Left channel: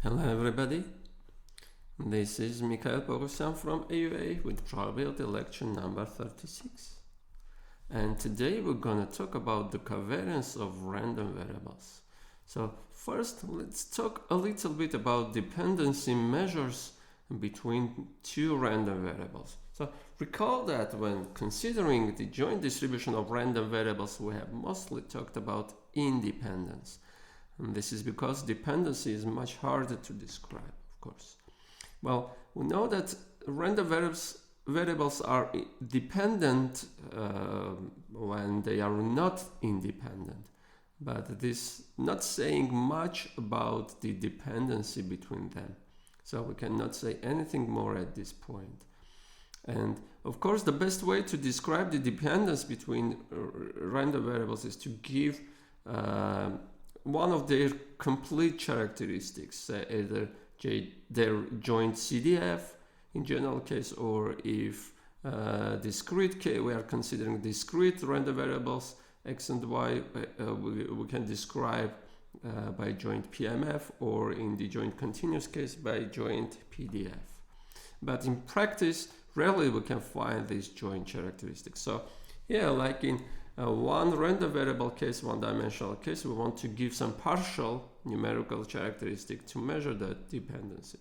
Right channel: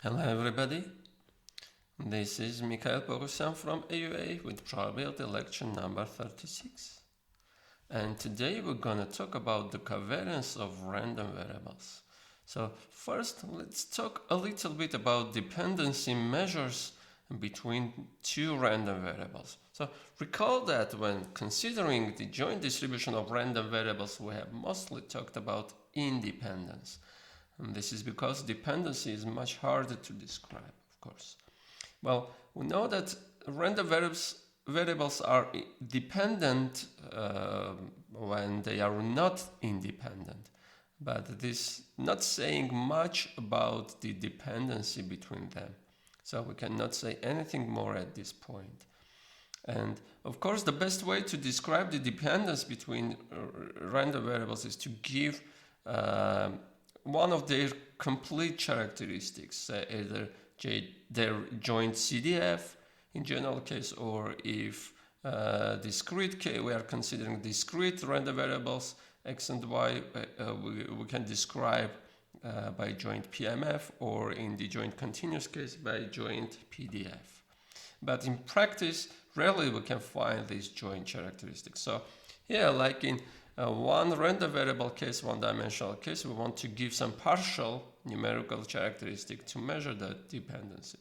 Hello everybody, this is Mikhail Pogosyan from AUA with probability lecture number 36. And today we're going to talk about the covariance of random variables. So first let's talk a little bit about dependency measures between two random variables. So recall that when considering the joint distribution of random variables, we have mostly talked about independence. And this is because dependency is much harder to describe, of course. Well, we know that random variables are dependent when they are not independent. But this not saying much about the dependency between them. So we cannot say anything more at this point. And of course, the best way to describe the dependence between random variables is to give one of their complete characteristics, either their joint CDF in general case, or if discrete case, we are considering discrete random variables x and y, we can describe by joint PMF, or in the joint continuous case by joint PDF. But in practice, rarely we can find these joint characteristics. So here, like in one random variable case, one-dimensional case, we want to give some partial numerical characteristic to measure that dependency.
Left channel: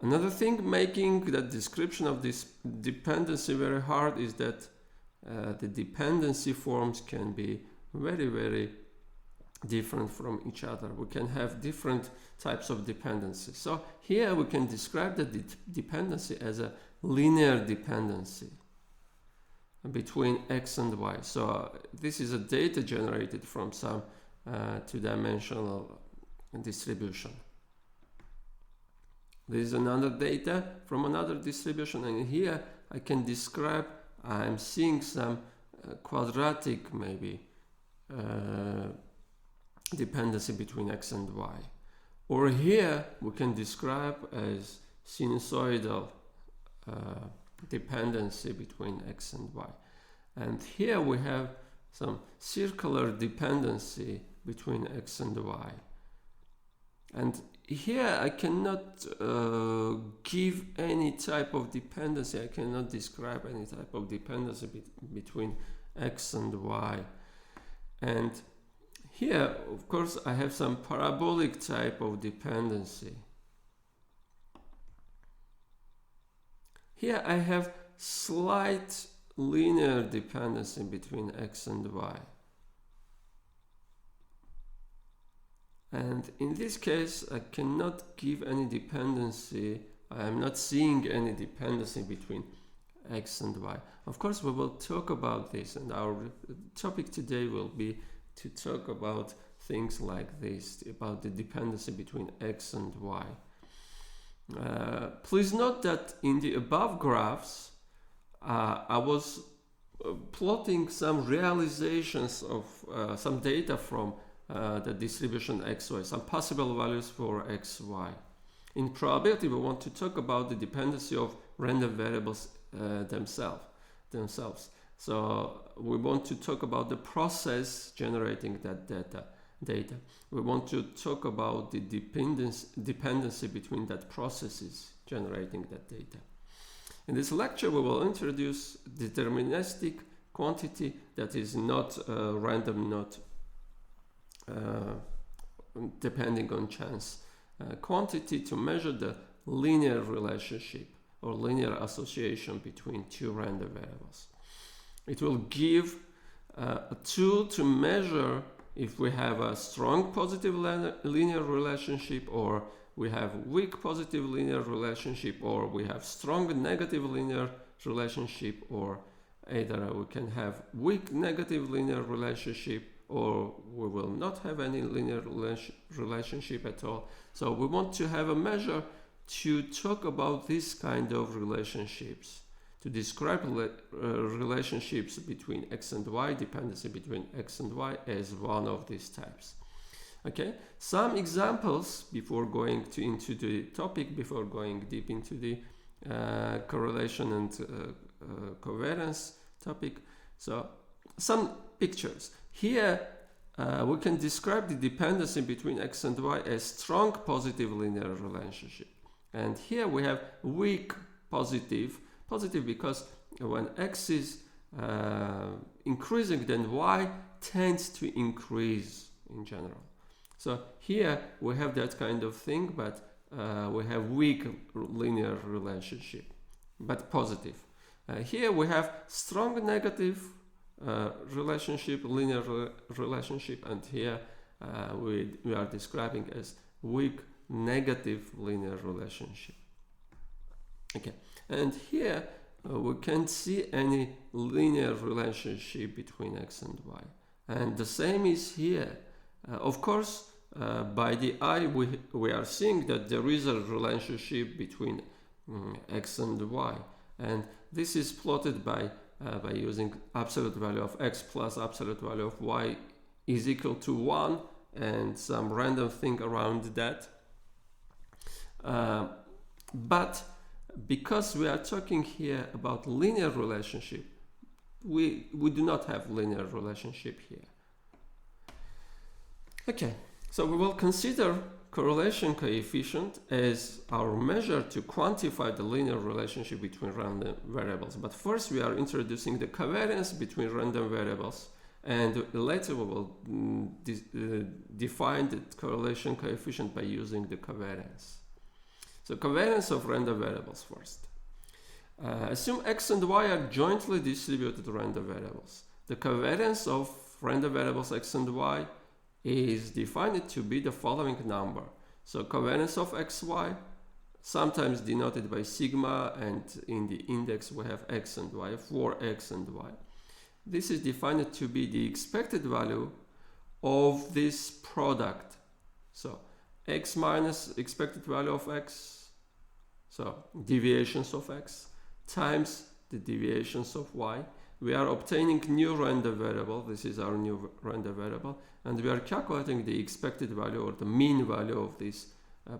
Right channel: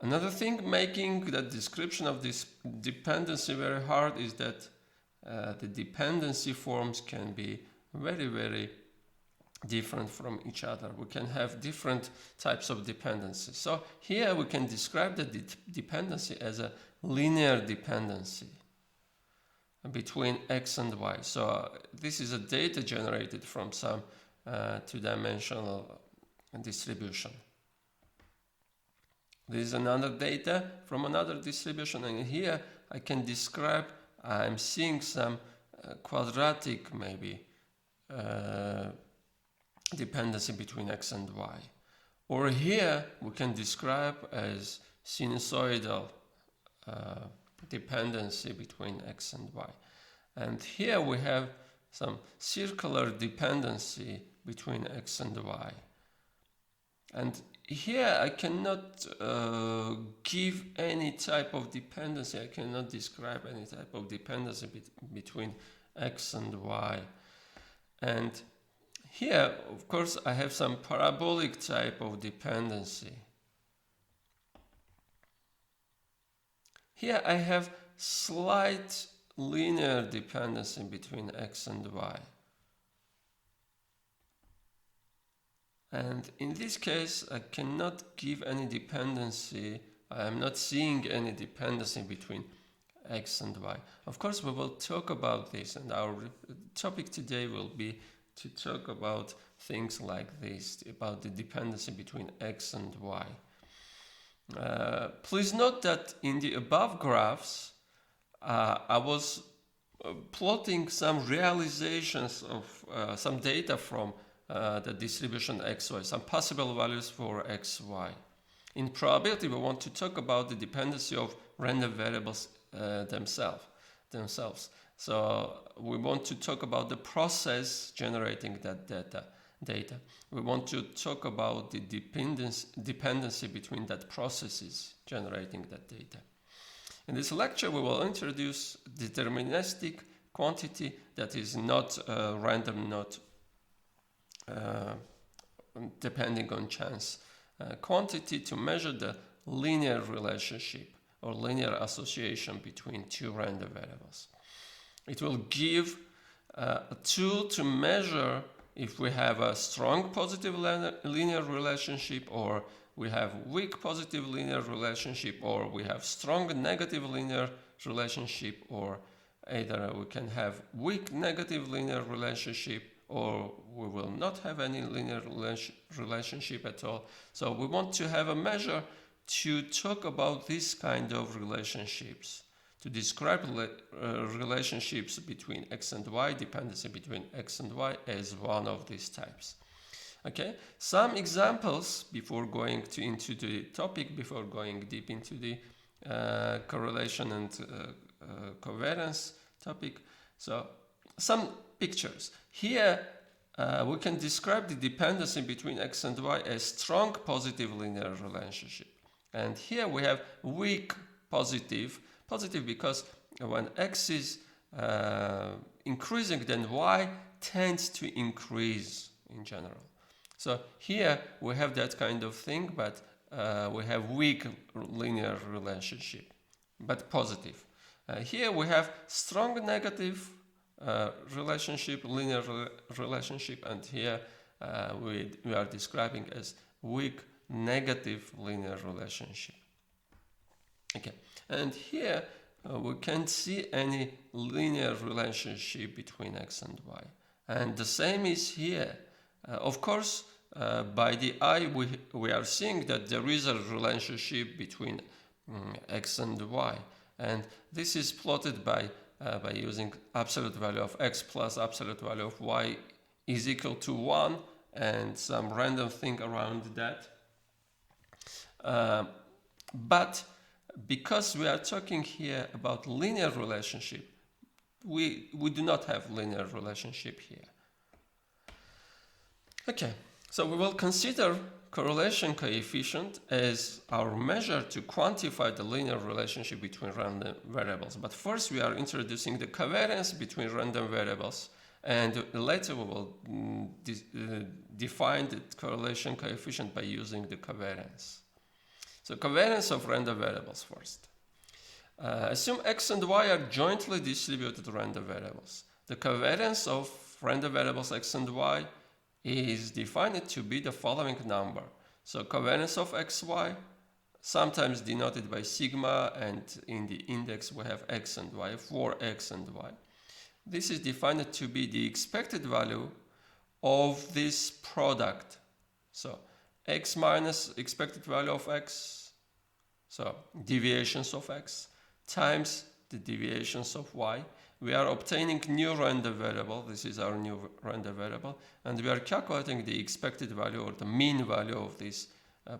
Another thing making the description of this dependency very hard is that the dependency forms can be very, very different from each other. We can have different types of dependency. So here we can describe the dependency as a linear dependency between x and y. So this is a data generated from some two-dimensional distribution. This is another data from another distribution, and here I can describe, I'm seeing some quadratic maybe dependency between x and y. Or here we can describe as sinusoidal dependency between x and y. And here we have some circular dependency between x and y. And here I cannot give any type of dependency. I cannot describe any type of dependency between x and y. And here, of course, I have some parabolic type of dependency. Here I have slight linear dependency between x and y. And in this case, I cannot give any dependency. I am not seeing any dependency between x and y. Of course, we will talk about this, and our topic today will be to talk about things like this, about the dependency between x and y. Please note that in the above graphs, I was plotting some realizations of some data from the distribution xy, some possible values for xy. In probability, we want to talk about the dependency of random variables themselves. So we want to talk about the process generating that data. We want to talk about the dependency between that processes generating that data. In this lecture, we will introduce deterministic quantity that is not random, not depending on chance quantity to measure the linear relationship or linear association between two random variables. It will give a tool to measure if we have a strong positive linear relationship, or we have weak positive linear relationship, or we have strong negative linear relationship, or either we can have weak negative linear relationship, or we will not have any linear relationship at all. So we want to have a measure to talk about this kind of relationships, to describe relationships between x and y, dependency between x and y as one of these types. Okay, some examples before going into the topic, before going deep into the correlation and covariance topic. So some pictures. Here we can describe the dependency between x and y as strong positive linear relationship. And here we have weak positive because when x is increasing, then y tends to increase in general. So here we have that kind of thing, but we have weak linear relationship, but positive. Here we have strong negative relationship, linear relationship, and here we are describing as weak negative linear relationship. Okay, and here we can't see any linear relationship between x and y, and the same is here. Of course, by the eye we are seeing that there is a relationship between x and y, and this is plotted by using absolute value of x plus absolute value of y is equal to 1 and some random thing around that. But because we are talking here about linear relationship, we do not have linear relationship here. Okay, so we will consider correlation coefficient as our measure to quantify the linear relationship between random variables. But first we are introducing the covariance between random variables, and later we will define the correlation coefficient by using the covariance. So covariance of random variables first. Assume x and y are jointly distributed random variables. The covariance of random variables x and y is defined to be the following number. So covariance of xy, sometimes denoted by sigma, and in the index we have x and y, for x and y. This is defined to be the expected value of this product. So x minus expected value of x, so deviations of x, times the deviations of y. We are obtaining new random variable. This is our new random variable, and we are calculating the expected value or the mean value of this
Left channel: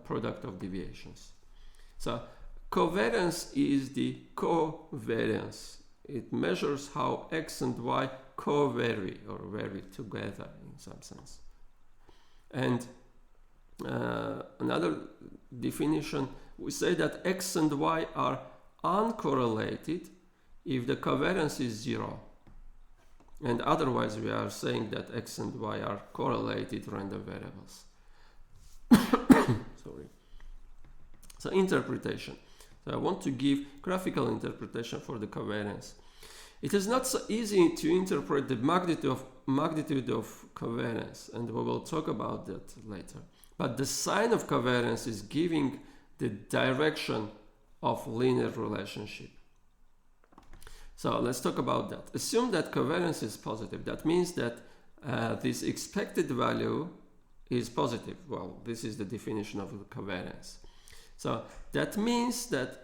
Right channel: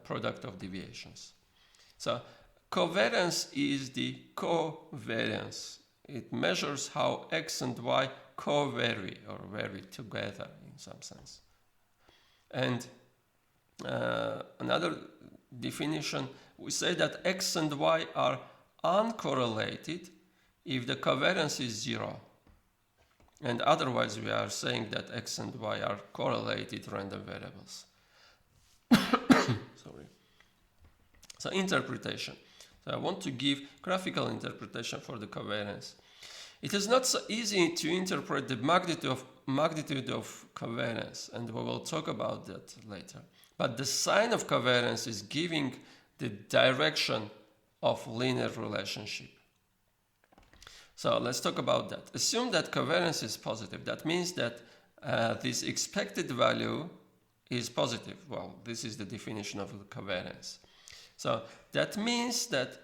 product of deviations. So covariance is the covariance. It measures how x and y co-vary or vary together in some sense. And another definition, we say that x and y are uncorrelated if the covariance is 0, and otherwise we are saying that x and y are correlated random variables. Sorry. So interpretation. So I want to give graphical interpretation for the covariance. It is not so easy to interpret the magnitude of covariance, and we will talk about that later. But the sign of covariance is giving the direction of linear relationship. So let's talk about that. Assume that covariance is positive. That means that this expected value is positive. Well, this is the definition of the covariance. So that means that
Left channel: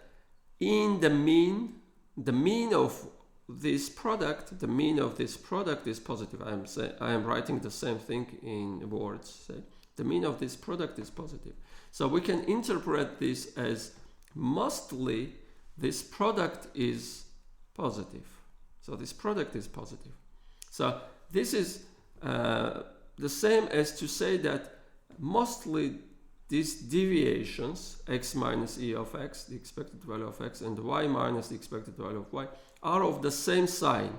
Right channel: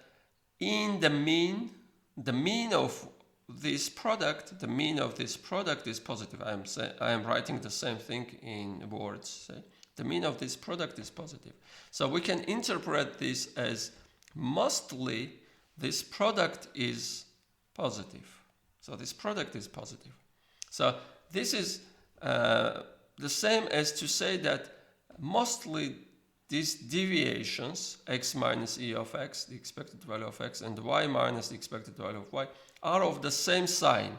in the mean of this product, is positive. I am writing the same thing in words. So the mean of this product is positive. So we can interpret this as mostly this product is positive. So this product is positive. So this is the same as to say that mostly these deviations, x minus e of x, the expected value of x, and y minus the expected value of y, are of the same sign,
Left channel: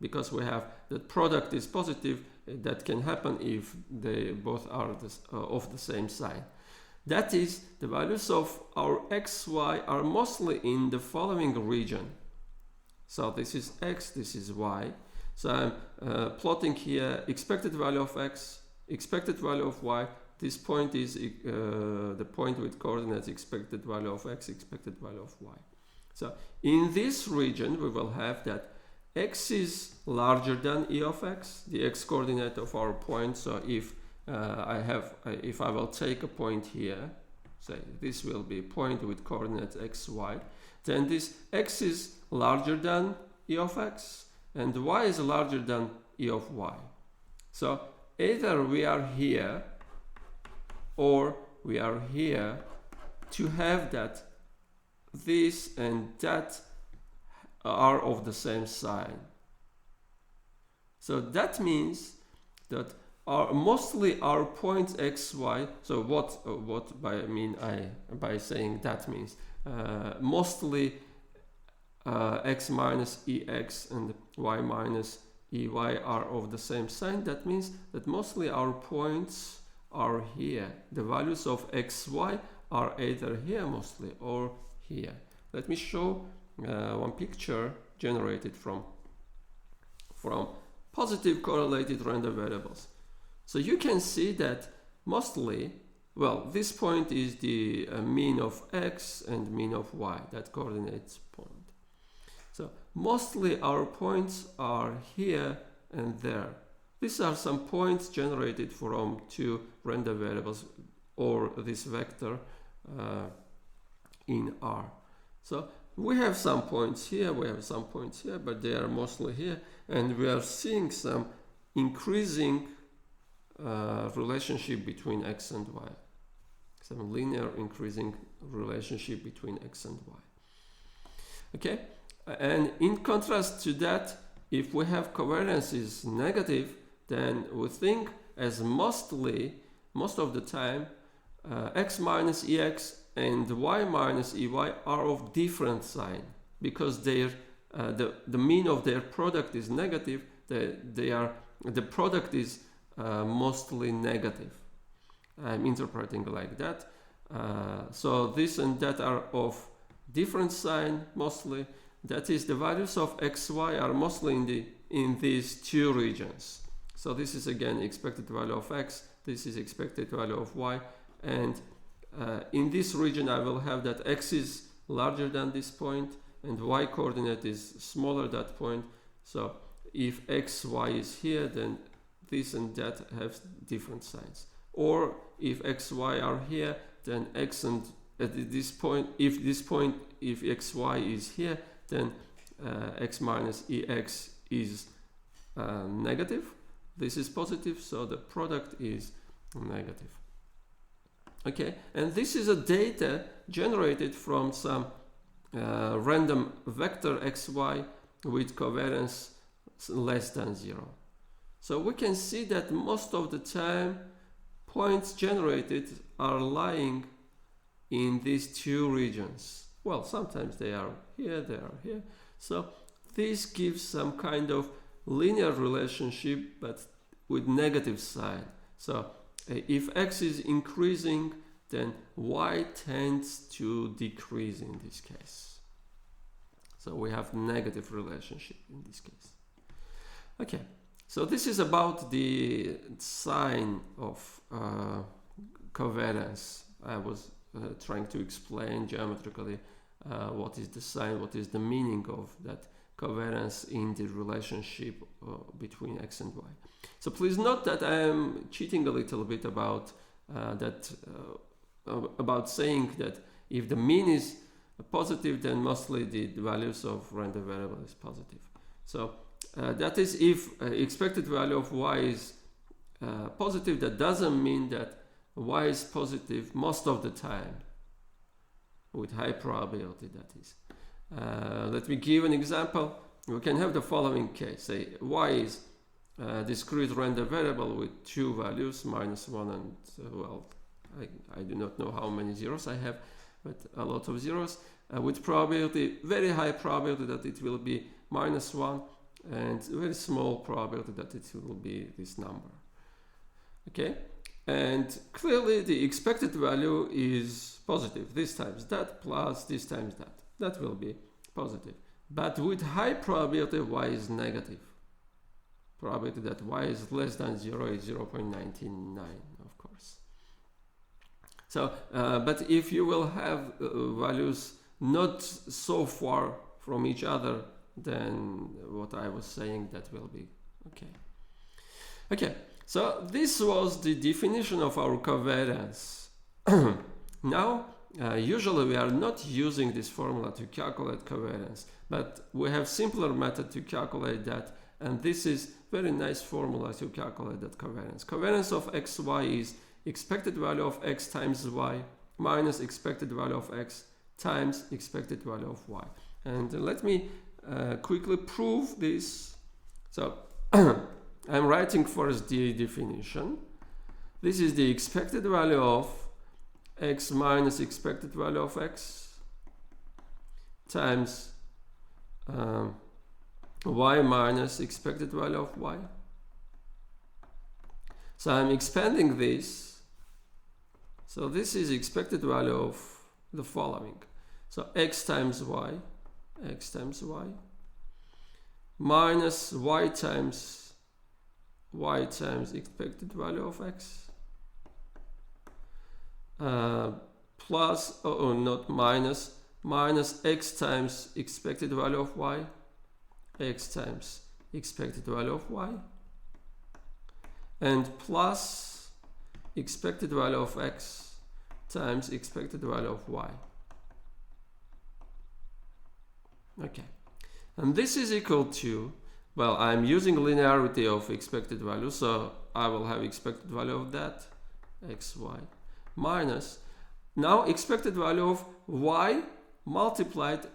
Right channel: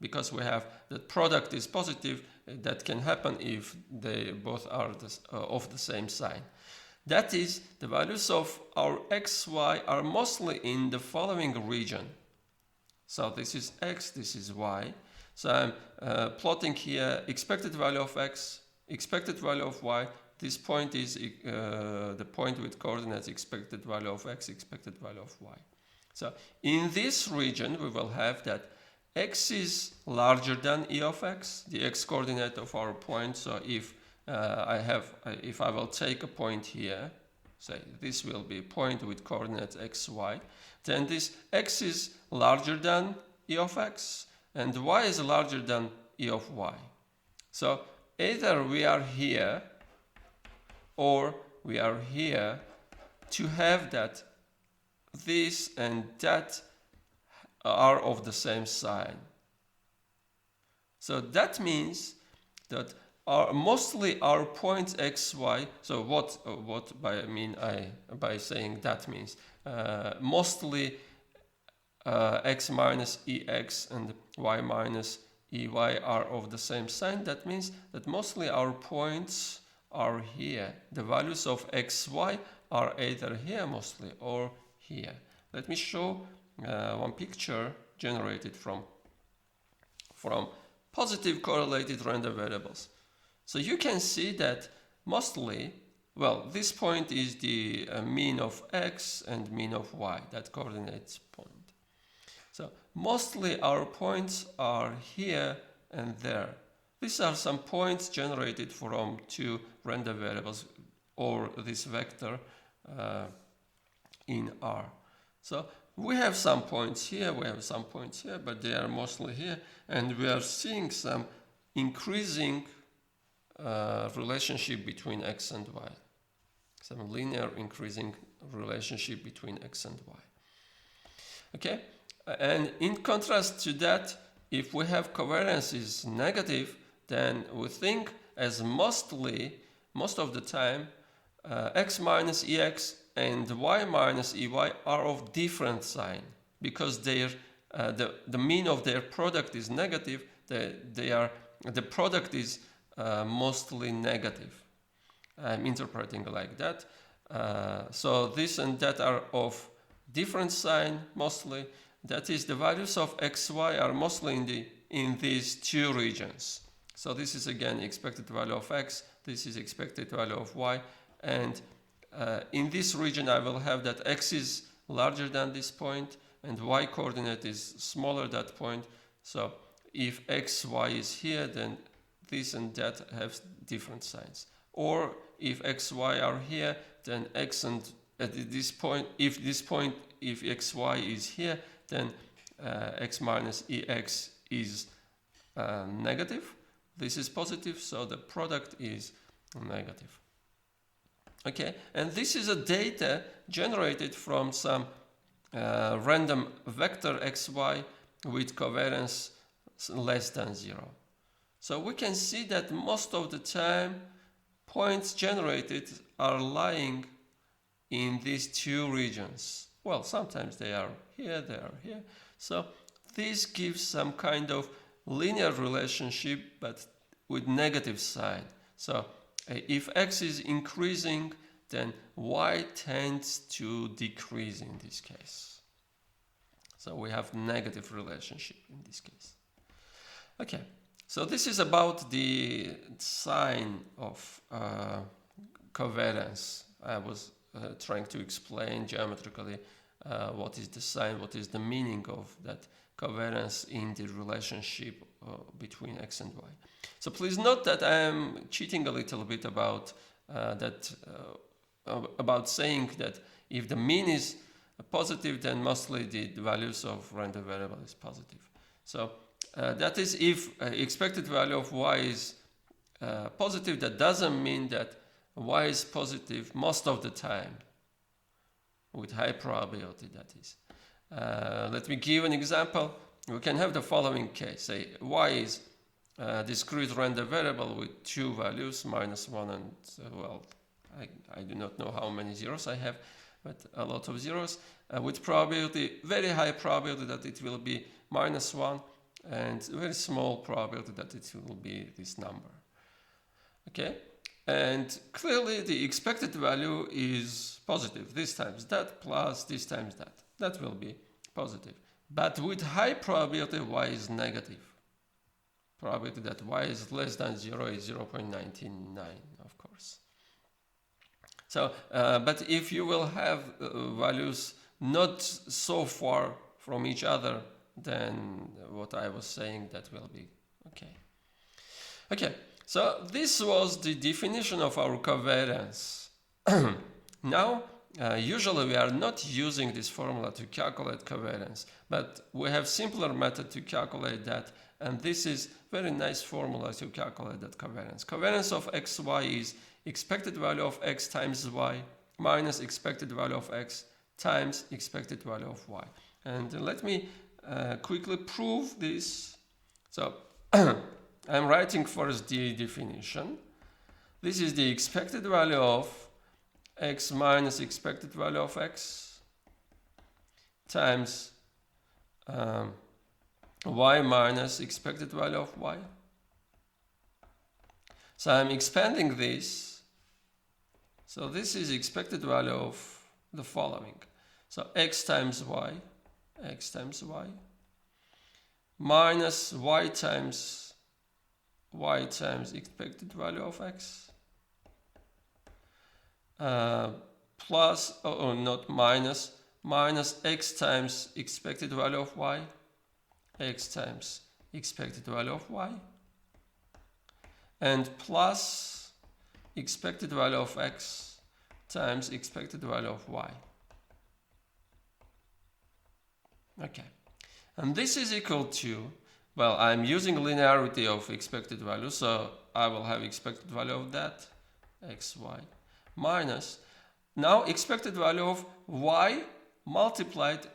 because we have the product is positive. That can happen if they both are of the same sign. That is, the values of our xy are mostly in the following region. So this is x, this is y. So I'm plotting here expected value of x, expected value of y. This point is the point with coordinates expected value of x, expected value of y. So in this region we will have that x is larger than e of x, the x coordinate of our point. So if I will take a point here, say this will be a point with coordinates x, y, then this x is larger than e of x and y is larger than e of y. So either we are here or we are here to have that this and that are of the same sign. So that means that are mostly our points x, y. So what by saying that means mostly x minus ex and y minus ey are of the same sign. That means that mostly our points are here. The values of x, y are either here mostly or here. Let me show one picture generated from positive correlated random variables. So you can see that mostly, well, this point is the mean of x and mean of y, that coordinates point. So mostly our points are here and there. These are some points generated from two random variables or this vector in R. So we have some points here, we have some points here, but they are mostly here, and we are seeing some increasing relationship between x and y. Some linear increasing relationship between x and y. Okay, and in contrast to that, if we have covariance is negative, then we think as most of the time x minus ex and y minus ey are of different sign, because their the mean of their product is negative. The product is mostly negative. I'm interpreting like that. So this and that are of different sign mostly. That is, the values of x, y are mostly in these two regions. So this is again expected value of x. This is expected value of y, and in this region I will have that x is larger than this point and y coordinate is smaller than that point. So if x, y is here, then this and that have different signs. Or if x, y are here, then x and at this point, if x, y is here, then x minus ex is negative. This is positive, so the product is negative. Okay, and this is a data generated from some random vector xy with covariance less than 0. So we can see that most of the time points generated are lying in these two regions. Well, sometimes they are here, they are here. So this gives some kind of linear relationship but with negative sign. So if x is increasing, then y tends to decrease in this case. So we have negative relationship in this case. Okay, so this is about the sign of covariance. I was trying to explain geometrically what is the sign, what is the meaning of that covariance in the relationship between x and y. So please note that I am cheating a little bit about about saying that if the mean is positive, then mostly the values of random variable is positive. So that is, if expected value of y is positive, that doesn't mean that y is positive most of the time with high probability, that is. Let me give an example. We can have the following case. Say y is a discrete random variable with two values, minus 1 and, well, I do not know how many zeros I have, but a lot of zeros, with probability, very high probability that it will be minus 1, and very small probability that it will be this number. Okay, and clearly the expected value is positive. This times that plus this times that. That will be positive. But with high probability, y is negative. Probability that y is less than 0 is 0.99, of course. So, but if you will have values not so far from each other, then what I was saying, that will be okay. Okay, so this was the definition of our covariance. Now, usually we are not using this formula to calculate covariance, but we have simpler method to calculate that, and this is very nice formula to calculate that covariance. Covariance of xy is expected value of x times y minus expected value of x times expected value of y. And let me quickly prove this. So I'm writing first the definition. This is the expected value of x minus expected value of x times y minus expected value of y. So I'm expanding this. So this is expected value of the following. So x times y minus y times expected value of x plus, not minus, minus x times expected value of y, x times expected value of y, and plus expected value of x times expected value of y. Okay, and this is equal to, well, I'm using linearity of expected value, so I will have expected value of that, xy, minus, now expected value of y multiplied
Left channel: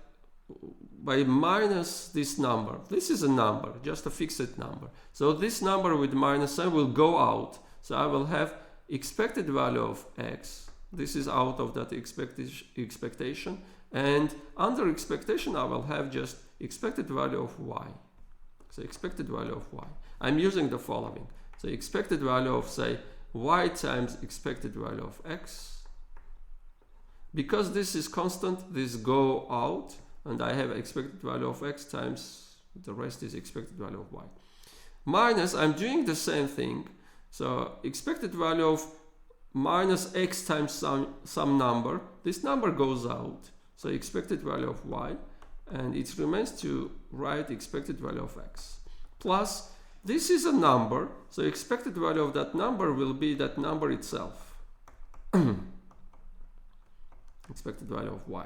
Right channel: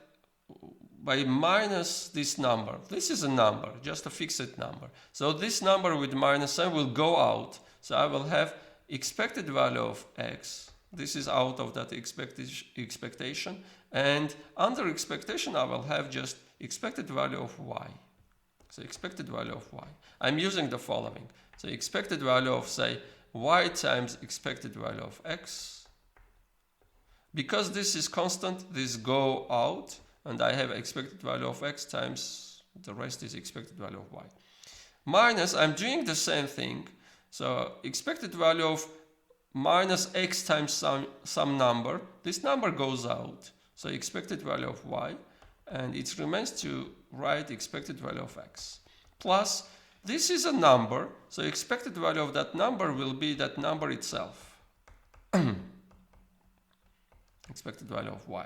by minus this number. This is a number, just a fixed number. So this number with minus sign will go out. So I will have expected value of x. This is out of that expectation. And under expectation, I will have just expected value of y. So expected value of y. I'm using the following. So expected value of, say, y times expected value of x. Because this is constant, this go out, and I have expected value of x times the rest is expected value of y. Minus, I'm doing the same thing. So expected value of minus x times some number. This number goes out. So expected value of y, and it remains to write expected value of x. Plus, this is a number, so expected value of that number will be that number itself. Expected value of y.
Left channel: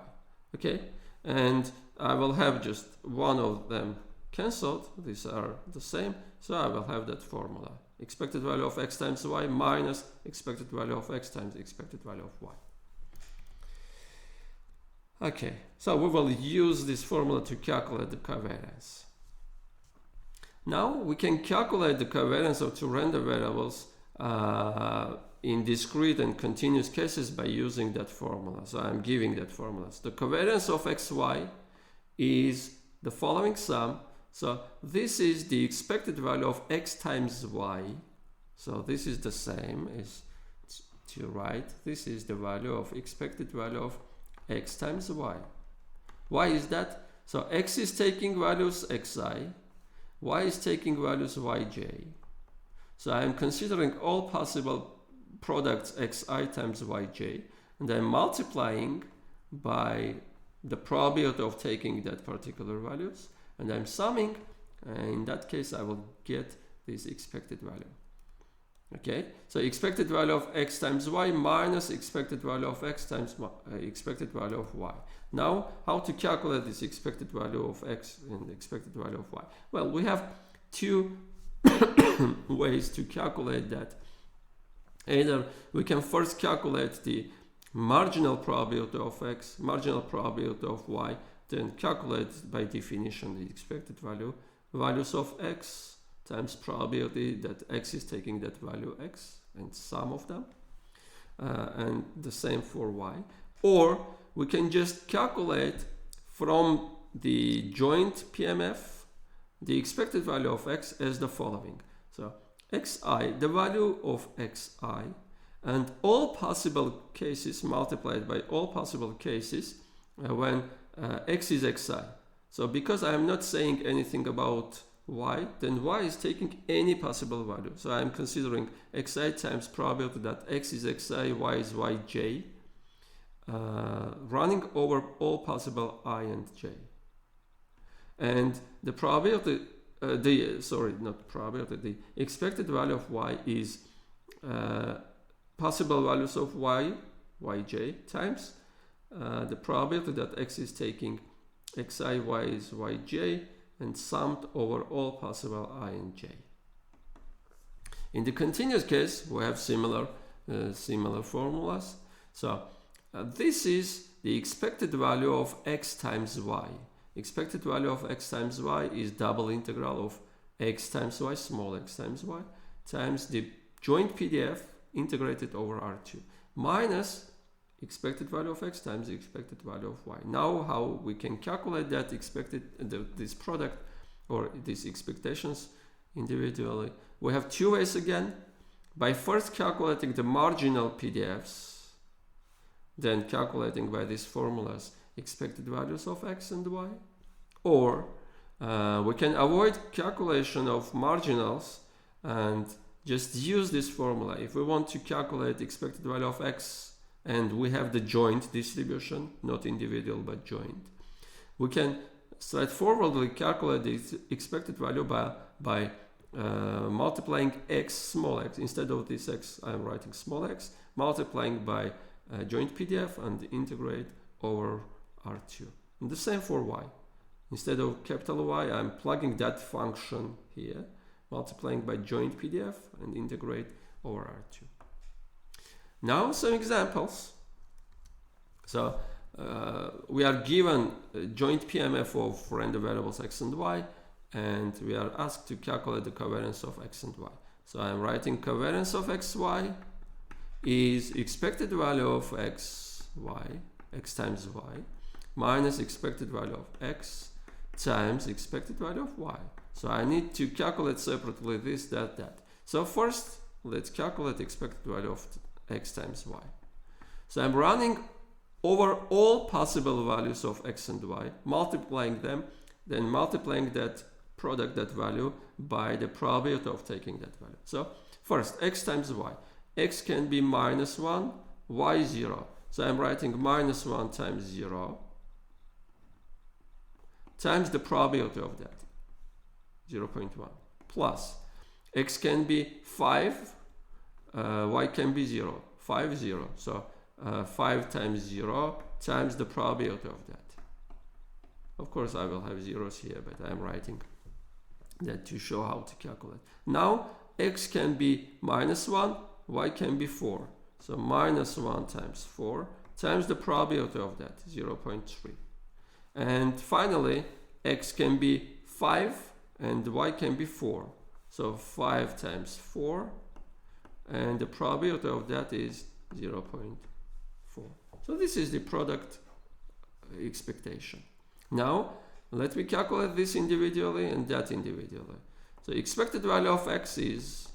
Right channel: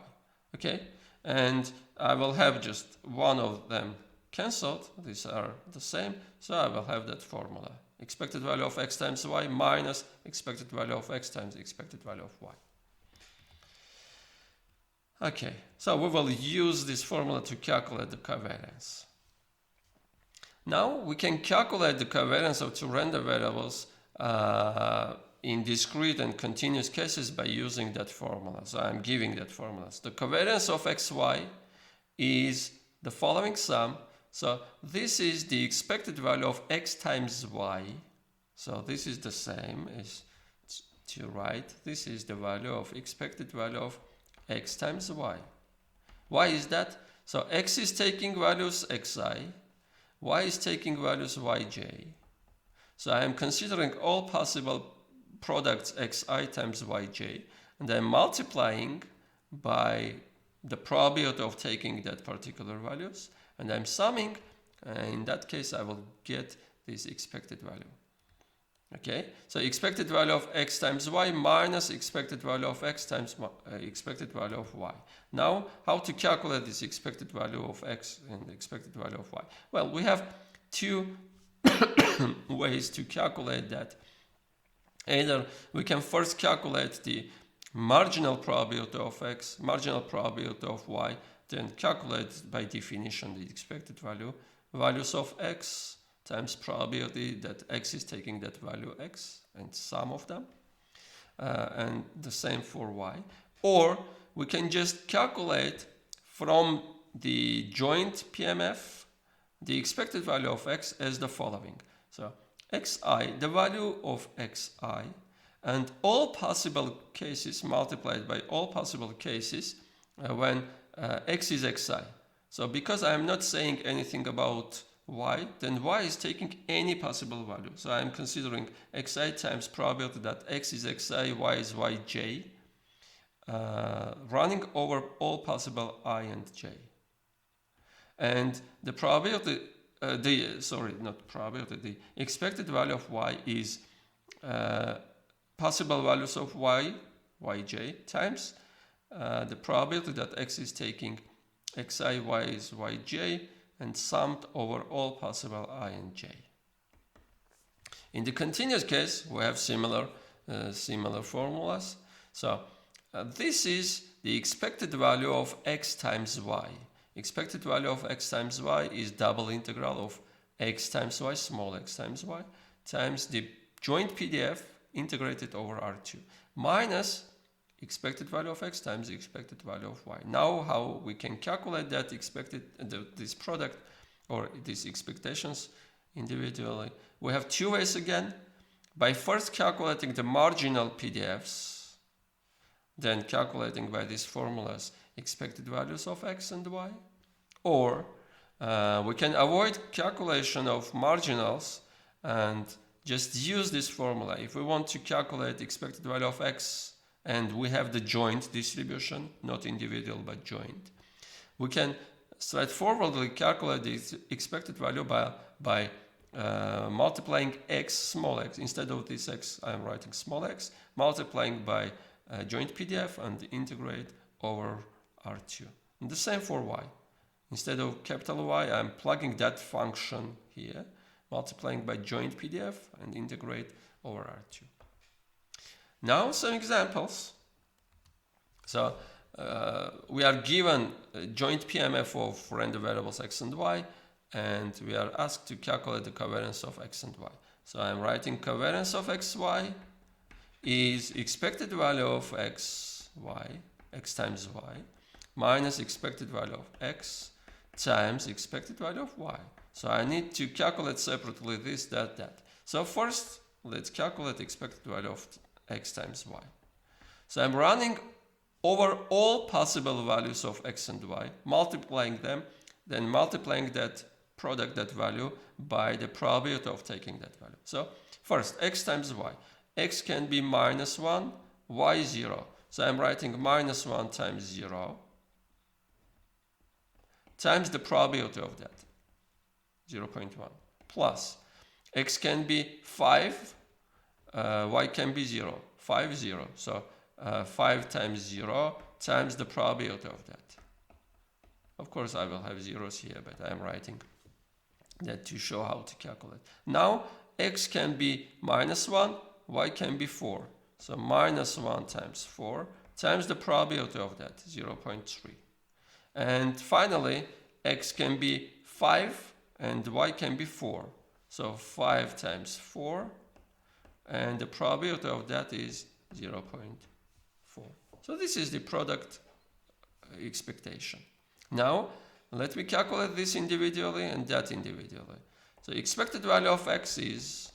Okay, and I will have just one of them cancelled. These are the same, so I will have that formula. Expected value of x times y minus expected value of x times expected value of y. Okay, so we will use this formula to calculate the covariance. Now we can calculate the covariance of two random variables in discrete and continuous cases by using that formula. So I'm giving that formula. So the covariance of xy is the following sum. So this is the expected value of x times y. So this is the same as to write. This is the value of expected value of x times y. Why is that? So x is taking values xi, y is taking values yj. So I am considering all possible products xi times yj, and I'm multiplying by the probability of taking that particular values, and I'm summing, and in that case I will get this expected value. Okay, so expected value of x times y minus expected value of x times expected value of y. Now, how to calculate this expected value of x and expected value of y? Well, we have two ways to calculate that. Either we can first calculate the marginal probability of x, marginal probability of y, then calculate by definition the expected values of x times probability that x is taking that value x and sum of them, and the same for y. Or we can just calculate from the joint PMF the expected value of x as the following. So xi, the value of xi, and all possible cases multiplied by all possible cases when x is xi. So because I am not saying anything about y, then y is taking any possible value. So I am considering xi times probability that x is xi, y is yj, running over all possible I and j. And the probability, the expected value of y is possible values of y, yj, times the probability that x is taking xi, y is yj, and summed over all possible I and j. In the continuous case, we have similar formulas. So this is the expected value of x times y. Expected value of x times y is double integral of x times y, small x times y, times the joint PDF integrated over R2 minus expected value of x times the expected value of y. Now how we can calculate that this product or these expectations individually? We have two ways again. By first calculating the marginal PDFs, then calculating by these formulas expected values of x and y, or we can avoid calculation of marginals and just use this formula. If we want to calculate expected value of x and we have the joint distribution, not individual but joint, we can straightforwardly calculate the expected value by multiplying x, small x. Instead of this x, I am writing small x, multiplying by joint PDF and integrate over R2. And the same for y. Instead of capital Y, I am plugging that function here, multiplying by joint PDF and integrate over R2. Now some examples. So we are given a joint PMF of random variables x and y, and we are asked to calculate the covariance of x and y. So I am writing covariance of xy is expected value of x times y, minus expected value of x times expected value of y. So I need to calculate separately this, that. So first, let's calculate expected value of x times y. So I'm running over all possible values of x and y, multiplying them, then multiplying that product, that value, by the probability of taking that value. So first, x times y. X can be minus 1, y 0. So I'm writing minus 1 times 0 times the probability of that, 0.1, plus x can be 5, y can be 0, 5, 0. So 5 times 0 times the probability of that. Of course, I will have zeros here, but I'm writing that to show how to calculate. Now, x can be minus 1, y can be 4. So minus 1 times 4 times the probability of that, 0.3. And finally, x can be 5 and y can be 4. So 5 times 4, and the probability of that is 0.4. So this is the product expectation. Now, let me calculate this individually and that individually. So expected value of x is,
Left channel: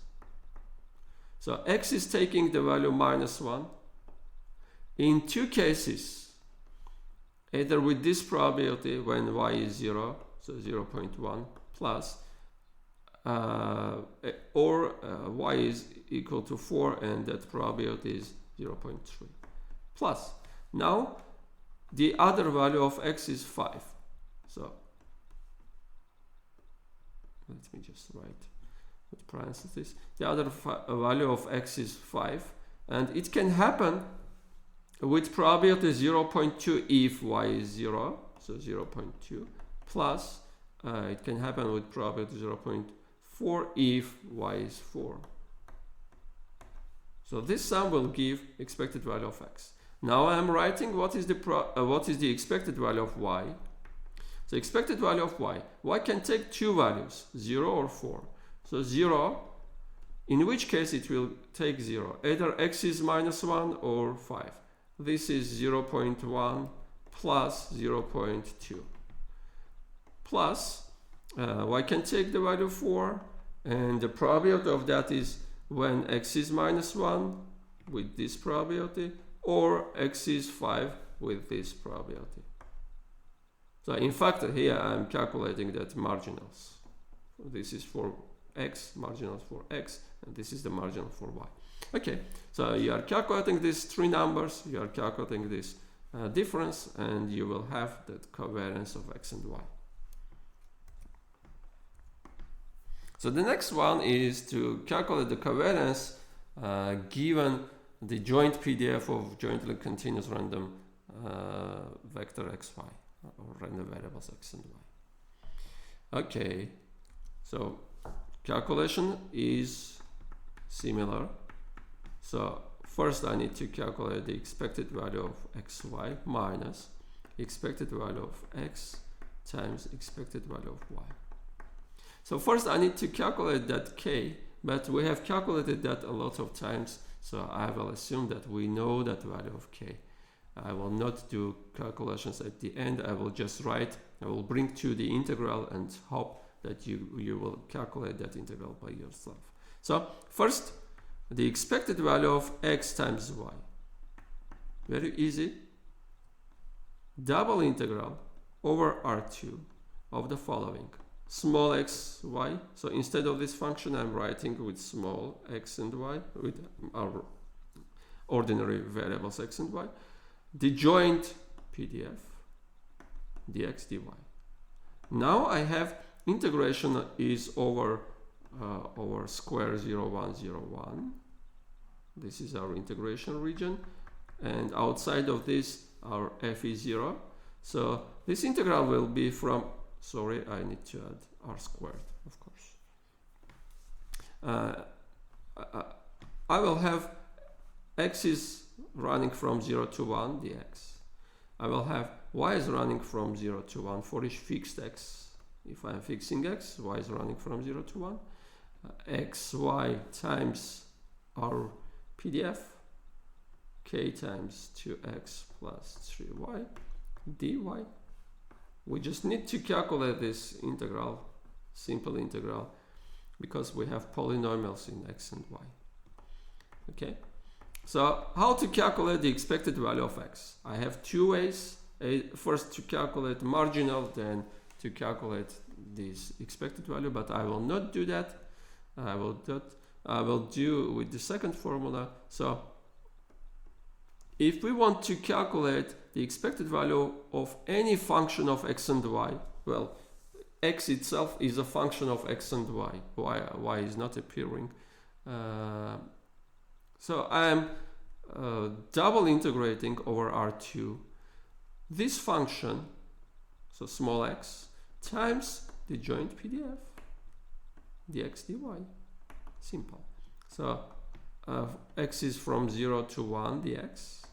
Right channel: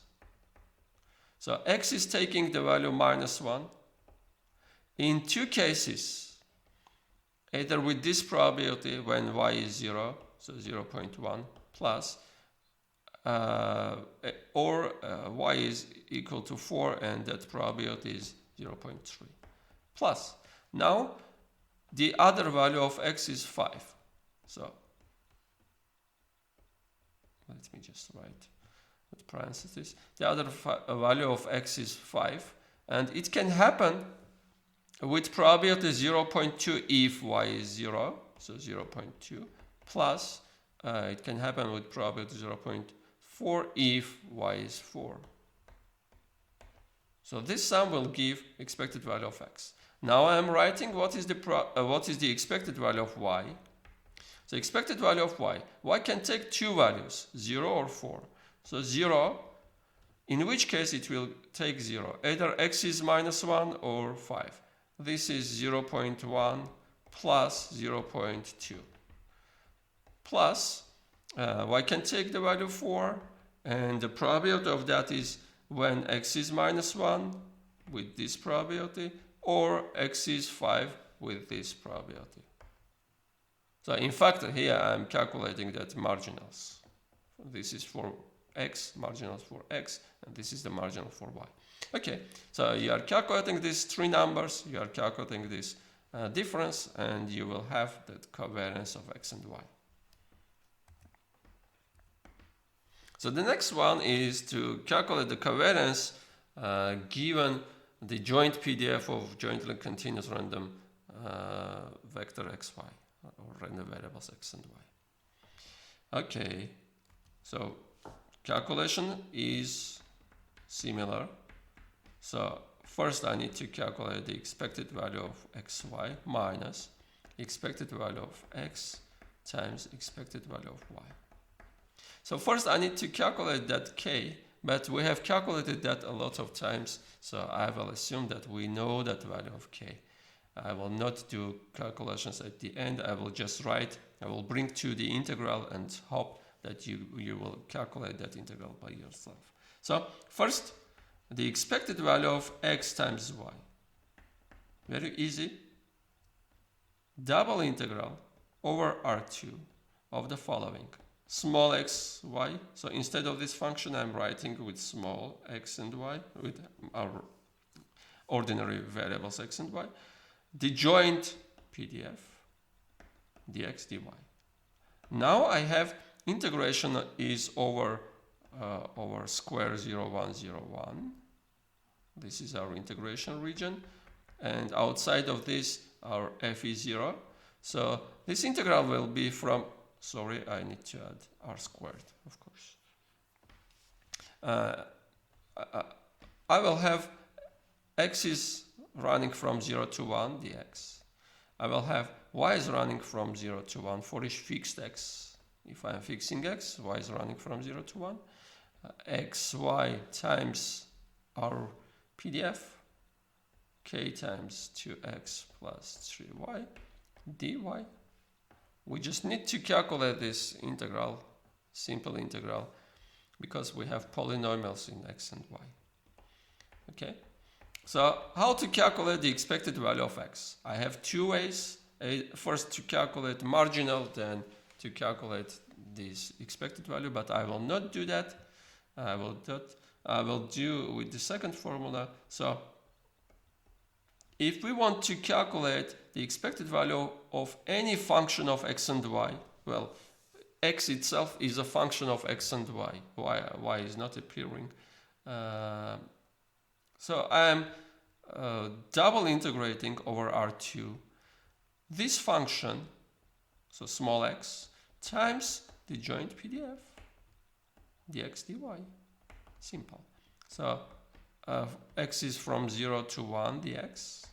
so x is taking the value minus 1. In two cases, either with this probability when y is 0, so 0.1 plus, or y is equal to 4 and that probability is 0.3 plus. Now, the other value of x is 5. So, let me just write with parentheses. The other value of x is 5, and it can happen with probability 0.2 if y is 0, so 0.2, plus it can happen with probability 0.4 if y is 4. So this sum will give expected value of x. Now I am writing what is the expected value of y. So expected value of y can take two values, 0 or 4. So 0, in which case it will take 0. Either x is minus 1 or 5. This is 0.1 plus 0.2. Plus, y can take the value 4, and the probability of that is when x is minus 1 with this probability, or x is 5 with this probability. So in fact, here I am calculating that marginals. This is for x, marginals for x, and this is the marginal for y. Okay, so you are calculating these three numbers, you are calculating this difference, and you will have that covariance of x and y. So the next one is to calculate the covariance given the joint PDF of jointly continuous random vector xy, or random variables x and y. Okay, so calculation is similar. So first I need to calculate the expected value of xy minus expected value of x times expected value of y. So first I need to calculate that k, but we have calculated that a lot of times, so I will assume that we know that value of k. I will not do calculations at the end. I will just write, I will bring to the integral and hope that you will calculate that integral by yourself. So first, the expected value of x times y. Very easy. Double integral over R2 of the following. Small x, y. So instead of this function, I'm writing with small x and y, with our ordinary variables x and y. The joint PDF, dx, dy. Now I have integration is over square 0, 1, 0, 1. This is our integration region. And outside of this, our f is 0. So this integral will be from, sorry, I need to add r squared, of course. I will have x is running from 0 to 1, dx. I will have y is running from 0 to 1 for each fixed x. If I am fixing x, y is running from 0 to 1. X, y times our PDF, k times 2x plus 3y, dy. We just need to calculate this integral, simple integral, because we have polynomials in x and y. Okay? So how to calculate the expected value of x? I have two ways. First to calculate marginal, then to calculate this expected value, but I will not do that. I will do with the second formula. So if we want to calculate the expected value of any function of x and y, well, x itself is a function of x and y. Y is not appearing. So I am double integrating over R2 this function, so small x, times the joint PDF, dx, dy. Simple. So x is from 0 to 1, dx.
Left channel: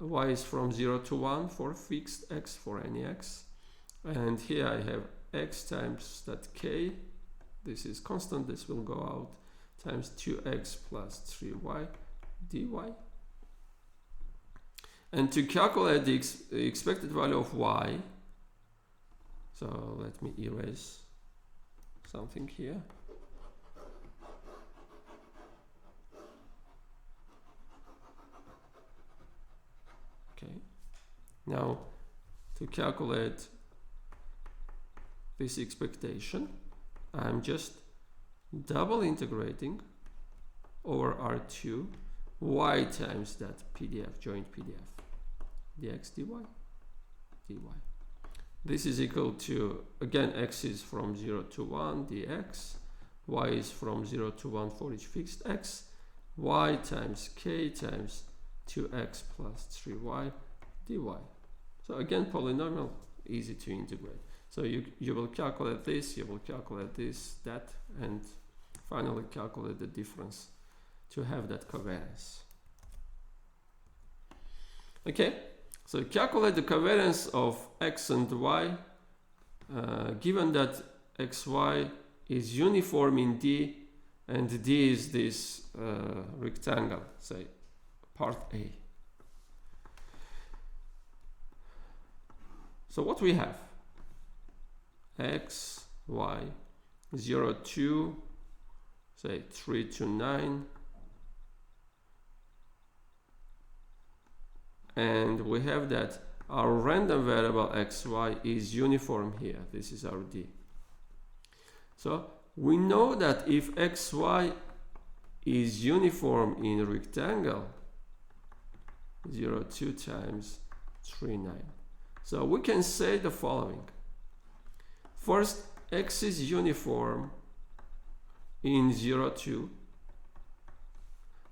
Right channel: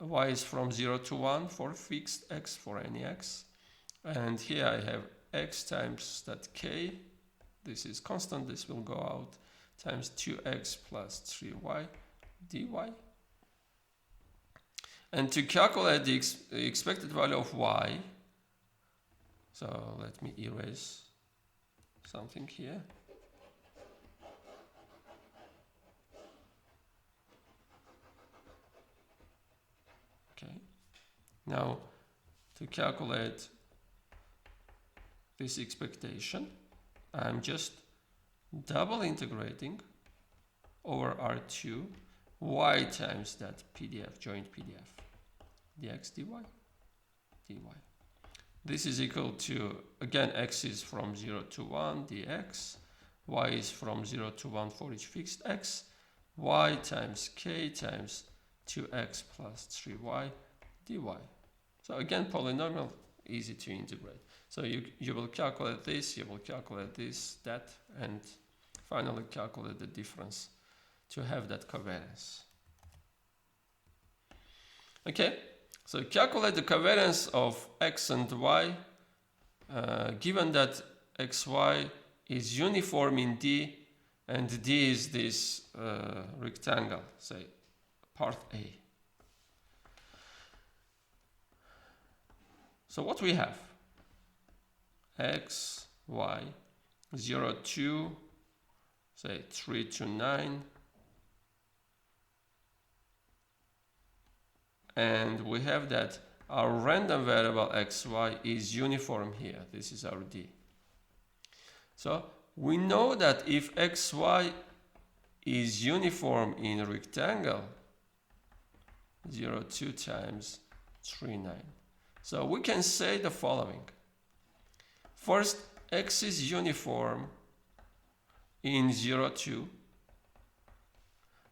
Y is from 0 to 1 for fixed x, for any x. And here I have x times that k. This is constant, this will go out, times 2x plus 3y dy. And to calculate the expected value of y, so let me erase something here. Okay. Now, to calculate this expectation, I'm just double integrating over R2 y times that PDF, joint PDF, dx, dy, dy. This is equal to, again, x is from 0 to 1, dx, y is from 0 to 1 for each fixed x, y times k times 2x plus 3y dy. So again, polynomial, easy to integrate. So you will calculate this, you will calculate this, that, and finally calculate the difference to have that covariance. Okay, so calculate the covariance of x and y, given that xy is uniform in D, and D is this rectangle, say, part A. So what we have? X, y, 0, 2, say 3 to 9. And we have that our random variable xy is uniform here. This is our D. So we know that if xy is uniform in a rectangle, 0, 2 times 3, 9. So we can say the following. First, x is uniform in 0, 2.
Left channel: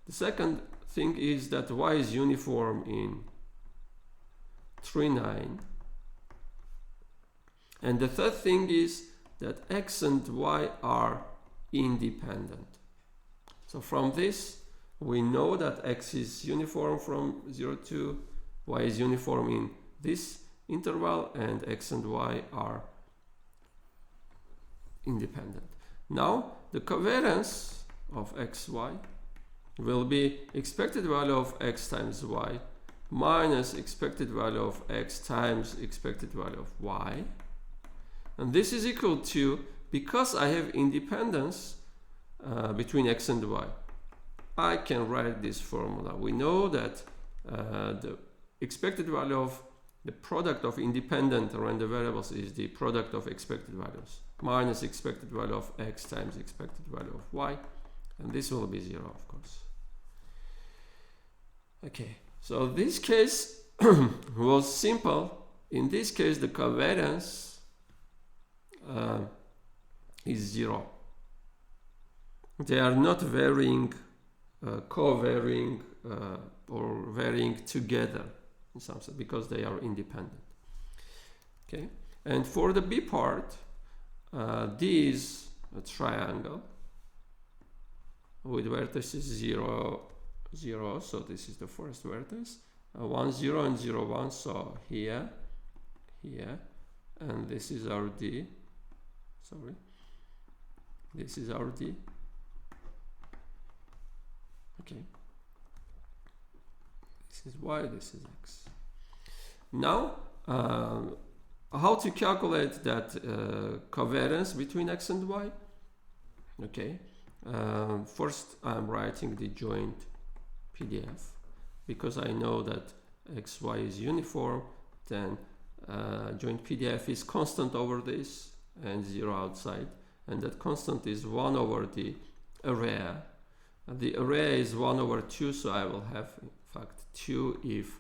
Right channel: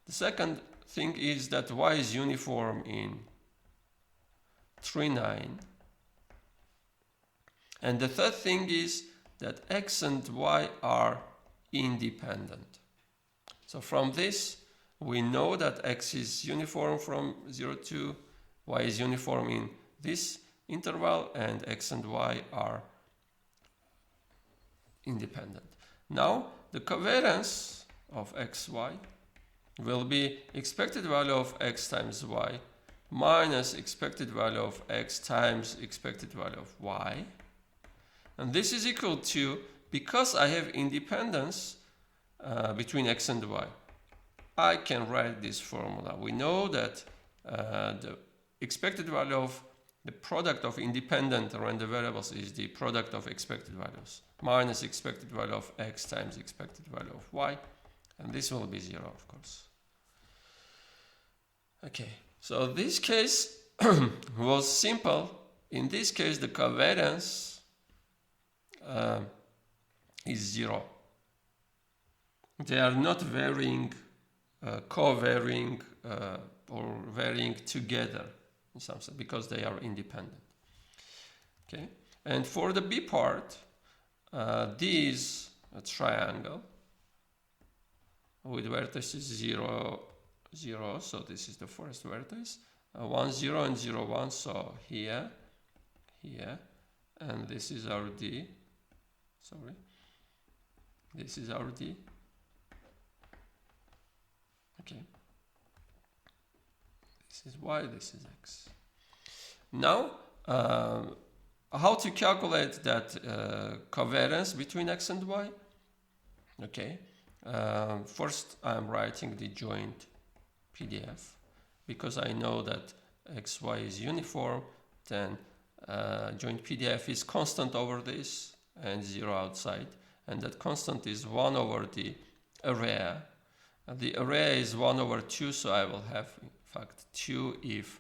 The second thing is that y is uniform in 3, 9. And the third thing is that x and y are independent. So from this, we know that x is uniform from 0 to, y is uniform in this interval, and x and y are independent. Now the covariance of xy will be expected value of x times y minus expected value of x times expected value of y, and this is equal to, because I have independence between x and y, I can write this formula. We know that the expected value of the product of independent random variables is the product of expected values minus expected value of x times expected value of y, and this will be 0, of course. Okay, so this case was simple. In this case, the covariance is 0. They are not varying, co-varying, or varying together in some sense because they are independent. Okay, and for the B part, D is a triangle with vertices 0, 0, so this is the first vertex, 1, 0 and 0, 1, so here, here, and this is our D, sorry, this is our D, okay, this is Y, this is X. Now, how to calculate that covariance between X and Y? Okay, first I'm writing the joint PDF, because I know that xy is uniform, then joint PDF is constant over this and 0 outside, and that constant is 1 over the array, and the array is 1 over 2, so I will have in fact 2 if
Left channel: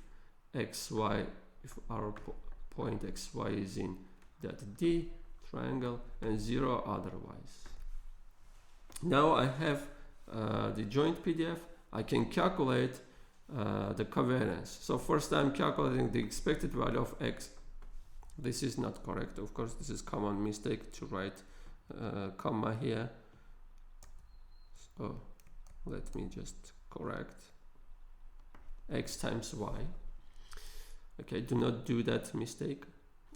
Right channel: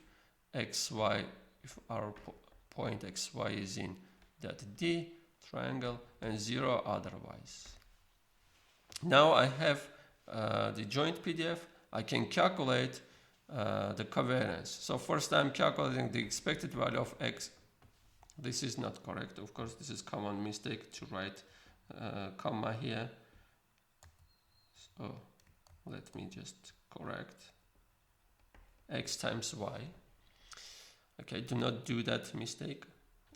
xy, if our point xy is in that D triangle, and 0 otherwise. Now I have the joint PDF. I can calculate the covariance. So first I'm calculating the expected value of x. This is not correct, of course. This is common mistake to write comma here. So let me just correct x times y. Okay, do not do that mistake.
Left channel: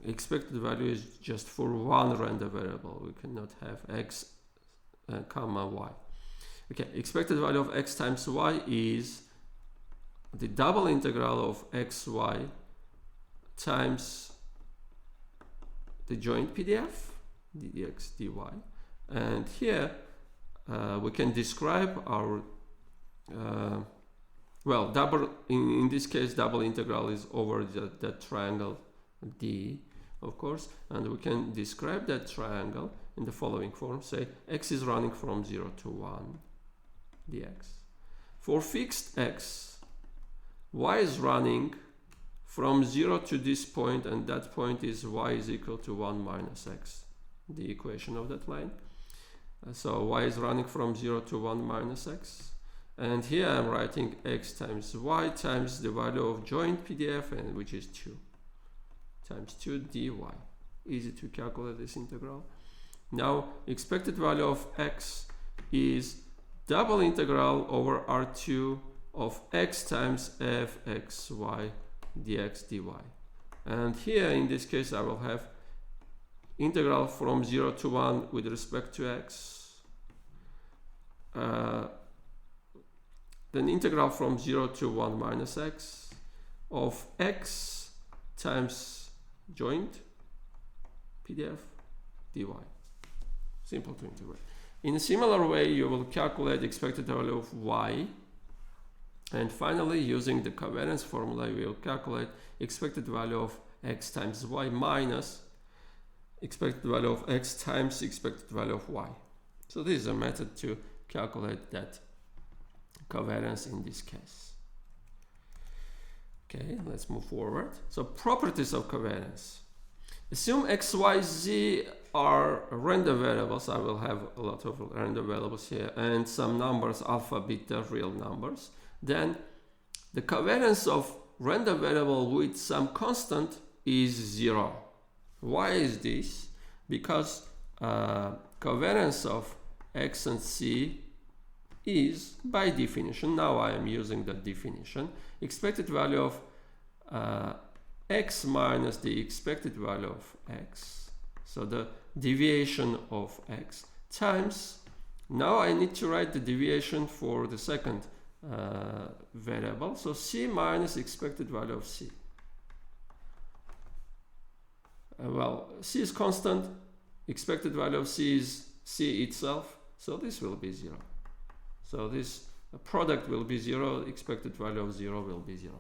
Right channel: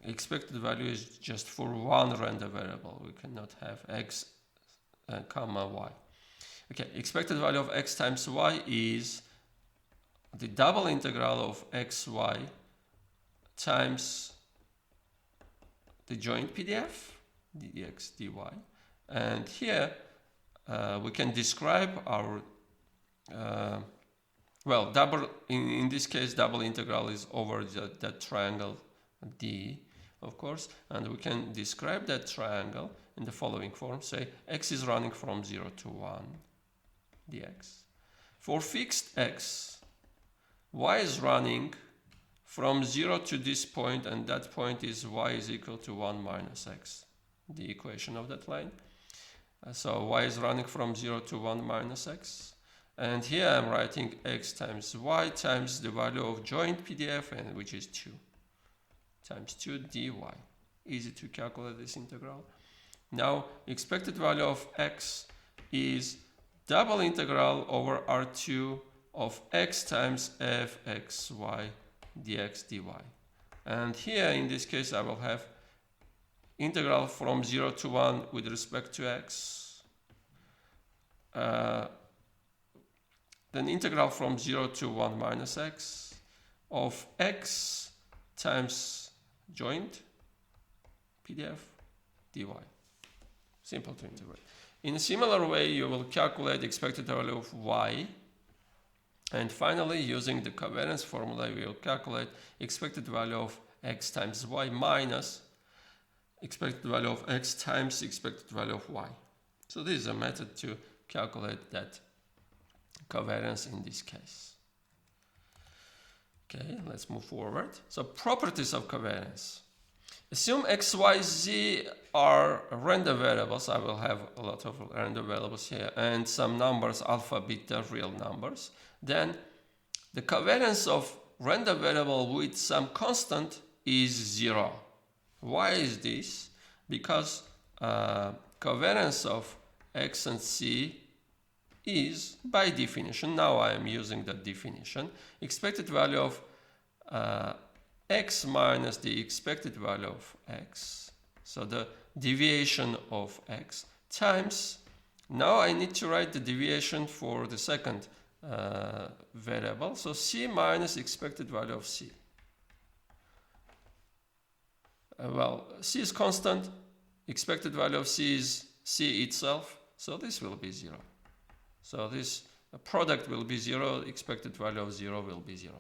Expected value is just for one random variable. We cannot have x comma y. Okay, expected value of x times y is the double integral of xy times the joint PDF, dx dy. And here we can describe our, well, double, in this case, double integral is over that triangle D, of course, and we can describe that triangle in the following form. Say x is running from 0 to 1 dx. For fixed x, y is running from 0 to this point, and that point is y is equal to 1 minus x, the equation of that line. So y is running from 0 to 1 minus x. And here I'm writing x times y times the value of joint PDF, and which is 2, times 2 dy. Easy to calculate this integral. Now, expected value of x is double integral over R2 of x times fxy dx dy. And here, in this case, I will have integral from 0 to 1 with respect to x. Then integral from 0 to 1 minus x of x times joint PDF dy. Simple to integrate. In a similar way, you will calculate the expected value of y. And finally, using the covariance formula, we will calculate expected value of x times y minus expected value of x times expected value of y. So this is a method to calculate that covariance in this case. Okay, let's move forward. So properties of covariance. Assume x, y, z are random variables. I will have a lot of random variables here and some numbers, alpha, beta, real numbers. Then the covariance of random variable with some constant is 0. Why is this? Because covariance of x and c is, by definition, now I am using that definition, expected value of x minus the expected value of x. So the deviation of x times, now I need to write the deviation for the second variable, so c minus expected value of c. Well, c is constant, expected value of c is c itself, so this will be 0. So this product will be 0, expected value of 0 will be 0.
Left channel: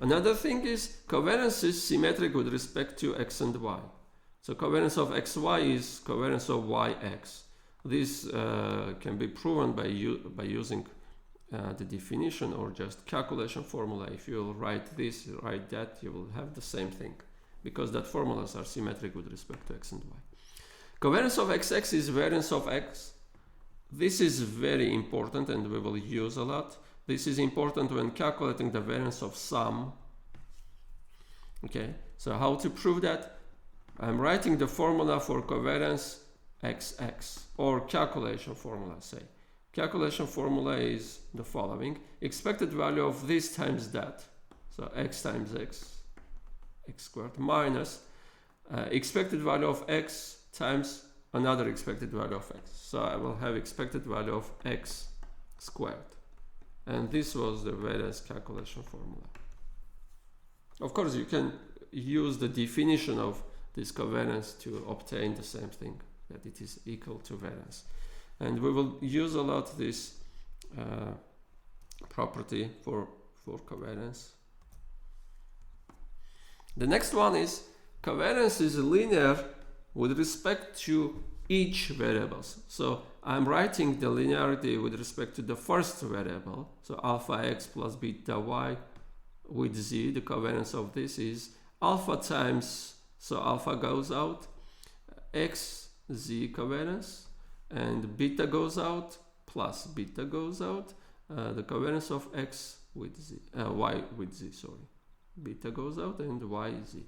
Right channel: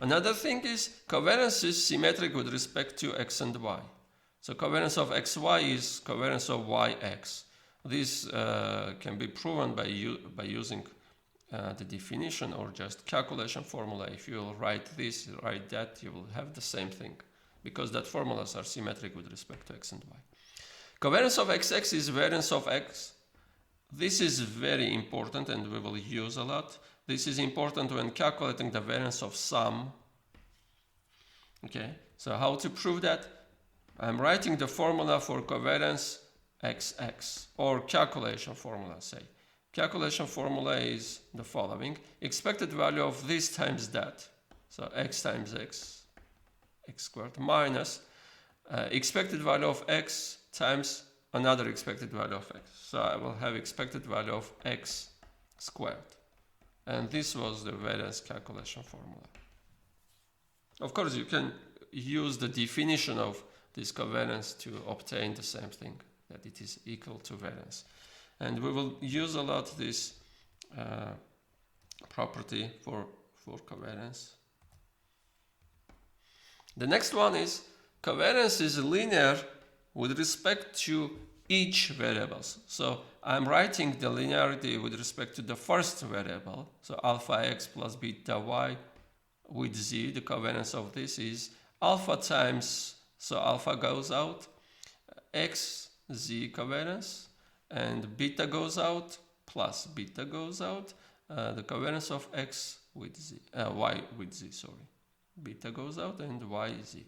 Another thing is covariance is symmetric with respect to x and y. So covariance of xy is covariance of yx. This can be proven by using the definition or just calculation formula. If you write this, write that, you will have the same thing, because that formulas are symmetric with respect to x and y. Covariance of xx is variance of x. This is very important and we will use a lot. This is important when calculating the variance of sum. Okay, so how to prove that? I'm writing the formula for covariance xx, or calculation formula, say. Calculation formula is the following: expected value of this times that, so x times x squared, minus expected value of x times another expected value of x. So I will have expected value of x squared. And this was the variance calculation formula. Of course, you can use the definition of this covariance to obtain the same thing, that it is equal to variance. And we will use a lot this property for covariance. The next one is covariance is linear with respect to each variables. So I'm writing the linearity with respect to the first variable. So alpha x plus beta y with z. The covariance of this is alpha times, so alpha goes out, x z covariance, and beta goes out plus beta goes out. The covariance of x with z, y with z, sorry. Beta goes out and y z.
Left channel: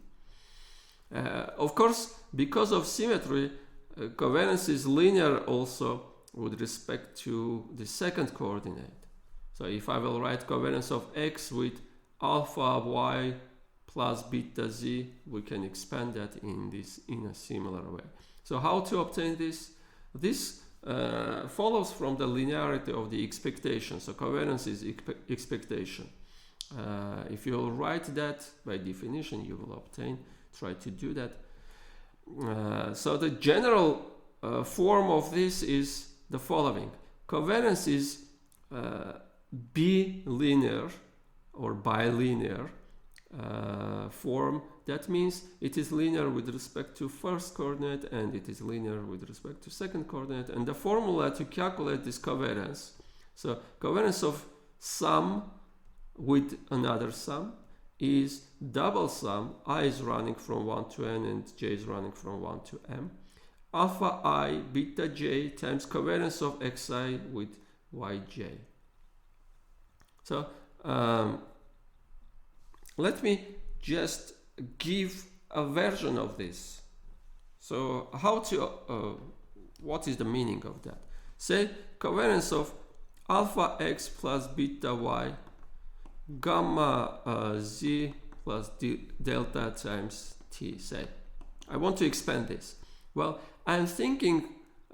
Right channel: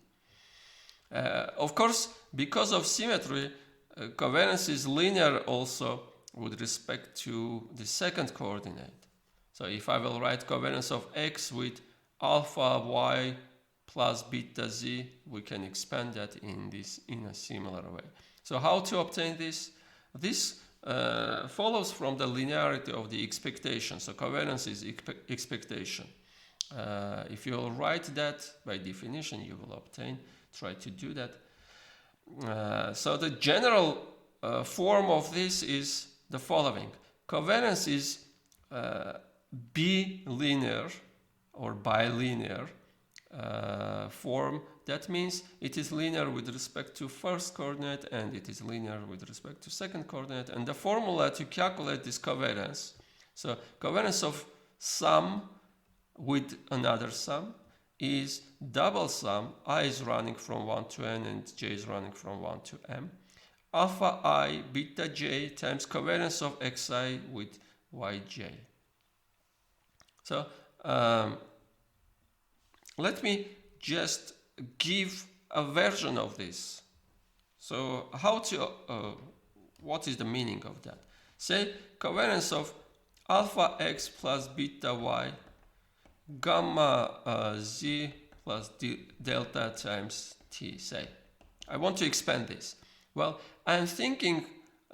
Of course, because of symmetry, covariance is linear also with respect to the second coordinate. So if I will write covariance of x with alpha y plus beta z, we can expand that in a similar way. So how to obtain this? This follows from the linearity of the expectation. So covariance is expectation. If you will write that by definition, you will obtain. Try to do that. So the general form of this is the following. Covariance is bilinear or bilinear form. That means it is linear with respect to first coordinate and it is linear with respect to second coordinate. And the formula to calculate this covariance, so covariance of sum with another sum is double sum. I is running from 1 to n and j is running from 1 to m. Alpha I beta j times covariance of xi with yj. So let me just give a version of this. So how to, what is the meaning of that? Say covariance of alpha x plus beta y gamma z plus delta times t, say. I want to expand this. Well, I'm thinking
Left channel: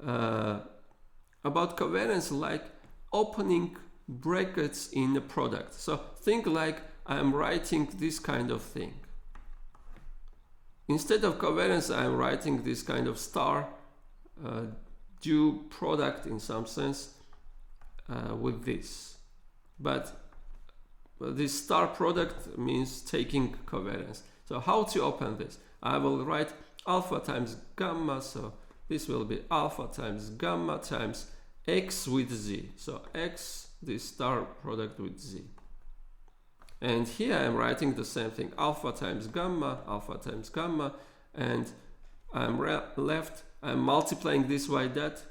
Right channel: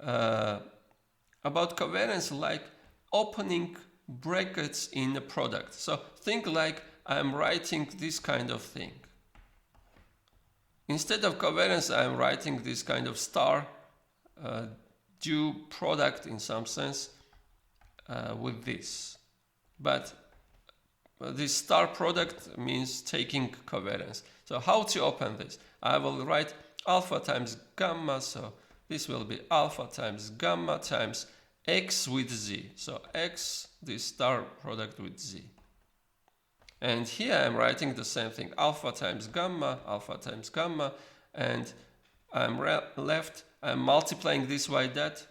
about covariance like opening brackets in a product. So think like I'm writing this kind of thing. Instead of covariance, I'm writing this kind of star due product in some sense with this. But this star product means taking covariance. So how to open this? I will write alpha times gamma, so this will be alpha times gamma times x with z. So x, this star product with z. And here I'm writing the same thing, alpha times gamma, and I'm left, I'm multiplying this by that,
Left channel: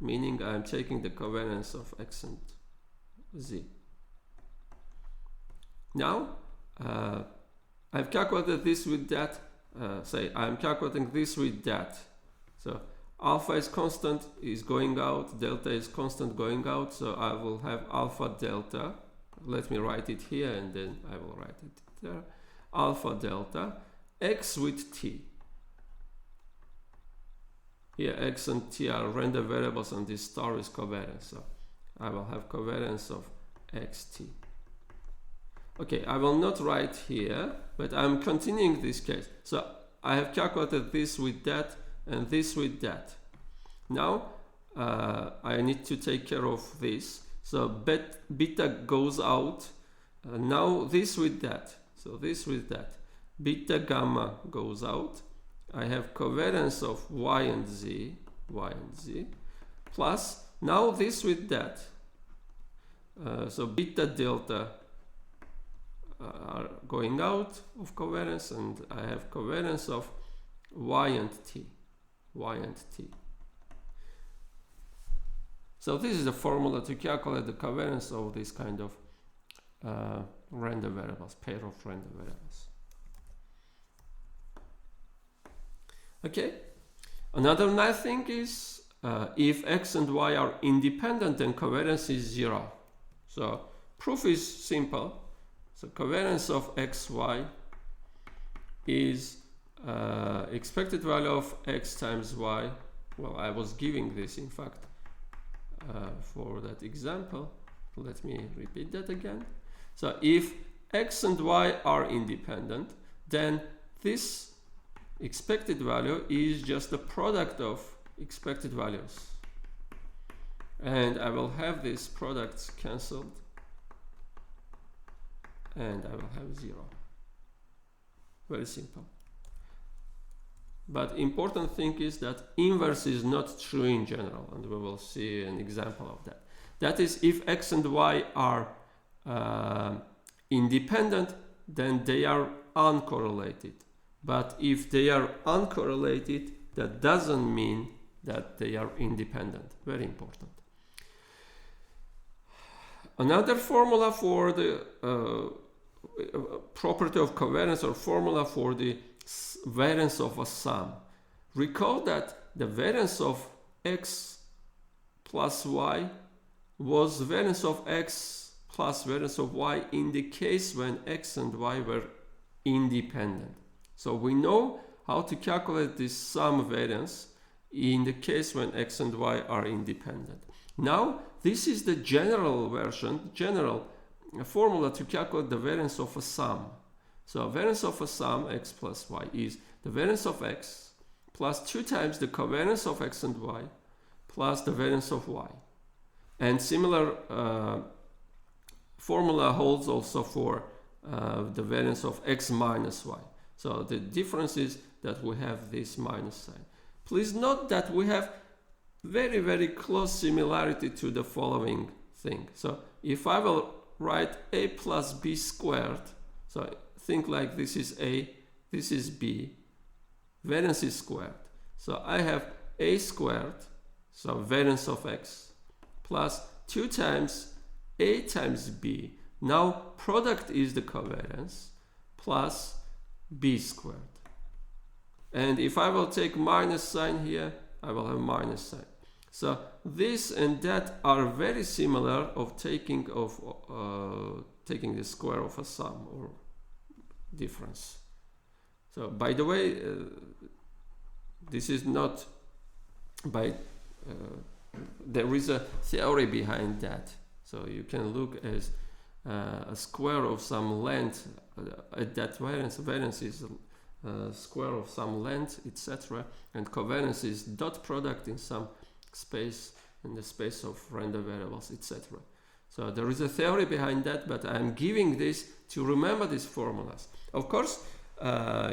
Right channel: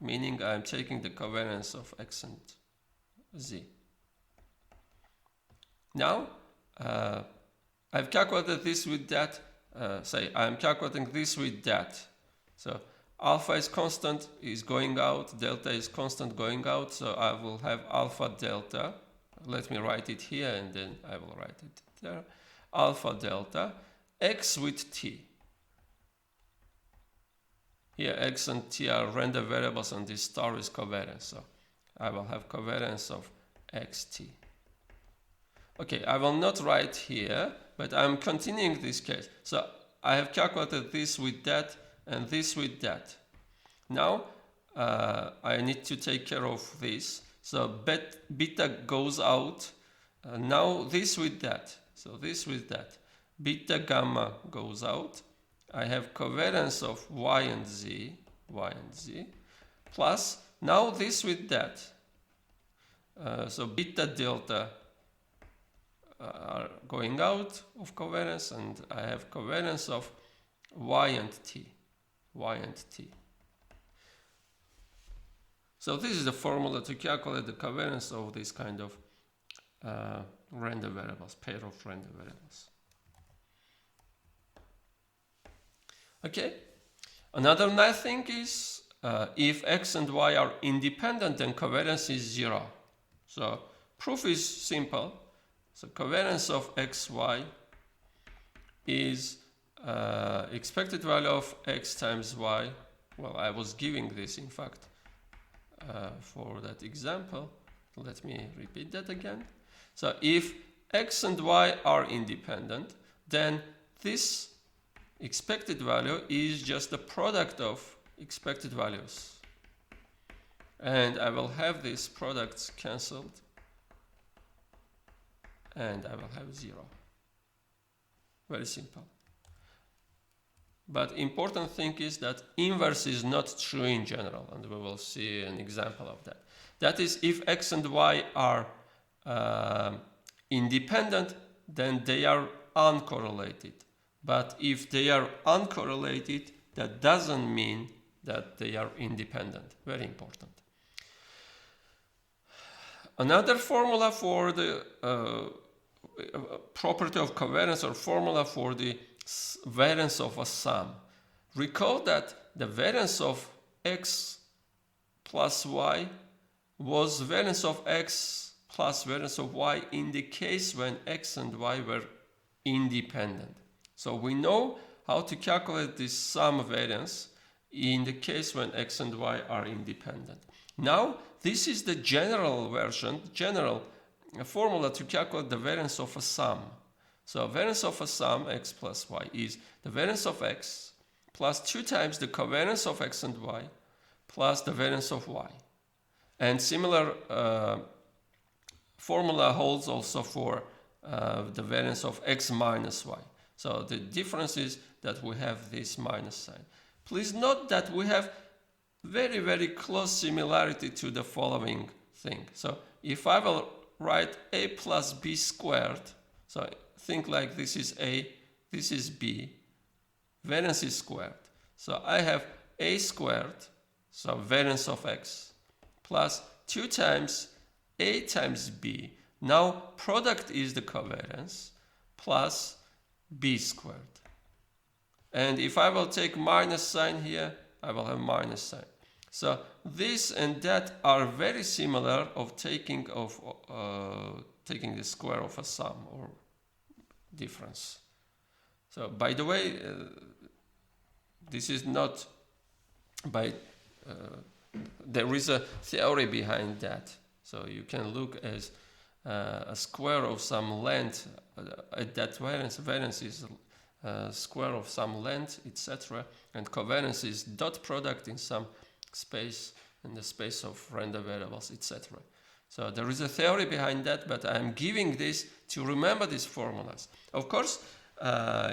meaning I'm taking the covariance of x and z. Now, I've calculated this with that, say I'm calculating this with that. So alpha is constant, is going out, delta is constant going out, so I will have alpha delta. Let me write it here and then I will write it there. Alpha delta x with t. Here x and t are random variables and this star is covariance. So I will have covariance of xt. Okay, I will not write here, but I'm continuing this case. So I have calculated this with that and this with that. Now I need to take care of this. So beta goes out. Now this with that. So this with that. Beta gamma goes out. I have covariance of y and z, plus now this with that. So beta delta are going out of covariance, and I have covariance of y and t. So this is the formula to calculate the covariance of this kind of random variables, pair of random variables. Okay, another nice thing is if x and y are independent, then covariance is 0. So proof is simple. So covariance of xy is expected value of x times y. Well, I was giving this in fact for that example. Let me repeat that again. So if x and y are independent, then this expected value is just the product of expected values. And I will have these products cancelled. And I will have 0. Very simple. But important thing is that inverse is not true in general, and we will see an example of that. That is, if x and y are independent, then they are uncorrelated. But if they are uncorrelated, that doesn't mean that they are independent. Very important. Another formula for the property of covariance, or formula for the variance of a sum. Recall that the variance of x plus y was variance of x plus variance of y in the case when x and y were independent. So we know how to calculate this sum variance in the case when x and y are independent. Now this is the general version, general formula to calculate the variance of a sum. So variance of a sum x plus y is the variance of x plus 2 times the covariance of x and y plus the variance of y. And similar formula holds also for the variance of x minus y. So the difference is that we have this minus sign. Please note that we have very, very close similarity to the following thing. So if I will write a plus b squared, so think like this is a, this is b, variance is squared. So I have a squared, so variance of x, plus 2 times a times b. Now product is the covariance, plus b squared. And if I will take minus sign here, I will have minus sign. So this and that are very similar of taking the square of a sum or difference. So by the way, this is not by there is a theory behind that. So you can look as a square of some length at that variance. Variance is square of some length, etc. And covariance is dot product in some space, in the space of random variables, etc. So there is a theory behind that, but I'm giving this to remember these formulas. Of course,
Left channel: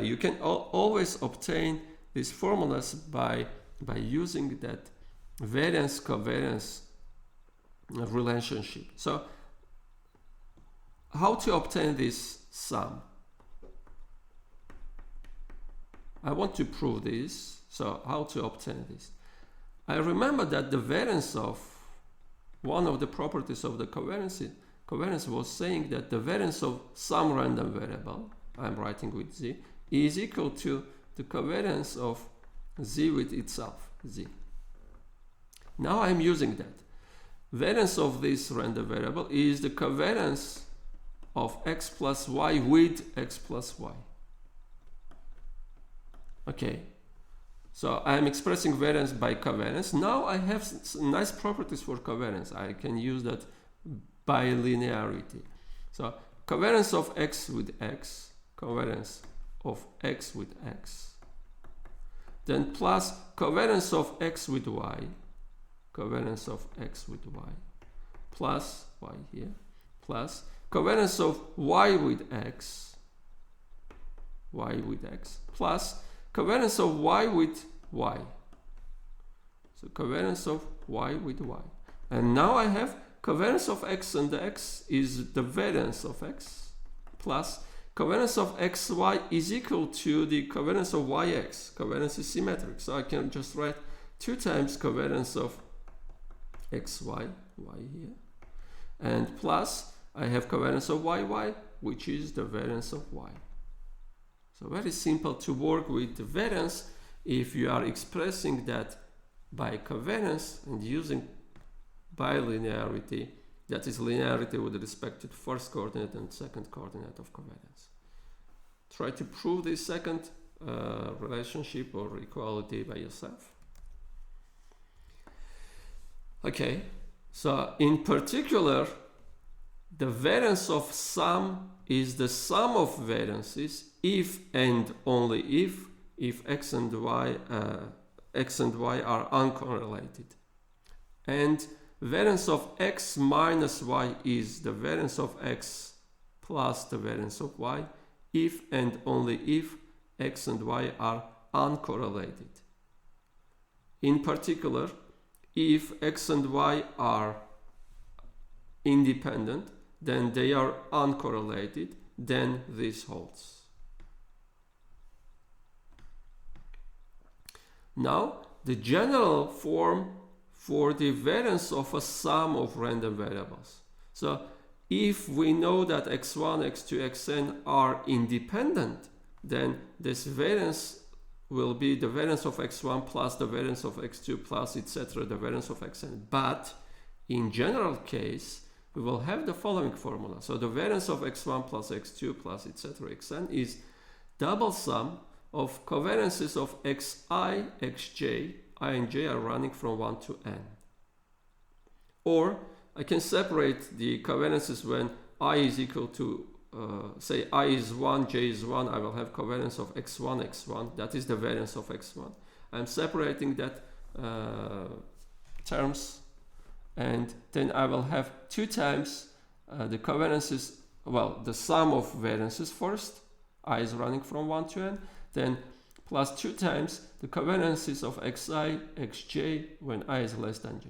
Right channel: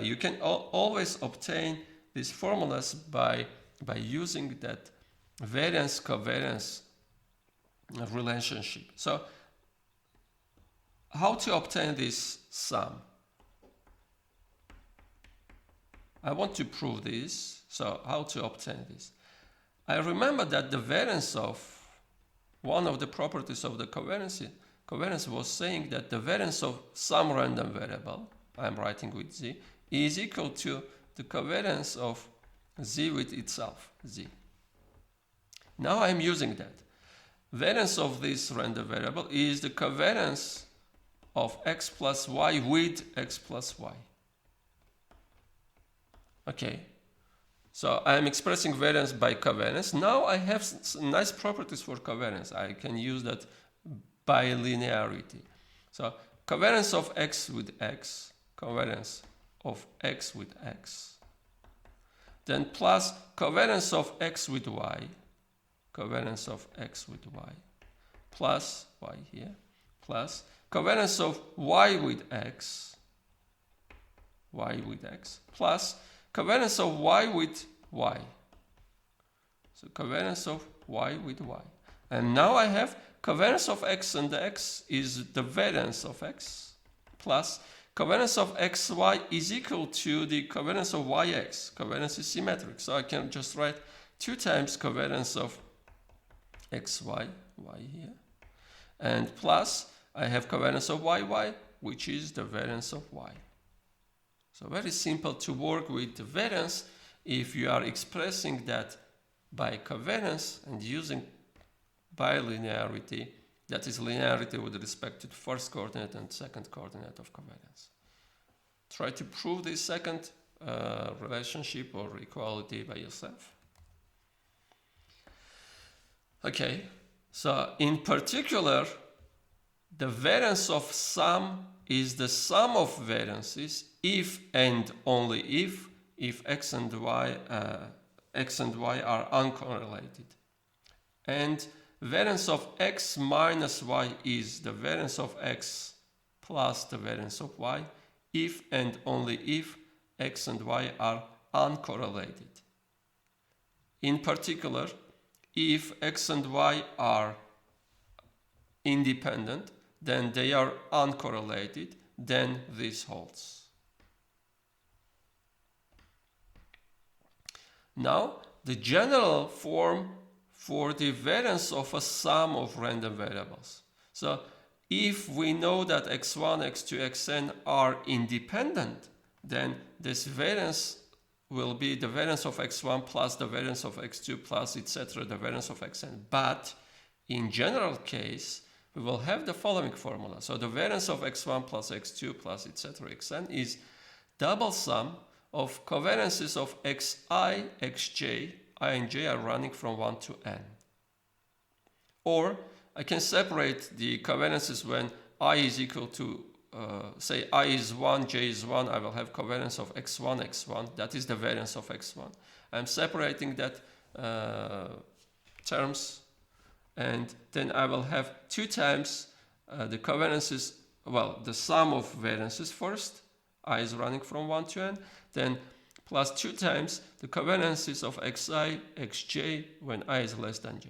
you can always obtain these formulas by using that variance covariance relationship. So how to obtain this sum? I want to prove this. So how to obtain this? I remember that the variance of one of the properties of the covariance was saying that the variance of some random variable, I'm writing with z, is equal to the covariance of z with itself, z. Now I'm using that. Variance of this random variable is the covariance of x plus y with x plus y. Okay, so I'm expressing variance by covariance. Now I have some nice properties for covariance. I can use that by linearity. So covariance of x with x, covariance of x with x, then plus covariance of x with y, covariance of x with y, plus y here, plus covariance of y with x, plus covariance of y with y. So covariance of y with y. And now I have covariance of x and x is the variance of x, plus covariance of xy is equal to the covariance of yx. Covariance is symmetric, so I can just write 2 times covariance of xy, y here, and plus I have covariance of yy, which is the variance of y. So very simple to work with the variance if you are expressing that by covariance and using bilinearity, that is linearity with respect to the first coordinate and second coordinate of covariance. Try to prove this second relationship or equality by yourself. Okay, so in particular, the variance of sum is the sum of variances if and only if x and y are uncorrelated. And variance of x minus y is the variance of x plus the variance of y if and only if x and y are uncorrelated. In particular, if x and y are independent, then they are uncorrelated, then this holds. Now, the general form for the variance of a sum of random variables. So, if we know that x1, x2, xn are independent, then this variance will be the variance of x1 plus the variance of x2 plus etc. the variance of xn. But in general case, we will have the following formula. So the variance of x1 plus x2 plus etc. xn is double sum of covariances of xi, xj, I and j are running from 1 to n. Or I can separate the covariances when I is equal to, say I is 1, j is 1, I will have covariance of x1, x1, that is the variance of x1. I'm separating that terms, and then I will have 2 times the covariances, well, the sum of variances first, I is running from 1 to n, then plus 2 times the covariances of xi, xj when I is less than j.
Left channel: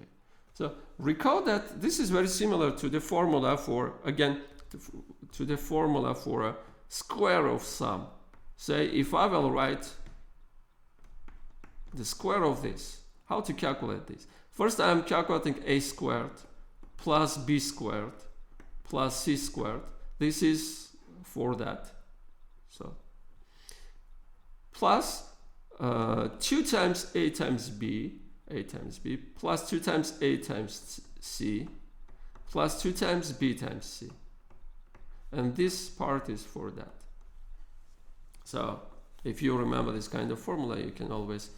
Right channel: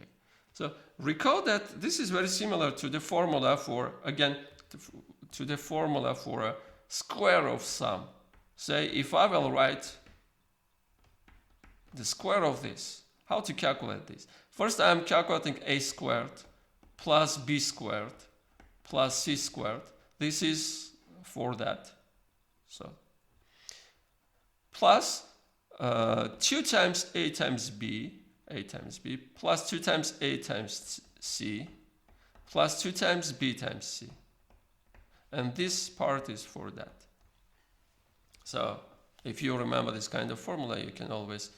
So recall that this is very similar to the formula for, again, to the formula for a square of sum. Say if I will write the square of this, how to calculate this? First I am calculating a squared plus b squared plus c squared. This is for that. So plus 2 times a times b plus 2 times a times c plus 2 times b times c. And this part is for that. So if you remember this kind of formula, you can always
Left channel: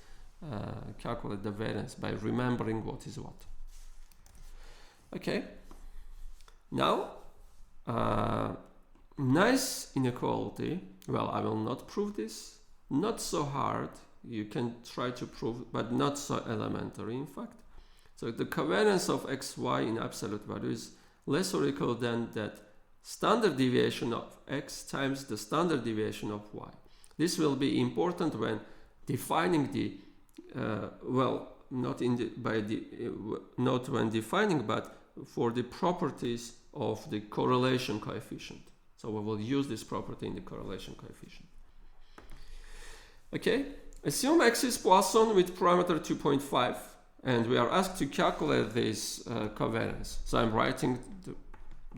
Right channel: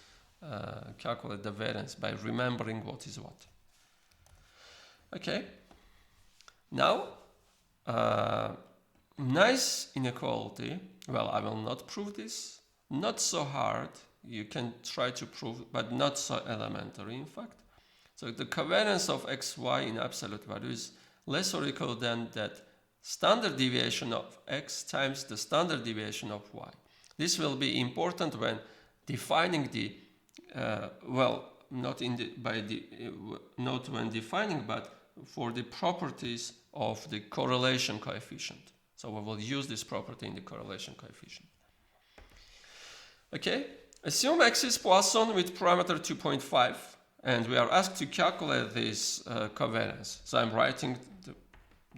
calculate the variance by remembering what is what. Okay. Now, nice inequality. Well, I will not prove this. Not so hard. You can try to prove, but not so elementary, in fact. So the covariance of xy in absolute value is less or equal than that standard deviation of x times the standard deviation of y. This will be important when defining the well, not when defining, but for the properties of the correlation coefficient. So we will use this property in the correlation coefficient. Okay, assume x is Poisson with parameter 2.5, and we are asked to calculate this covariance. So I'm writing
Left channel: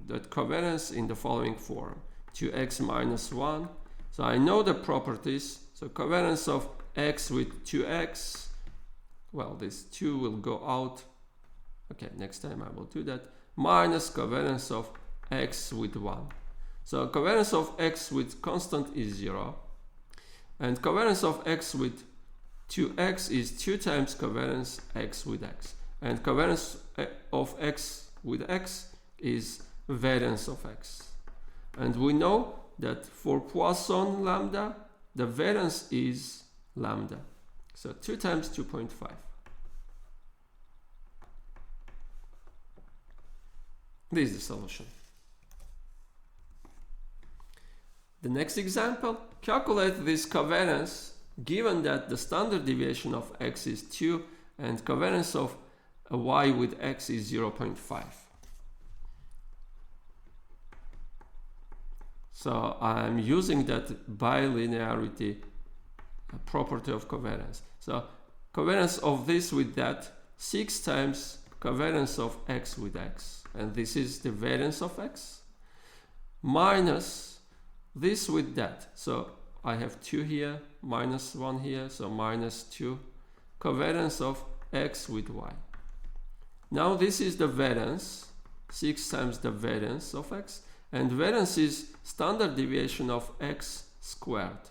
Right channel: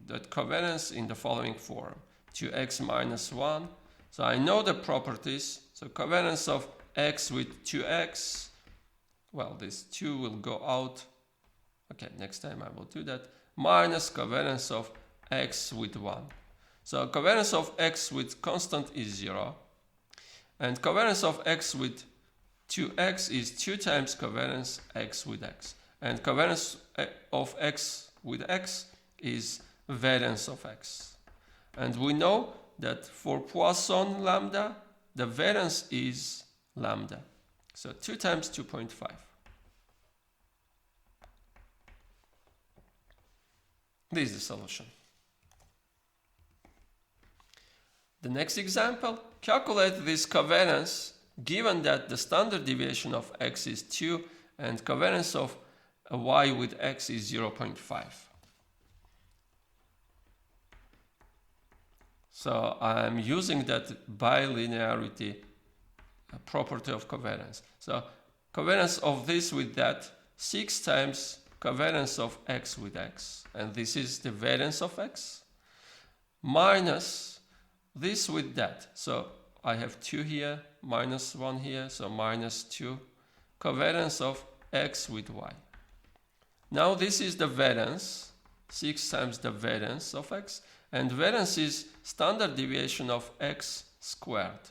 that covariance in the following form: 2x minus 1. So I know the properties. So covariance of x with 2x, well, this 2 will go out. Okay, next time I will do that. Minus covariance of x with 1. So covariance of x with constant is 0. And covariance of x with 2x is 2 times covariance x with x. And covariance of x with x is variance of x. And we know that for Poisson lambda, the variance is lambda. So 2 times 2.5. This is the solution. The next example, calculate this covariance given that the standard deviation of x is 2 and covariance of y with x is 0.5. So I'm using that bilinearity property of covariance. So covariance of this with that, 6 times covariance of x with x, and this is the variance of x, minus this with that. So I have 2 here, minus 1 here, so minus 2, covariance of x with y. Now this is the variance, 6 times the variance of x, and variance is standard deviation of x squared,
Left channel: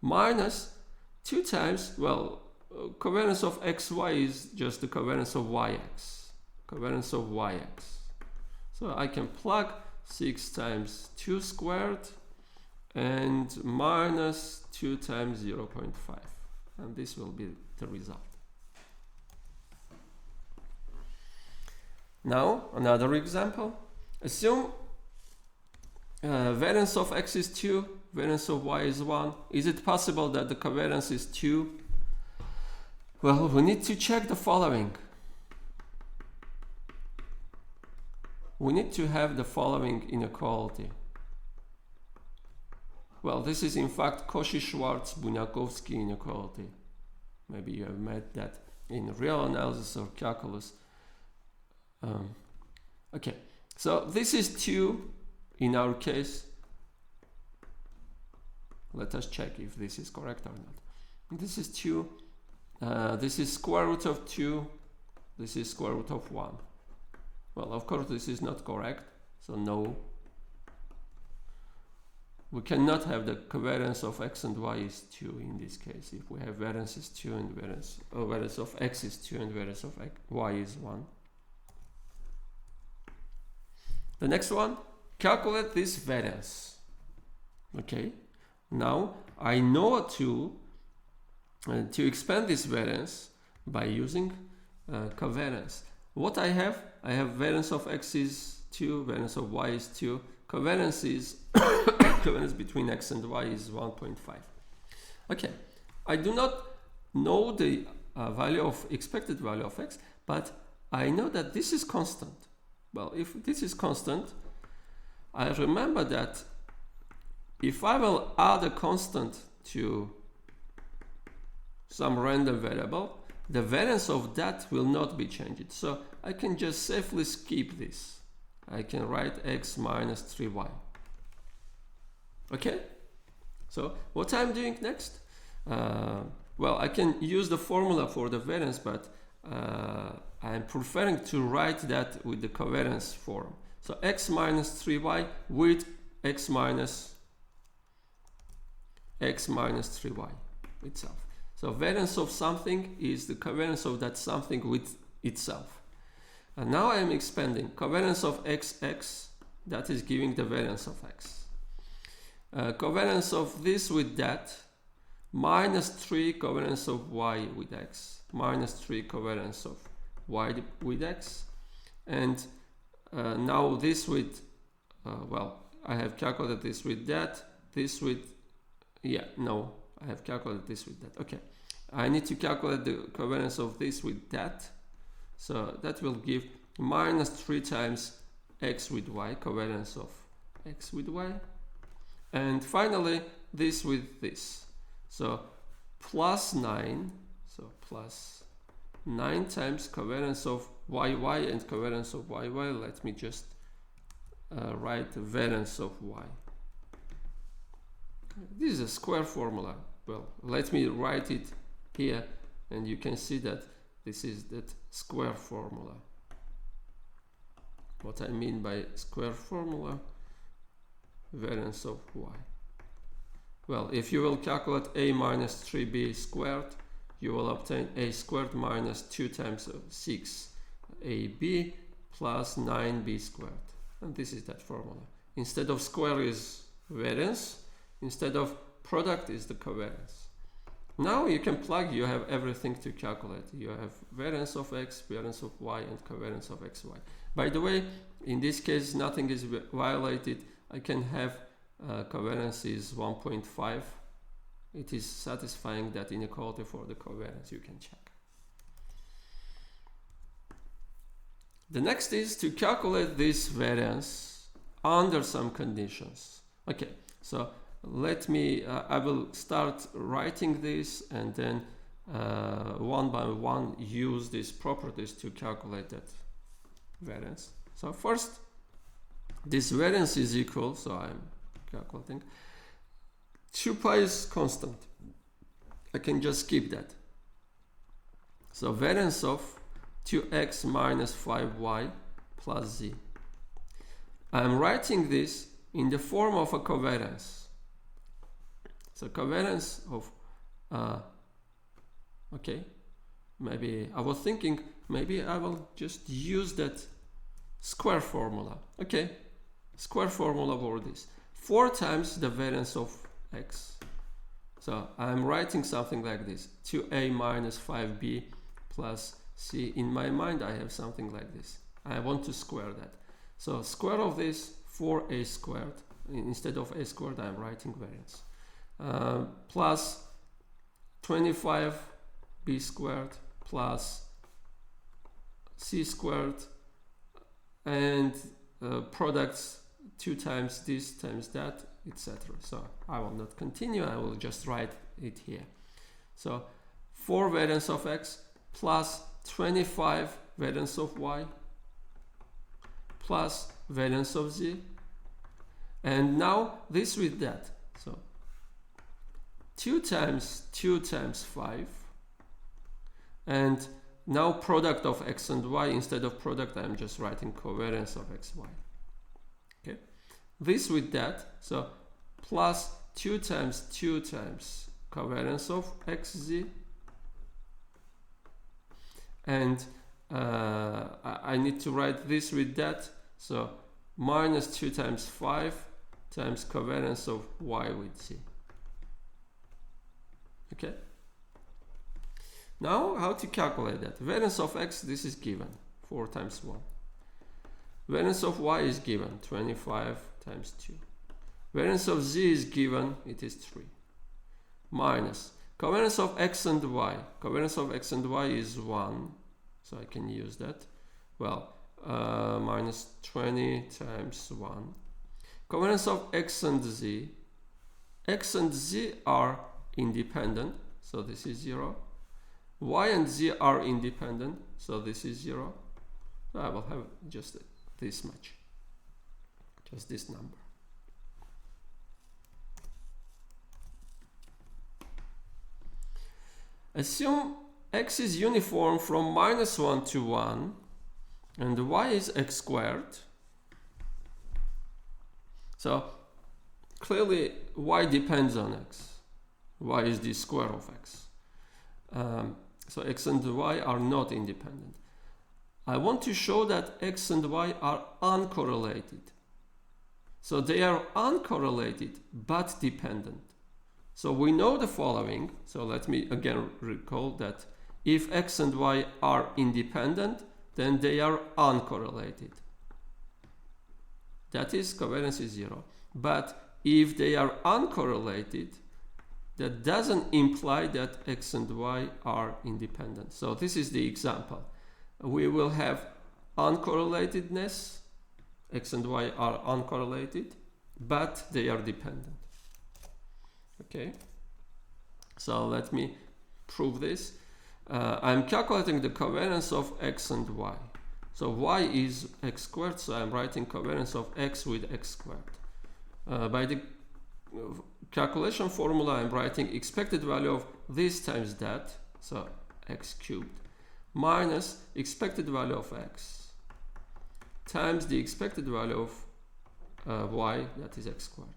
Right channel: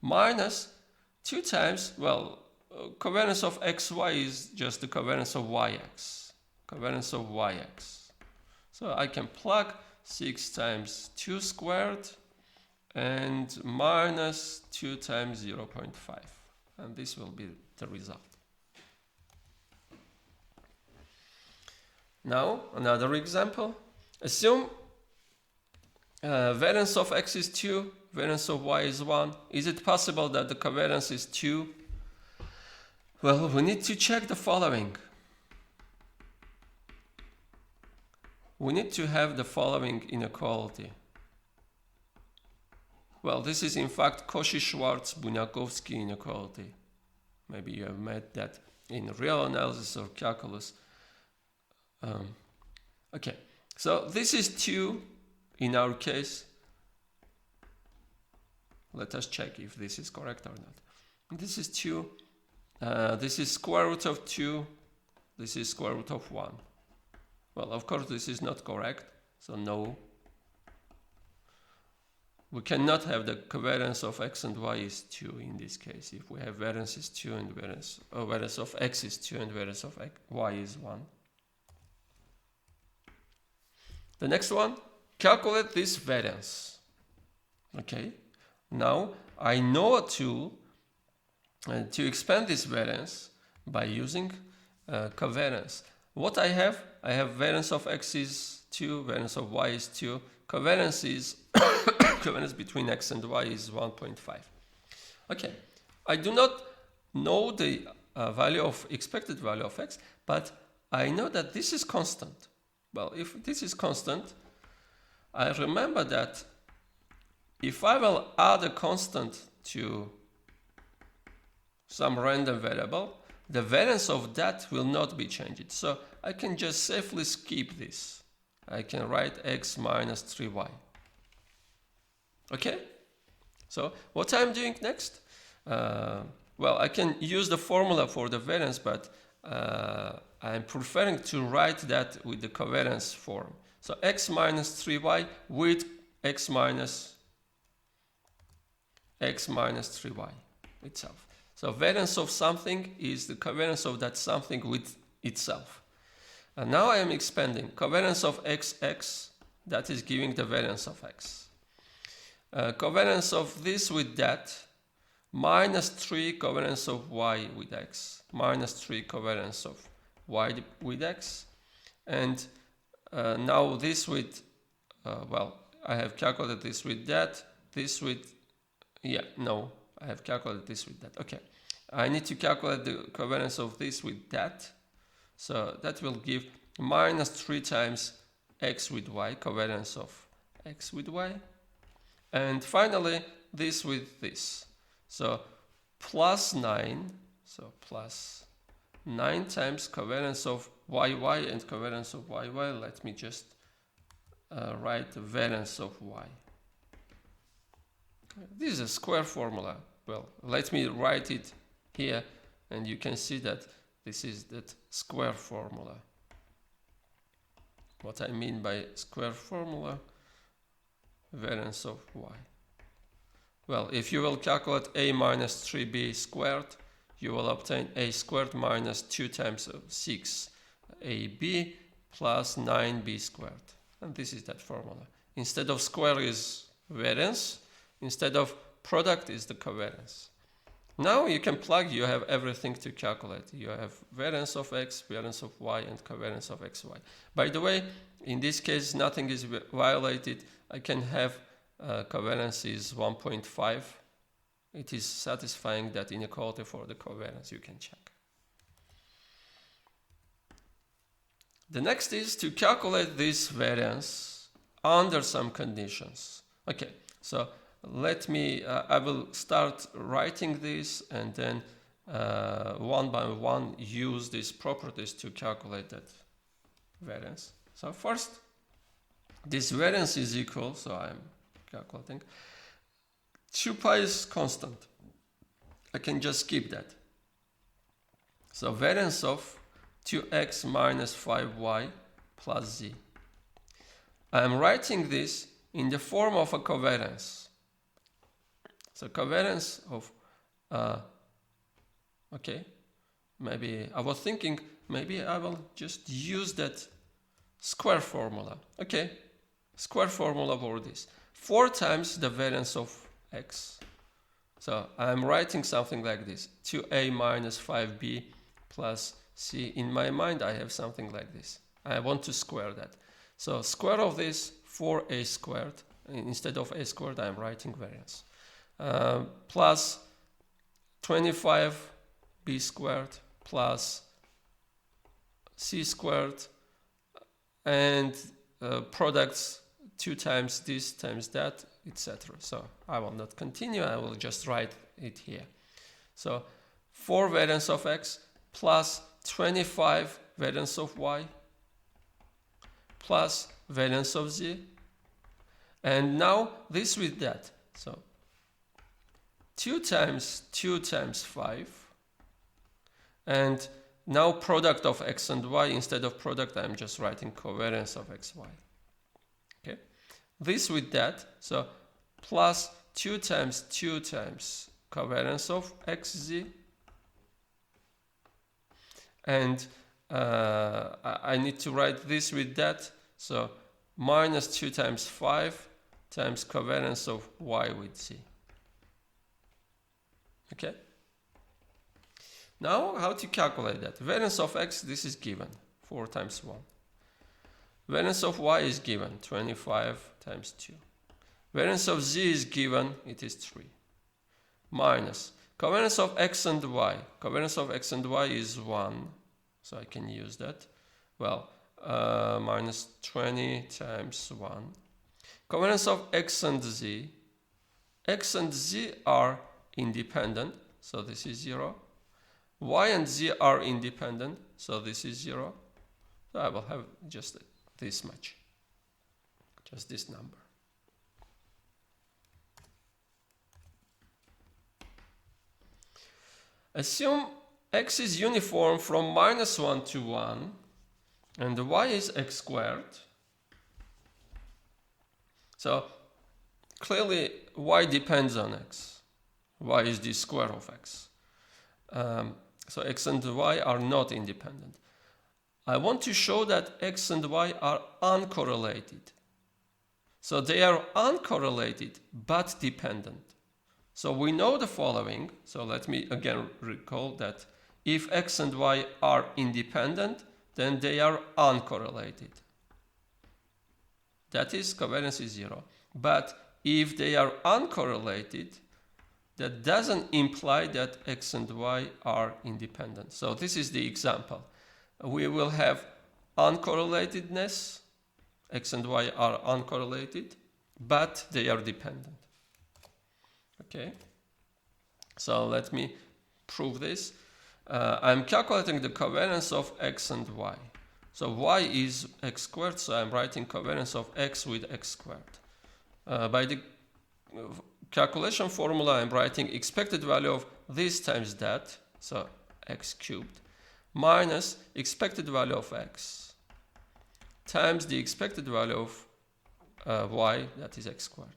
minus 2 times, well, covariance of xy is just the covariance of yx, covariance of yx. So I can plug 6 times 2 squared and minus 2 times 0.5, and this will be the result. Now another example. Assume variance of x is 2, variance of y is 1. Is it possible that the covariance is 2? Well, we need to check the following. We need to have the following inequality. Well, this is in fact Cauchy-Schwarz-Bunyakovsky inequality. Maybe you have met that in real analysis of calculus. Okay, so this is 2 in our case. Let us check if this is correct or not. This is 2. This is square root of 2. This is square root of 1. Well, of course, this is not correct, so no. We cannot have the covariance of x and y is 2 in this case. If we have variance is 2 and variance of x is 2 and variance of y is 1. The next one, calculate this variance. Okay, now I know a tool to expand this variance by using covariance. What I have variance of x is 2, variance of y is 2, covariance is covariance between x and y is 1.5. Okay, I do not know the expected value of x, but I know that this is constant. Well, if this is constant, I remember that if I will add a constant to some random variable, the variance of that will not be changed. So I can just safely skip this. I can write x minus 3y. Okay? So what I'm doing next? Well, I can use the formula for the variance, but I'm preferring to write that with the covariance form. So x minus 3y with x minus 3y itself. So variance of something is the covariance of that something with itself. And now I am expanding covariance of x, that is giving the variance of x. Covariance of this with that, minus 3 covariance of y with x, minus 3 covariance of y with x. And now this with, well, I have calculated this with that, this with, yeah, no, I have calculated this with that. Okay, I need to calculate the covariance of this with that. So that will give minus 3 times x with y, covariance of x with y. And finally, this with this. So plus 9, so plus 9 times covariance of yy and covariance of yy. Let me just write the variance of y. This is a square formula. Well, let me write it here, and you can see that this is that square formula. What I mean by square formula, variance of y. Well, if you will calculate a minus 3b squared, you will obtain a squared minus 2 times 6ab plus 9b squared. And this is that formula. Instead of square is variance, instead of product is the covariance. Now you can plug, you have everything to calculate. You have variance of x, variance of y, and covariance of xy. By the way, in this case, nothing is violated. I can have covariance is 1.5. It is satisfying that inequality for the covariance. You can check. The next is to calculate this variance under some conditions. Okay, so let me, I will start writing this and then one by one use these properties to calculate that variance. So first, this variance is equal, so I'm calculating, 2 pi is constant. I can just skip that. So variance of 2x minus 5y plus z. I'm writing this in the form of a covariance. So covariance of, okay, maybe I was thinking, maybe I will just use that square formula. Okay, square formula for this. 4 times the variance of x. So I'm writing something like this. 2a minus 5b plus c. In my mind, I have something like this. I want to square that. So square of this, 4a squared. Instead of a squared, I'm writing variance. Plus 25b squared plus c squared, and products 2 times this times that, etc. So I will not continue, I will just write it here. So 4 variance of x plus 25 variance of y plus variance of z, and now this with that. So 2 times 2 times 5, and now product of x and y. Instead of product, I'm just writing covariance of x, y. Okay, this with that, so plus 2 times 2 times covariance of x, z, and I need to write this with that, so minus 2 times 5 times covariance of y with z. Okay. Now, how to calculate that? Variance of x, this is given, 4 times 1. Variance of y is given, 25 times 2. Variance of z is given, it is 3. Minus covariance of x and y. Covariance of x and y is 1, so I can use that. Well, minus 20 times 1. Covariance of x and z. X and z are independent, so this is 0. Y and z are independent, so this is 0. So I will have just this much, just this number. Assume x is uniform from minus 1 to 1 and y is x squared. So clearly y depends on x. Y is the square of x. So x and y are not independent. I want to show that x and y are uncorrelated. So they are uncorrelated but dependent. So we know the following. So let me again recall that if x and y are independent, then they are uncorrelated. That is, covariance is 0. But if they are uncorrelated, that doesn't imply that x and y are independent. So this is the example. We will have uncorrelatedness. X and y are uncorrelated, but they are dependent. Okay. So let me prove this. I'm calculating the covariance of x and y. So y is x squared, so I'm writing covariance of x with x squared. By the calculation formula, I'm writing expected value of this times that, so x cubed, minus expected value of x times the expected value of y, that is x squared.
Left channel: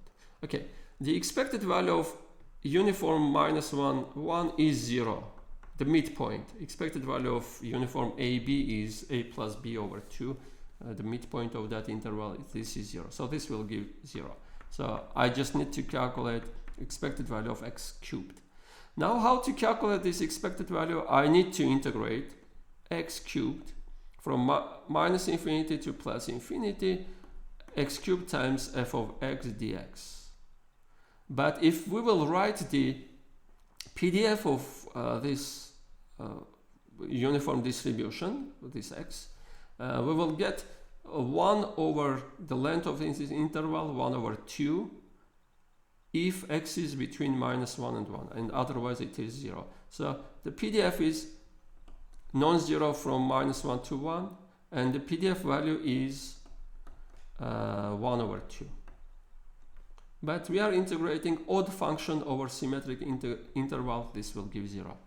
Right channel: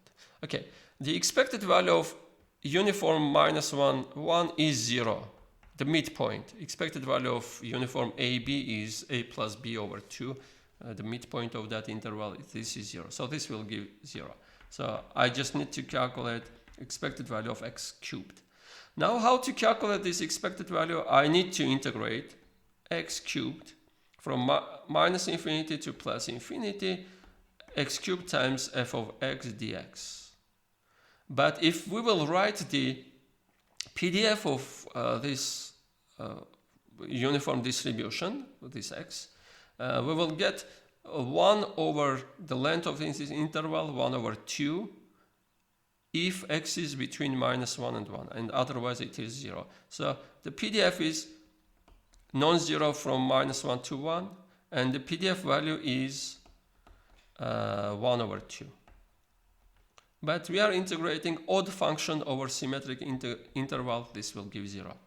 Okay, the expected value of uniform minus 1, 1 is 0. The midpoint. Expected value of uniform AB is A plus B over 2. The midpoint of that interval, this is 0. So this will give 0. So I just need to calculate expected value of x cubed. Now how to calculate this expected value? I need to integrate x cubed from minus infinity to plus infinity, x cubed times f of x dx. But if we will write the PDF of this uniform distribution, this x, we will get 1 over the length of this interval, 1 over 2, if x is between minus 1 and 1, and otherwise it is 0. So the PDF is non-zero from minus 1 to 1, and the PDF value is 1 over 2. But we are integrating odd function over symmetric interval. This will give 0.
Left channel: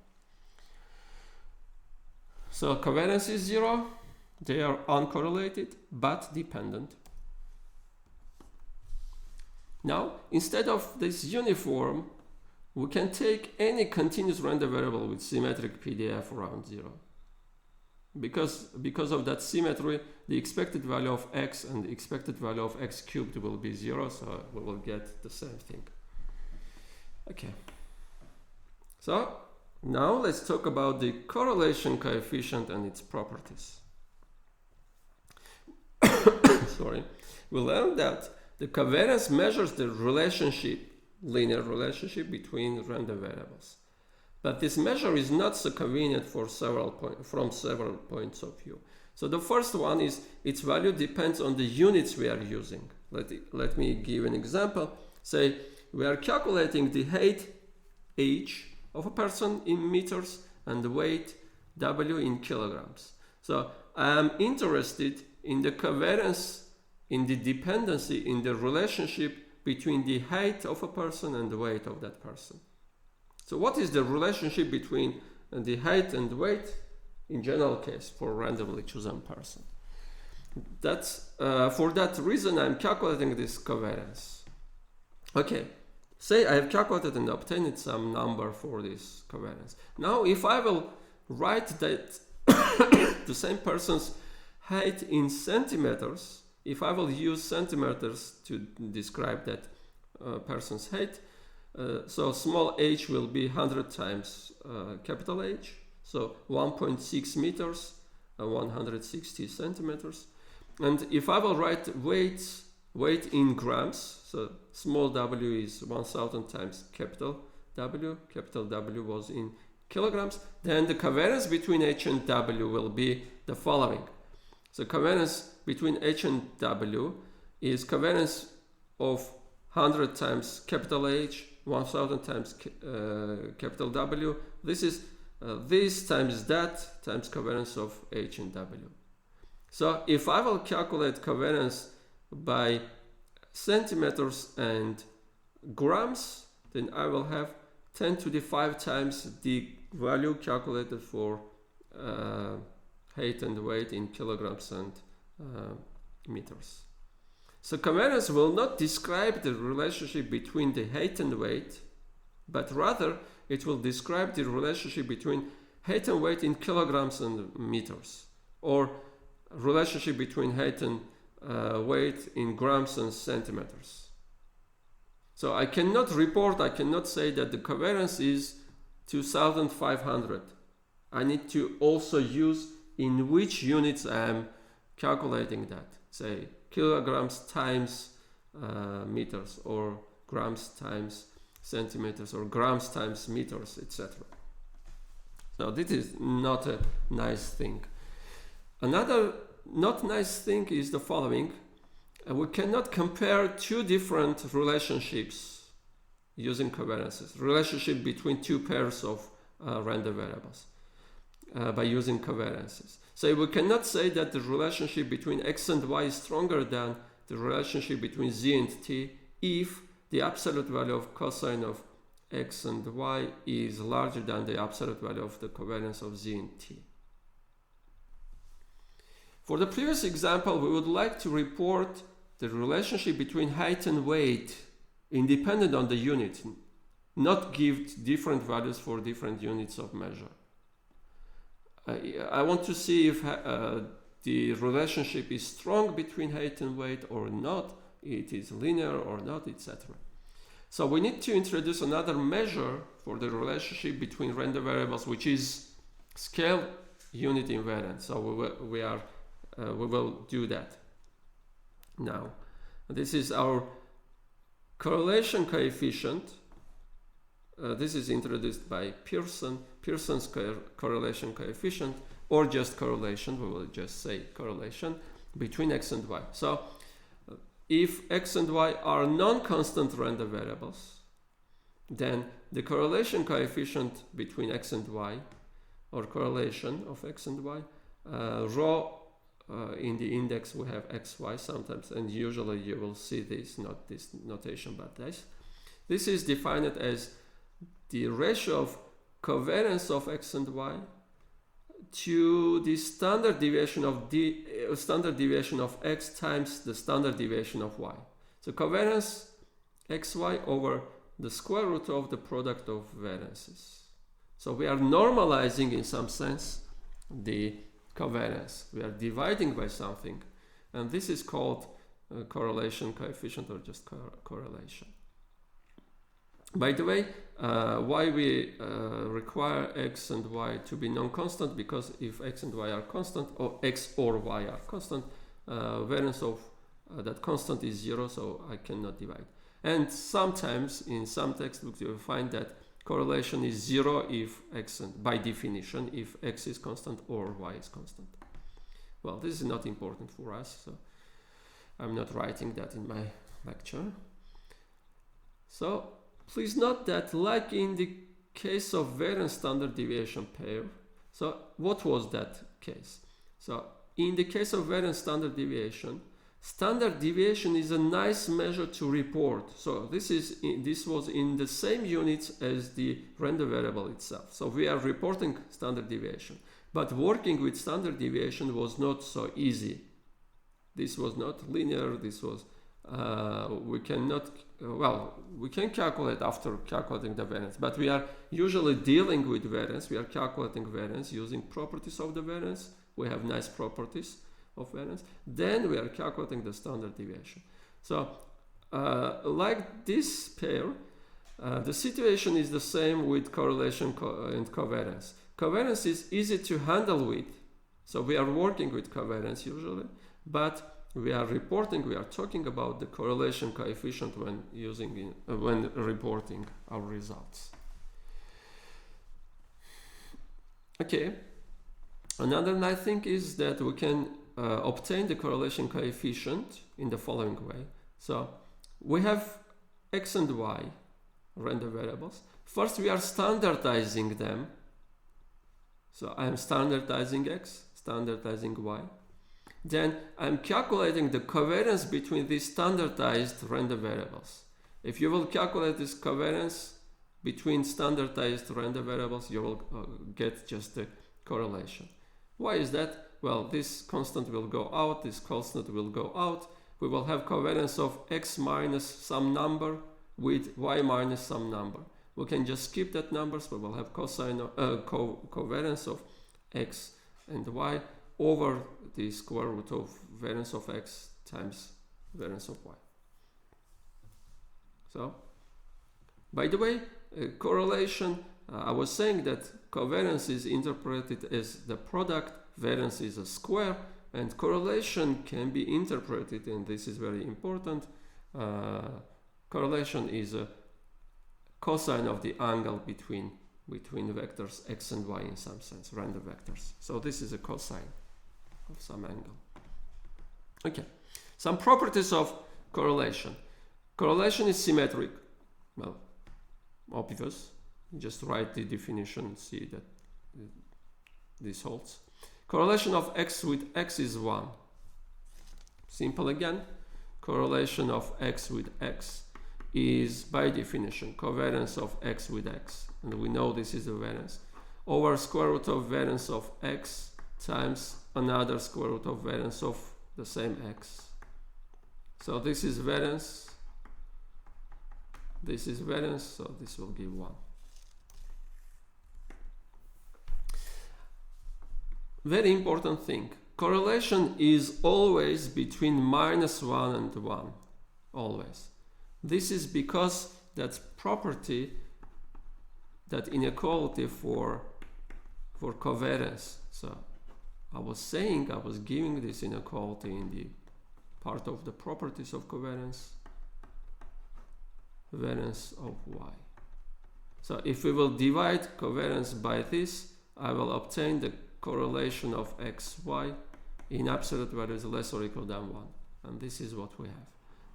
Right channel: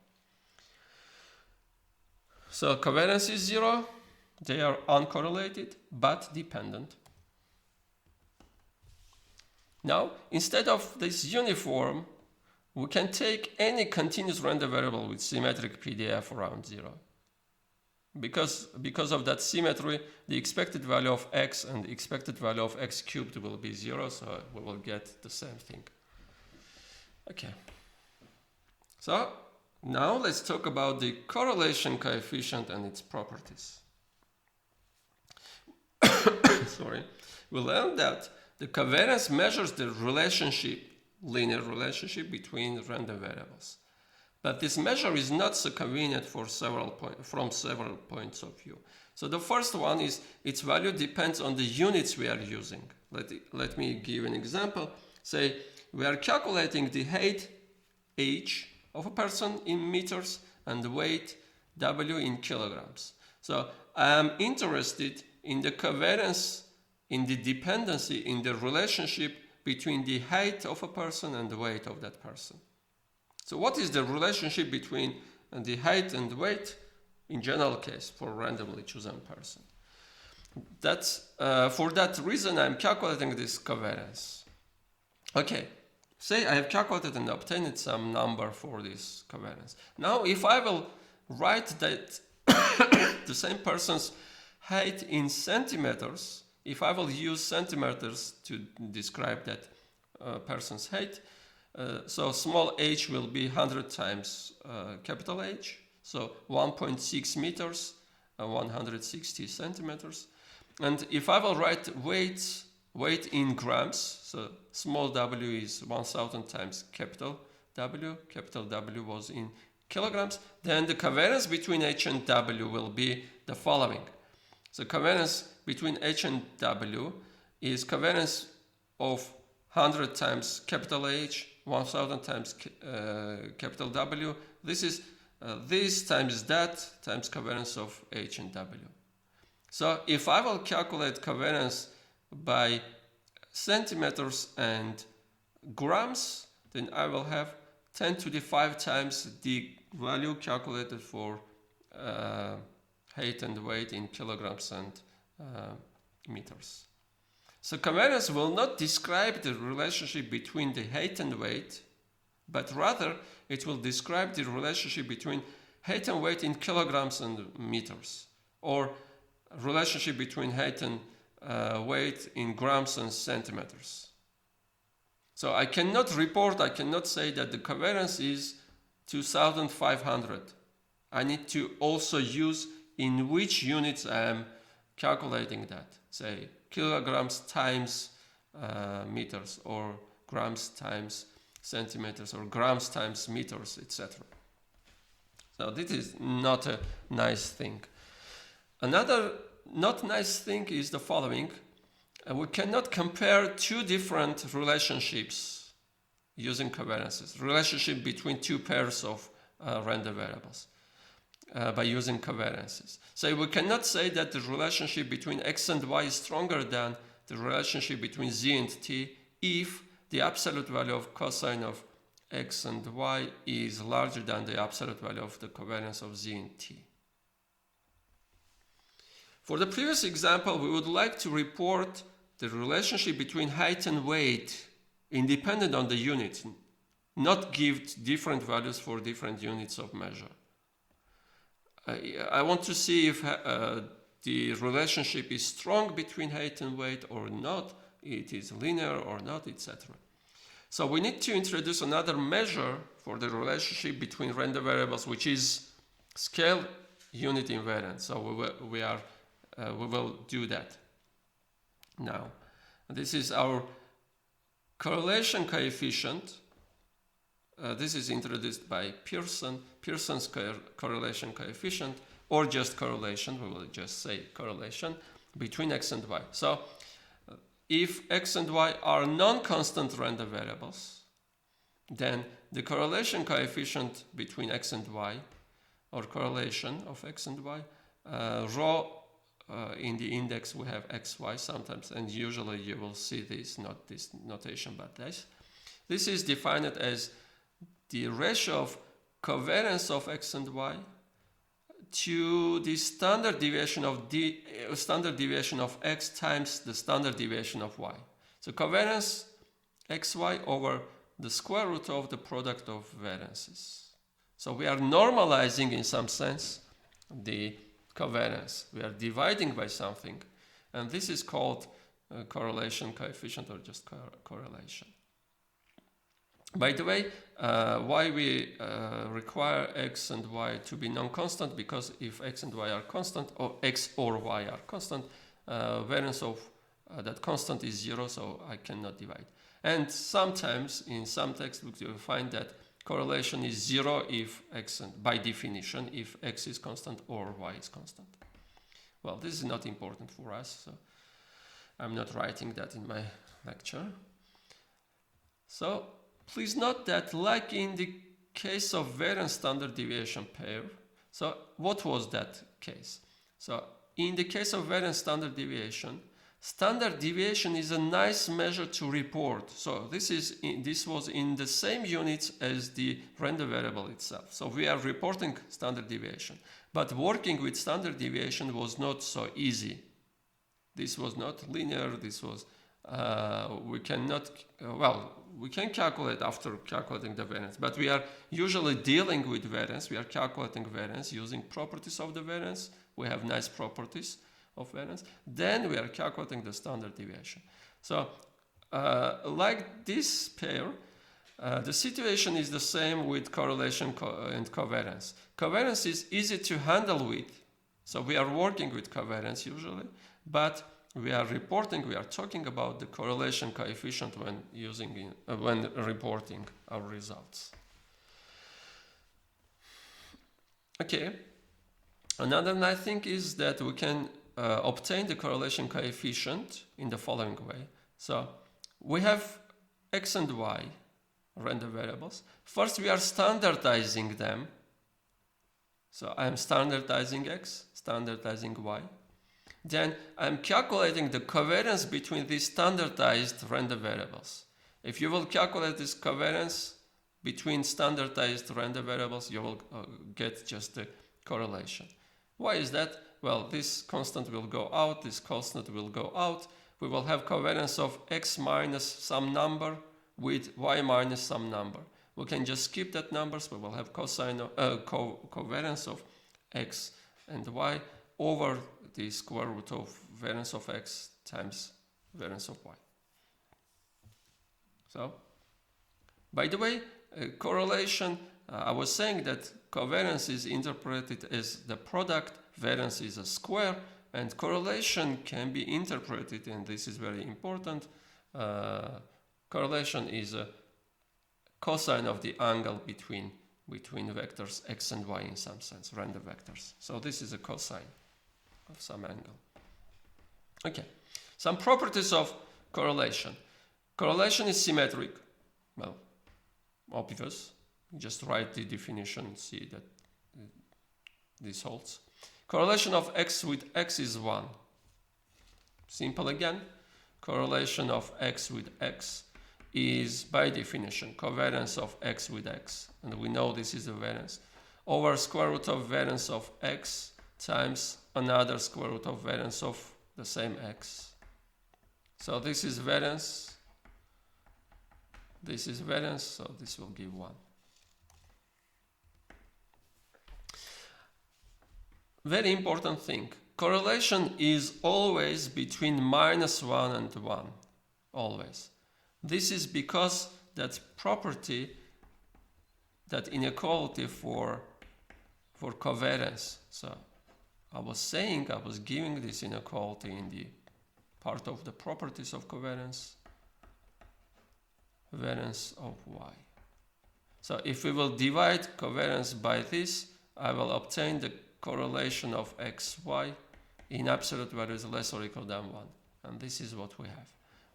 So covariance is 0. They are uncorrelated but dependent. Now, instead of this uniform, we can take any continuous random variable with symmetric PDF around 0. Because of that symmetry, the expected value of x and the expected value of x cubed will be 0, so we will get the same thing. Okay. So now let's talk about the correlation coefficient and its properties. Sorry. We learned that the covariance measures the linear relationship between random variables. But this measure is not so convenient for from several points of view. So the first one is its value depends on the units we are using. Let me give an example. Say we are calculating the height h of a person in meters and the weight w in kilograms. So I am interested in the covariance, in the dependency, in the relationship between the height of a person and the weight of that person. So what is the relationship between the height and weight in general case for randomly chosen person? That's for that reason I'm calculating this covariance. Okay, say I have calculated and obtained some number for this covariance. Now if I will write that the same person's height in centimeters, if I will use centimeters to describe that person's height, so small h will be 100 times capital H, so 1.6 meters and 160 centimeters. And if I will write weight in grams, so small w is 1000 times capital W was in kilograms, then the covariance between h and w will be the following. So covariance between h and w is covariance of 100 times capital H, 1000 times capital W. This is this times that times covariance of H and W. So if I will calculate covariance by centimeters and grams, then I will have 10 to the 5 times the value calculated for height and weight in kilograms and meters. So covariance will not describe the relationship between the height and weight, but rather it will describe the relationship between height and weight in kilograms and meters, or relationship between height and weight in grams and centimeters. So I cannot say that the covariance is 2500. I need to also use in which units I am calculating that, say kilograms times meters, or grams times centimeters, or grams times meters, etc. So this is not a nice thing. Another not nice thing is the following. We cannot compare two different relationships using covariances. Relationship between two pairs of random variables by using covariances. So we cannot say that the relationship between x and y is stronger than the relationship between z and t if the absolute value of cosine of x and y is larger than the absolute value of the covariance of z and t. For the previous example, we would like to report the relationship between height and weight independent on the unit, not give different values for different units of measure. I want to see if the relationship is strong between height and weight or not, it is linear or not, etc. So we need to introduce another measure for the relationship between random variables, which is scale unit invariance. So we will do that now. This is our correlation coefficient. This is introduced by Pearson's correlation coefficient, or just correlation, we will just say correlation between x and y. So if x and y are non-constant random variables, then the correlation coefficient between x and y, or correlation of x and y, rho in the index we have xy sometimes, and usually you will see this, not this notation, but this. This is defined as the ratio of covariance of x and y to the standard deviation of x times the standard deviation of y. So covariance xy over the square root of the product of variances. So we are normalizing in some sense the covariance. We are dividing by something, and this is called correlation coefficient, or just correlation. By the way, why we require x and y to be non-constant, because if x and y are constant, or x or y are constant, variance of that constant is 0, so I cannot divide. And sometimes in some textbooks you will find that correlation is 0 if x, and by definition, if x is constant or y is constant. Well, this is not important for us, so I'm not writing that in my lecture. So please note that, like in the case of variance standard deviation pair, so what was that case? So in the case of variance standard deviation is a nice measure to report. So this was in the same units as the random variable itself. So we are reporting standard deviation, but working with standard deviation was not so easy. This was not linear. This was we can calculate after calculating the variance, but we are usually dealing with variance. We are calculating variance using properties of the variance. We have nice properties of variance. Then we are calculating the standard deviation. So like this pair, the situation is the same with correlation and covariance. Covariance is easy to handle with, so we are working with covariance usually, but we are talking about the correlation coefficient when when reporting our results. Okay, another nice thing is that we can obtain the correlation coefficient in the following way. So we have x and y random variables. First we are standardizing them. So I'm standardizing x, standardizing y. Then I'm calculating the covariance between these standardized random variables. If you will calculate this covariance between standardized random variables, you will get just the correlation. Why is that? Well, this constant will go out, this constant will go out. We will have covariance of x minus some number with y minus some number. We can just skip that numbers. We will have covariance of x and y over the square root of variance of x times variance of y. So, by the way, correlation, I was saying that covariance is interpreted as the product, variance is a square, and correlation can be interpreted, and this is very important, correlation is a cosine of the angle between vectors x and y in some sense, random vectors. So this is a cosine of some angle. Okay, some properties of correlation. Correlation is symmetric. Well, obvious. Just write the definition and see that this holds. Correlation of x with x is 1. Simple again. Correlation of x with x is by definition covariance of x with x, and we know this is the variance, over square root of variance of x times another square root of variance of the same x. So this is variance This is variance, so this will give 1. Very important thing. Correlation is always between -1 and 1. Always. This is because that property, that inequality for covariance. So I was giving this inequality in the part of the properties of covariance, variance of y. So if we will divide covariance by this, I will obtain the correlation of x, y in absolute values less or equal than 1. And this is what we have.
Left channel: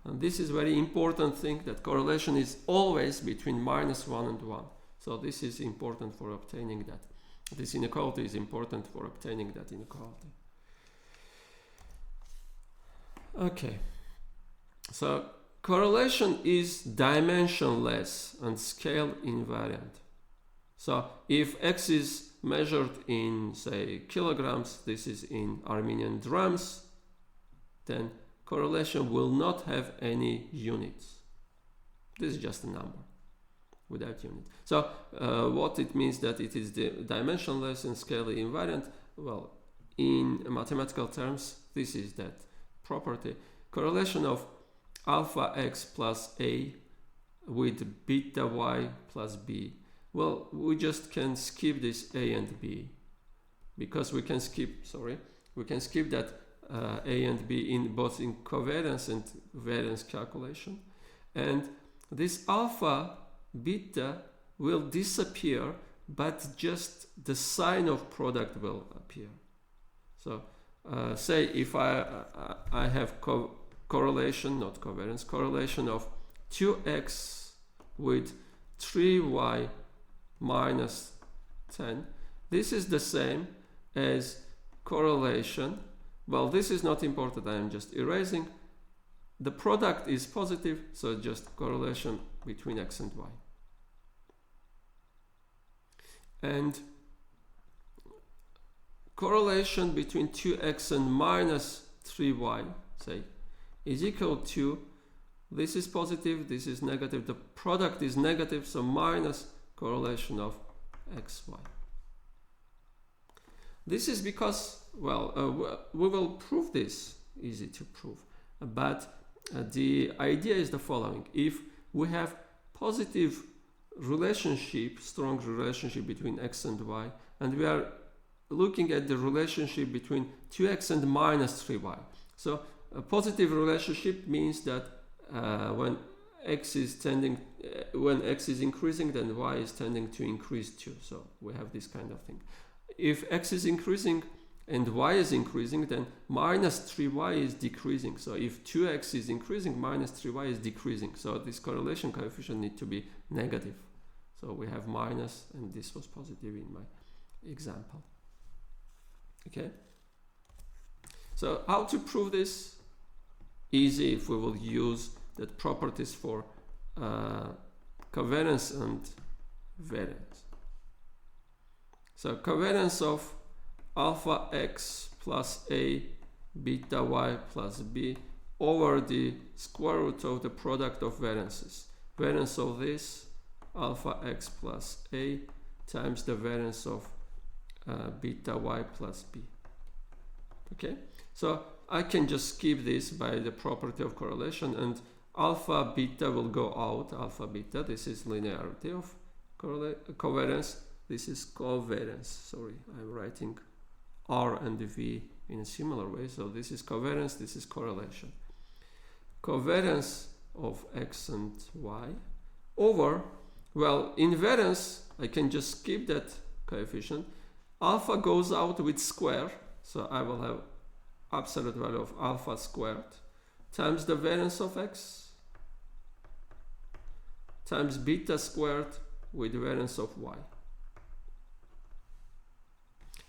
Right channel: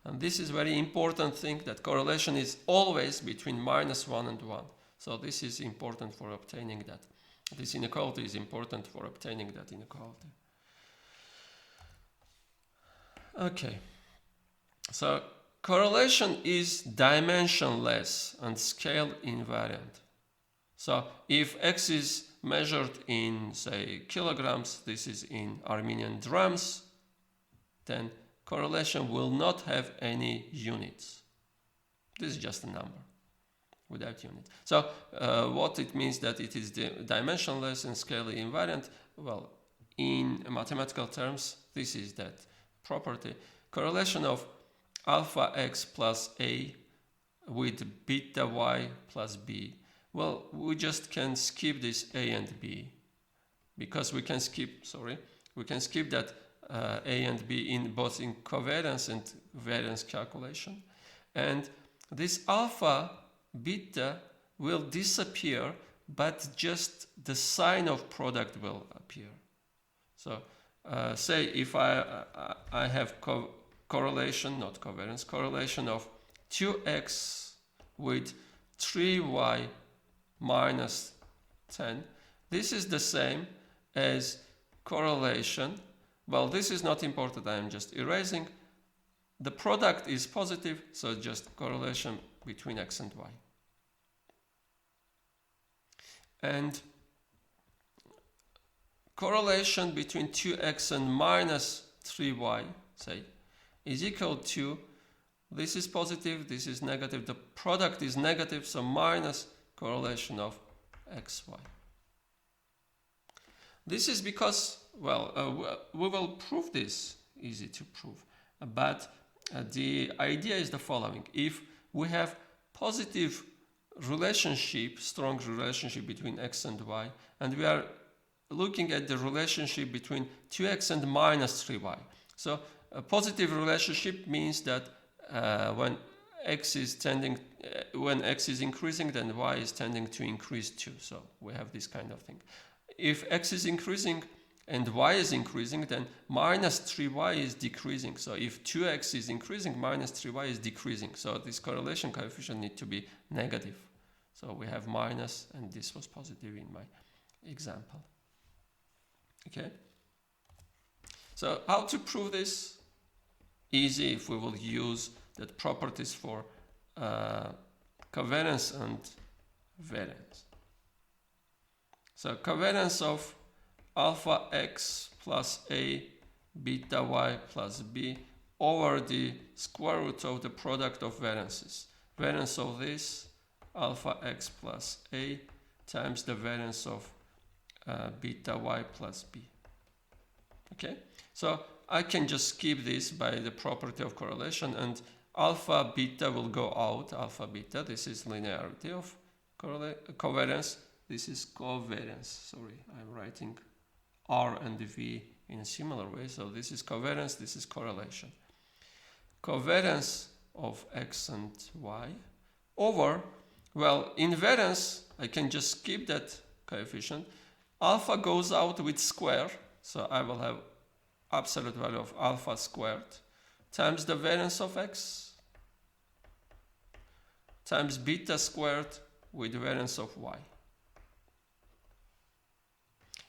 And this is very important thing, that correlation is always between -1 and 1. So this is important for obtaining that. This inequality is important for obtaining that inequality. Okay. So correlation is dimensionless and scale invariant. So if x is measured in, say, kilograms, this is in Armenian drams, then correlation will not have any units. This is just a number without unit. So what it means that it is dimensionless and scale invariant? Well, in mathematical terms, this is that property. Correlation of alpha x plus a with beta y plus b. Well, we just can skip this a and b, because we can skip that a and b in both in covariance and variance calculation. And this alpha beta will disappear, but just the sign of product will appear. So say if I have correlation, not covariance, correlation of 2x with 3y minus 10. This is the same as correlation. Well, this is not important, I am just erasing. The product is positive, so just correlation between x and y. And correlation between 2x and minus 3y, say, is equal to, this is positive, this is negative, the product is negative, so minus correlation of xy. This is because, well, we will prove this, easy to prove, but the idea is the following. If we have positive relationship, strong relationship between x and y, and we are looking at the relationship between 2x and minus 3y. So a positive relationship means that when x is increasing, then y is tending to increase too. So we have this kind of thing. If x is increasing and y is increasing, then minus 3y is decreasing. So if 2x is increasing, minus 3y is decreasing. So this correlation coefficient needs to be negative. So we have minus, and this was positive in my example. Okay. So how to prove this? Easy, if we will use the properties for covariance and variance. So covariance of alpha x plus a beta y plus b over the square root of the product of variances. Variance of this alpha x plus a times the variance of beta y plus b. Okay, so I can just skip this by the property of correlation, and alpha beta will go out. Alpha beta, this is linearity of covariance. This is covariance. Sorry, I'm writing R and V in a similar way. So this is covariance, this is correlation. Covariance of x and y over, well, in variance, I can just skip that coefficient. Alpha goes out with square, so I will have absolute value of alpha squared times the variance of x times beta squared with the variance of y.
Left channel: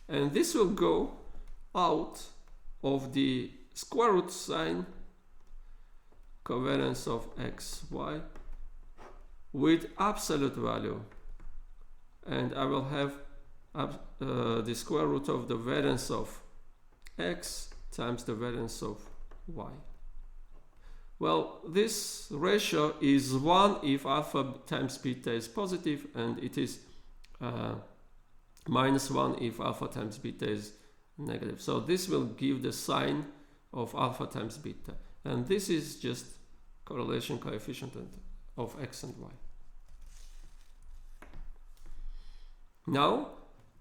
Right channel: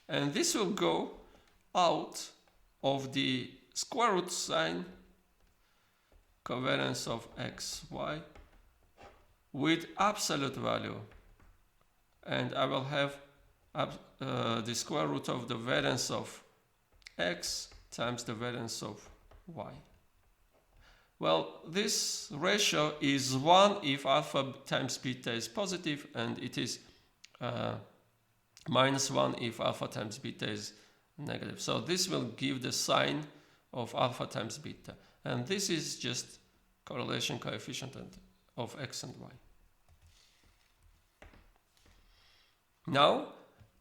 And this will go out of the square root sign covariance of x, y with absolute value. And I will have the square root of the variance of x times the variance of y. Well, this ratio is 1 if alpha times beta is positive, and it is minus 1 if alpha times beta is negative. So this will give the sign of alpha times beta. And this is just correlation coefficient of x and y. Now,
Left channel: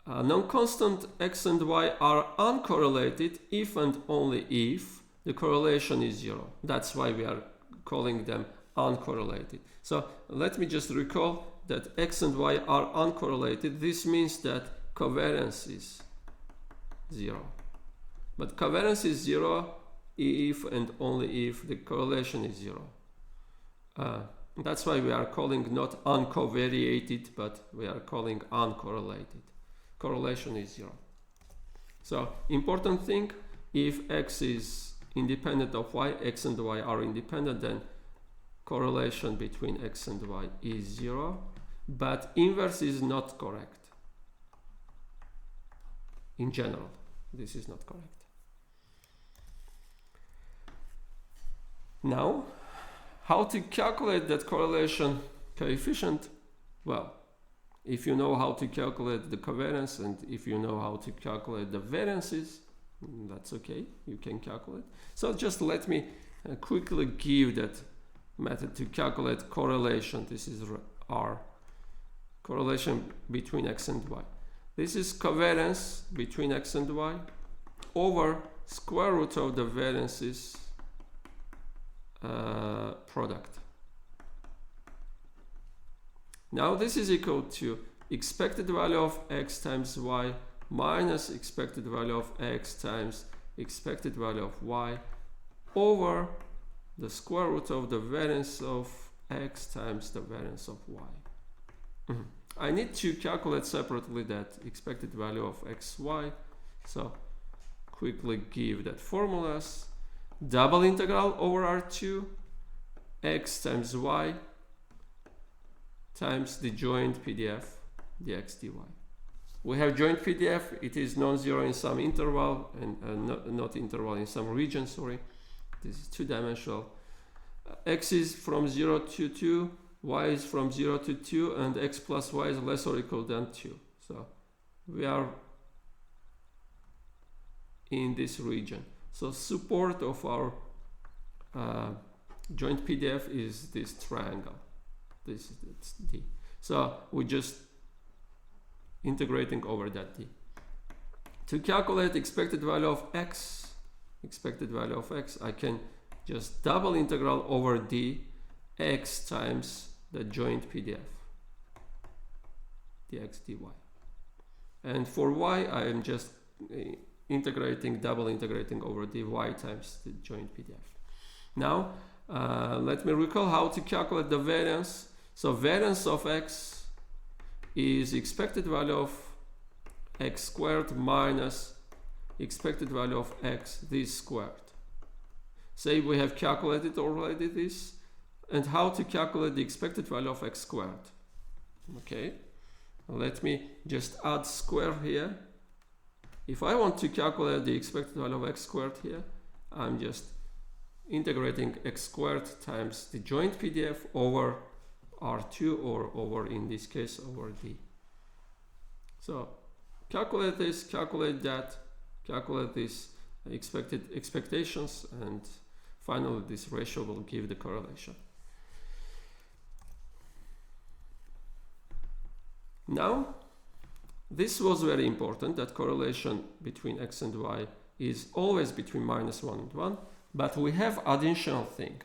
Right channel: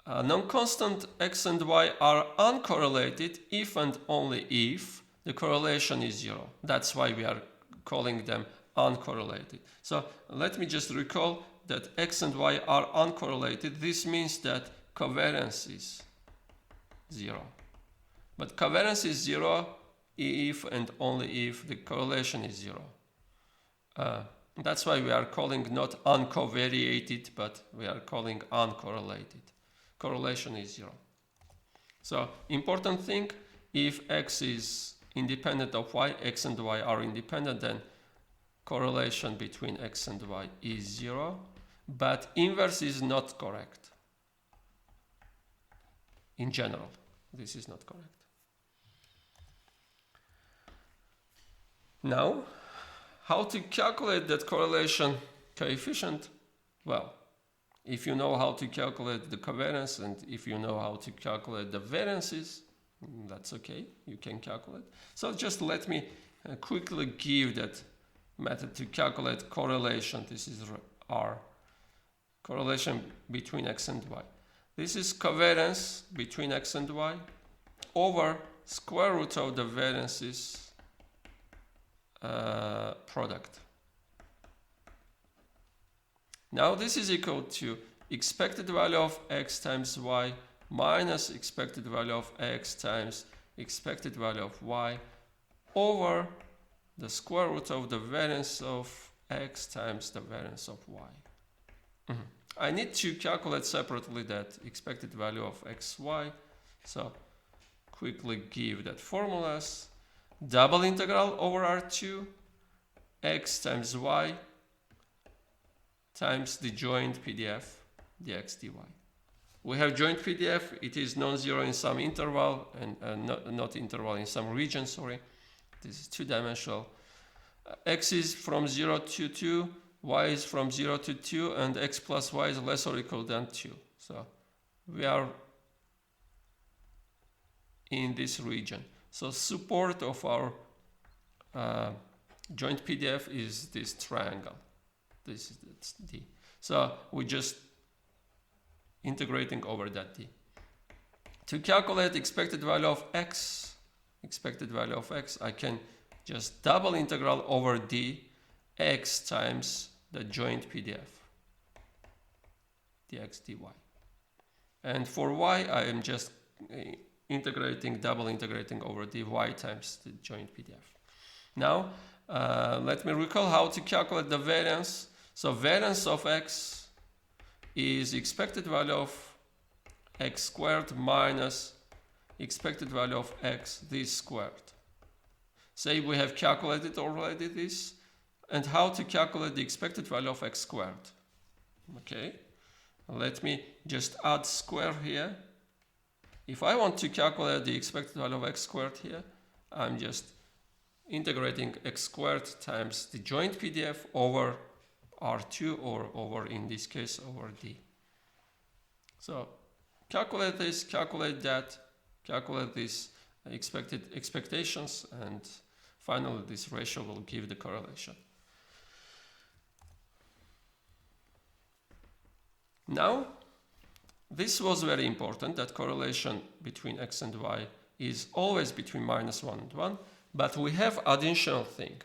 non-constant x and y are uncorrelated if and only if the correlation is 0. That's why we are calling them uncorrelated. So let me just recall that x and y are uncorrelated. This means that covariance is 0. But covariance is 0 if and only if the correlation is 0. That's why we are calling not uncovariated, but we are calling uncorrelated. Correlation is 0. So important thing, if x is independent of y, x and y are independent, then correlation between x and y is 0, but inverse is not correct. In general, this is not correct. Now, how to calculate that correlation coefficient? Well, if you know how to calculate the covariance and if you know how to calculate the variances, that's okay, you can calculate. So just let me quickly give that method to calculate correlation. This is R, correlation between x and y. This is covariance between x and y over square root of the variances product. Now this is equal to expected value of x times y minus expected value of x times expected value of y over the square root of the variance of x times the variance of y. I need to calculate separately that expected value of x, y. So quickly give that formulas. Double integral over R2 x times y times the joint PDF dx dy. We have joint PDF, it is non-zero in some interval and not interval in some region, sorry. This is two-dimensional. X is from 0 to 2, y is from 0 to 2, and x plus y is less or equal than 2. So we are in this region. So support of our joint PDF is this triangle. This is D. So we just integrating over that D. To calculate expected value of x, I can just double integral over D x times the joint PDF dx dy. And for y, I am just double integrating over dy times the joint PDF. Now, let me recall how to calculate the variance. So variance of x is expected value of x squared minus expected value of x this squared. Say we have calculated already this, and how to calculate the expected value of x squared. Okay, let me just add square here. If I want to calculate the expected value of x squared here, I'm just integrating x squared times the joint PDF over R2 or over, in this case, over D. So calculate this, calculate that, calculate these expectations, and finally this ratio will give the correlation. Now, this was very important, that correlation between x and y is always between -1 and 1, but we have additional thing.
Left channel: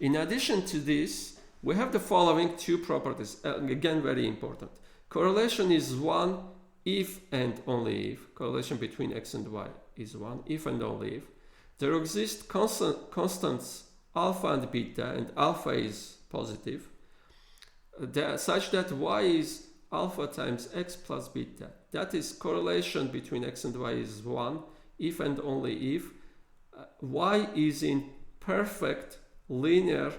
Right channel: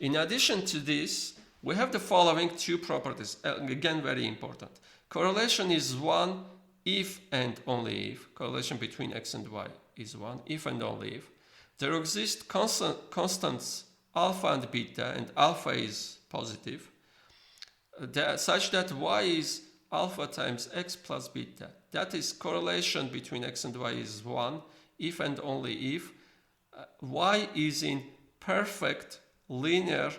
In addition to this, we have the following two properties, again very important. Correlation is 1 if and only if, correlation between x and y is 1 if and only if, there exist constants alpha and beta, and alpha is positive, such that y is alpha times x plus beta. That is, correlation between x and y is 1 if and only if y is in perfect linear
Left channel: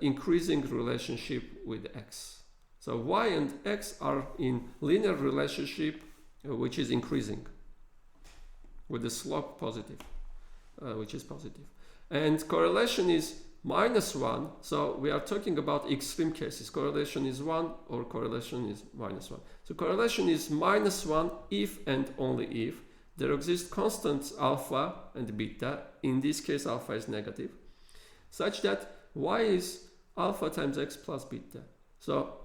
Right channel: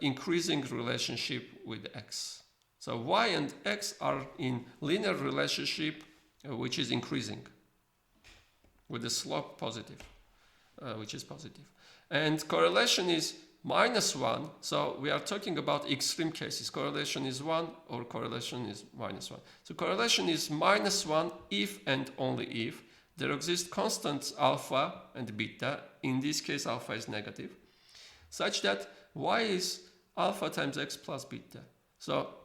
increasing relationship with x. So y and x are in linear relationship which is increasing with the slope positive, which is positive. and correlation is -1. So we are talking about extreme cases. Correlation is 1 or correlation is -1. So correlation is -1 if and only if there exist constants alpha and beta. In this case, alpha is negative, such that y is alpha times x plus beta. So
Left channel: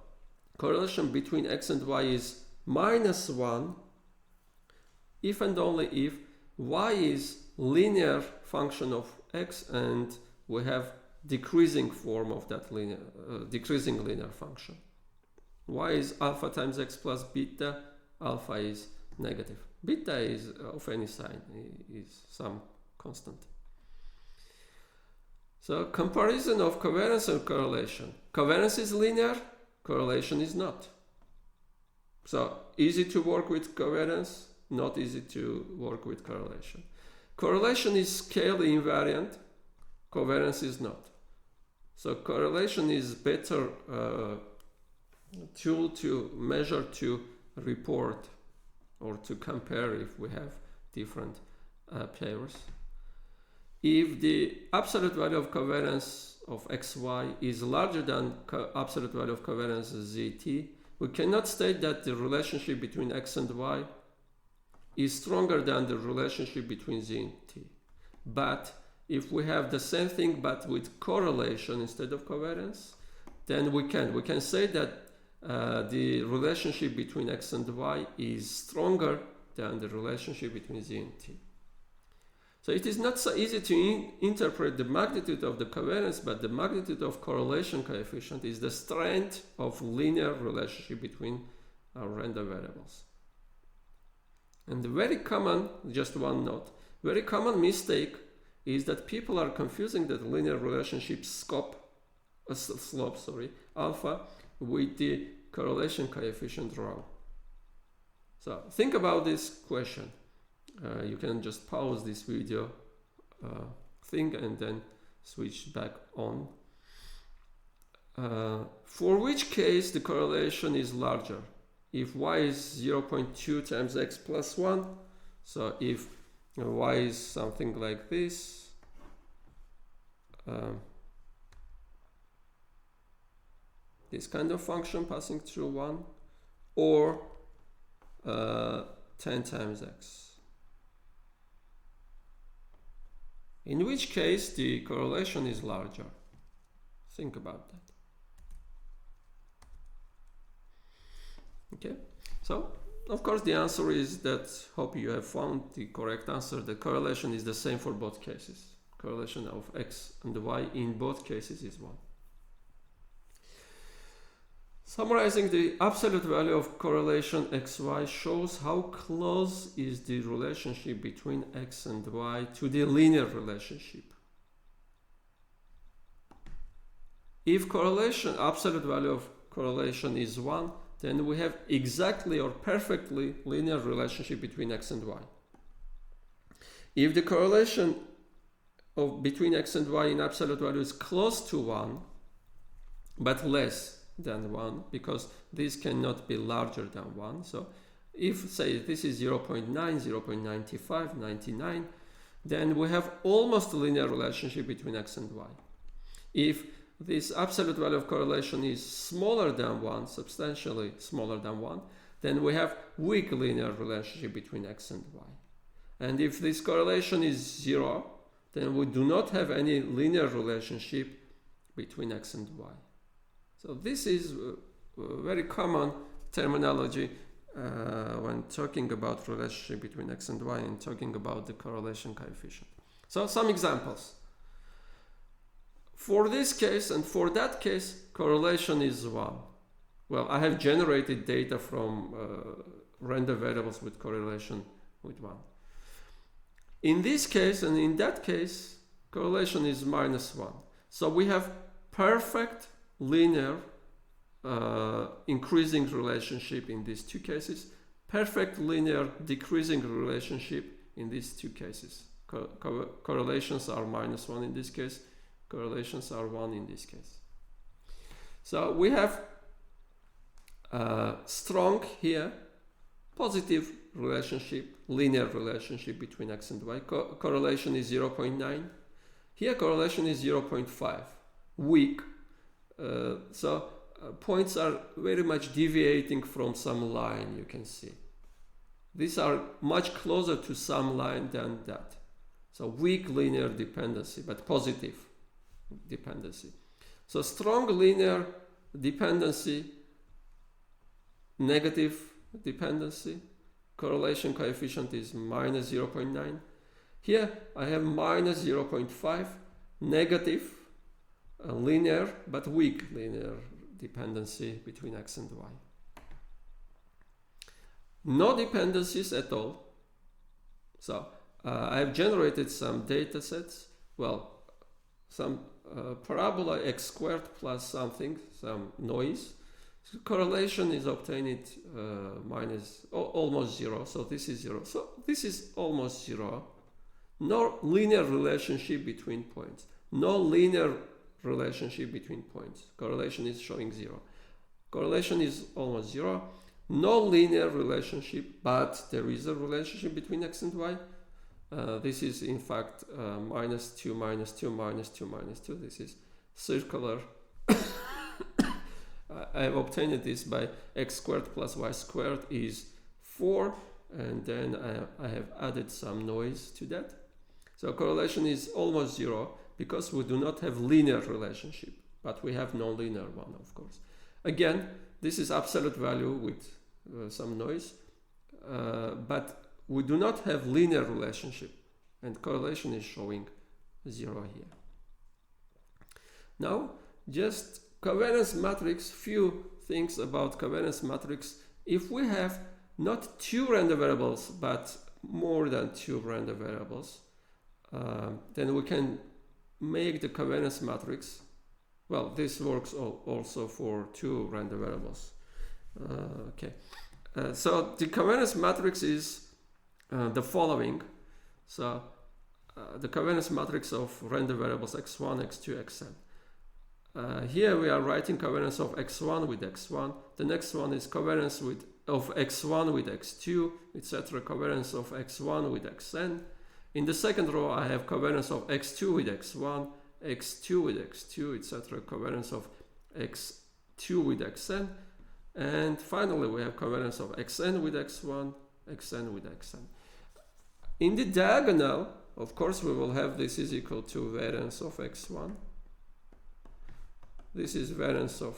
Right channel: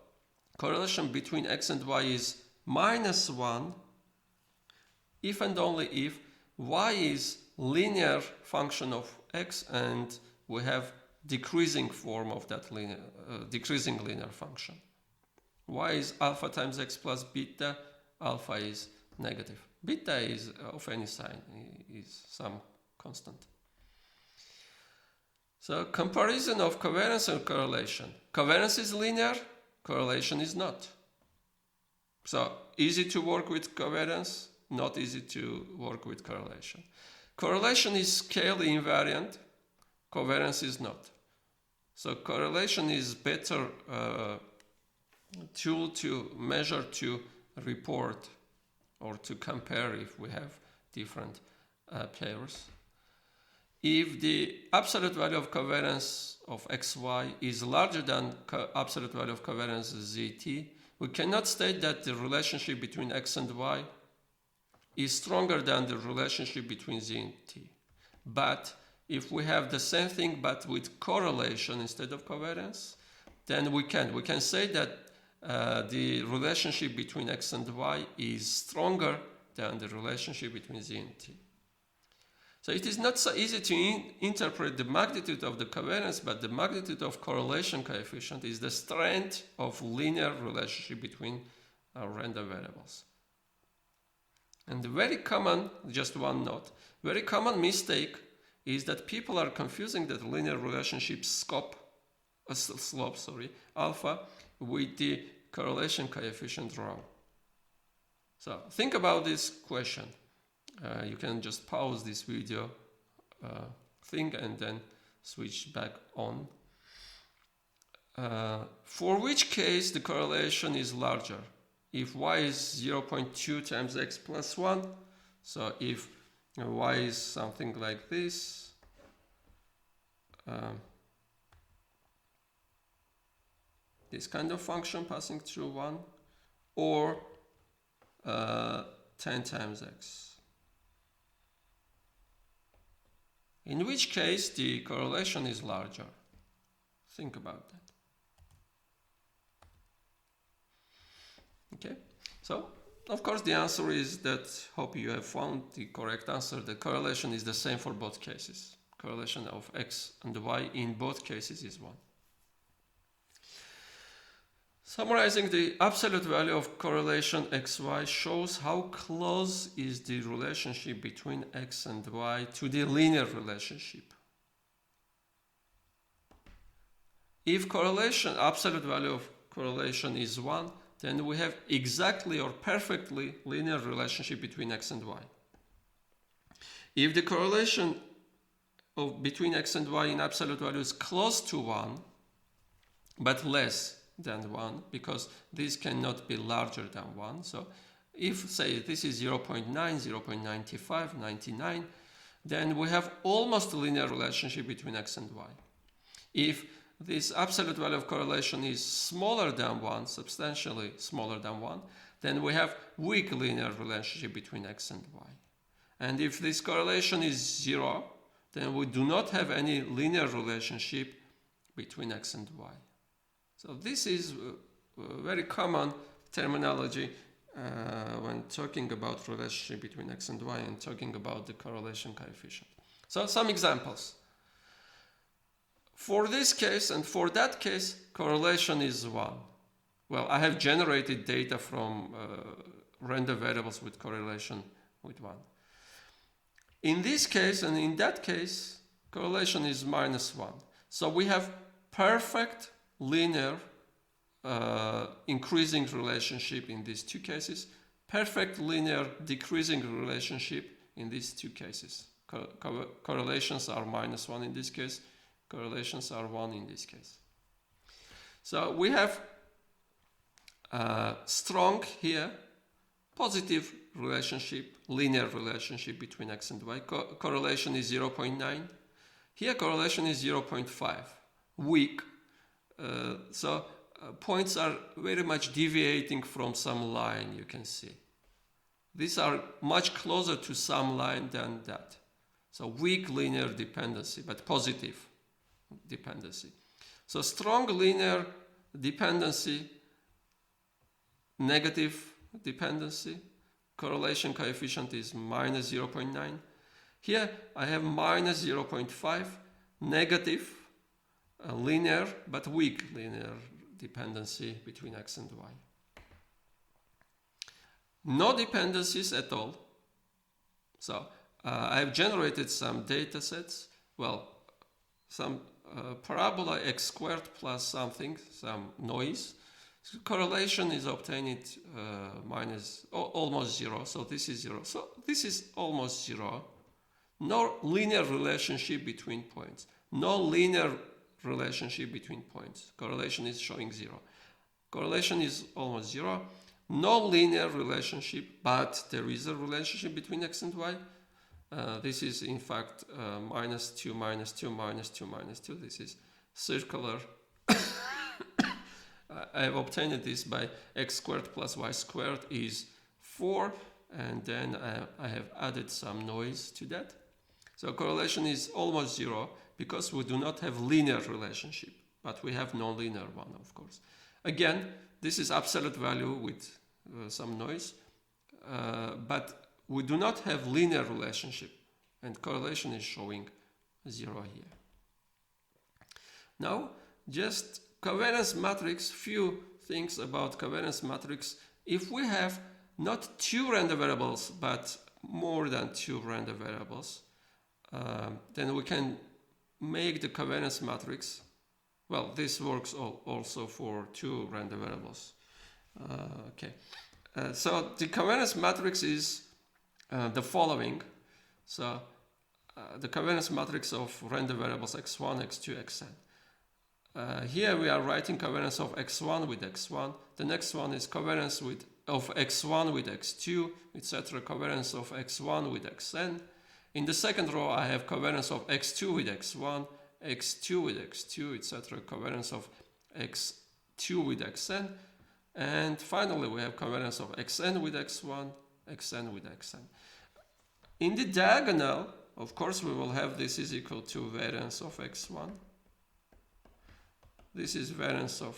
correlation between x and y is -1 if and only if y is linear function of x and we have decreasing form of that linear, decreasing linear function. Y is alpha times x plus beta, alpha is negative. Beta is of any sign, is some constant. So comparison of covariance and correlation. Covariance is linear, correlation is not. So easy to work with covariance, not easy to work with correlation. Correlation is scale invariant, covariance is not. So correlation is better tool to measure, to report, or to compare if we have different pairs. If the absolute value of covariance of xy is larger than absolute value of covariance zt, we cannot state that the relationship between x and y is stronger than the relationship between z and t. But if we have the same thing but with correlation instead of covariance, then we can say that the relationship between x and y is stronger than the relationship between z and t. So it is not so easy to interpret the magnitude of the covariance, but the magnitude of correlation coefficient is the strength of linear relationship between our random variables. And the very common, just one note, very common mistake is that people are confusing the linear relationship slope, alpha, with the correlation coefficient wrong. So think about this question. You can just pause this video thing and then switch back on. For which case the correlation is larger? If y is 0.2 times x plus 1, so if y is something like this, this kind of function passing through 1, or 10 times x. In which case the correlation is larger. Think about that. Okay, so of course the answer is that, hope you have found the correct answer, the correlation is the same for both cases. Correlation of x and y in both cases is 1. Summarizing, the absolute value of correlation xy shows how close is the relationship between x and y to the linear relationship. If correlation, absolute value of correlation is 1, then we have exactly or perfectly linear relationship between x and y. If the correlation between x and y in absolute value is close to 1, but less than 1, because this cannot be larger than 1. So if, say, this is 0.9, 0.95, 99, then we have almost a linear relationship between x and y. If this absolute value of correlation is smaller than 1, substantially smaller than 1, then we have weak linear relationship between x and y. And if this correlation is 0, then we do not have any linear relationship between x and y. So this is a very common terminology when talking about relationship between x and y and talking about the correlation coefficient. So some examples. For this case and for that case, correlation is 1. Well, I have generated data from random variables with correlation with 1. In this case and in that case, correlation is -1. So we have perfect linear increasing relationship in these two cases, perfect linear decreasing relationship in these two cases. Correlations are -1 in this case, correlations are 1 in this case. So we have strong here, positive relationship, linear relationship between x and y. Correlation is 0.9. Here correlation is 0.5, weak. Points are very much deviating from some line, you can see. These are much closer to some line than that. So weak linear dependency, but positive dependency. So strong linear dependency, negative dependency, correlation coefficient is minus 0.9. Here I have minus 0.5, negative, linear but weak linear dependency between x and y. No dependencies at all. So I've generated some data sets. Well, some parabola x squared plus something, some noise. So correlation is obtained almost zero. So this is zero. So this is almost zero. No linear relationship between points. No linear relationship between points. Correlation is showing zero. Correlation is almost zero. No linear relationship, but there is a relationship between x and y. This is in fact minus 2, minus 2, minus 2, minus 2. This is circular. I have obtained this by x squared plus y squared is 4, and then I have added some noise to that. So correlation is almost zero because we do not have linear relationship, but we have non-linear one, of course. Again, this is absolute value with some noise, but we do not have linear relationship, and correlation is showing zero here. Now, just covariance matrix, few things about covariance matrix. If we have not two random variables, but more than two random variables, then we can make the covariance matrix. Well, this works also for two random variables. So the covariance matrix is the following. So the covariance matrix of random variables x1, x2, xn. Here we are writing covariance of x1 with x1. The next one is covariance of x1 with x2, etc. Covariance of x1 with xn. In the second row, I have covariance of x2 with x1, x2 with x2, etc. Covariance of x2 with xn. And finally, we have covariance of xn with x1, xn with xn. In the diagonal, of course, we will have this is equal to variance of x1. This is variance of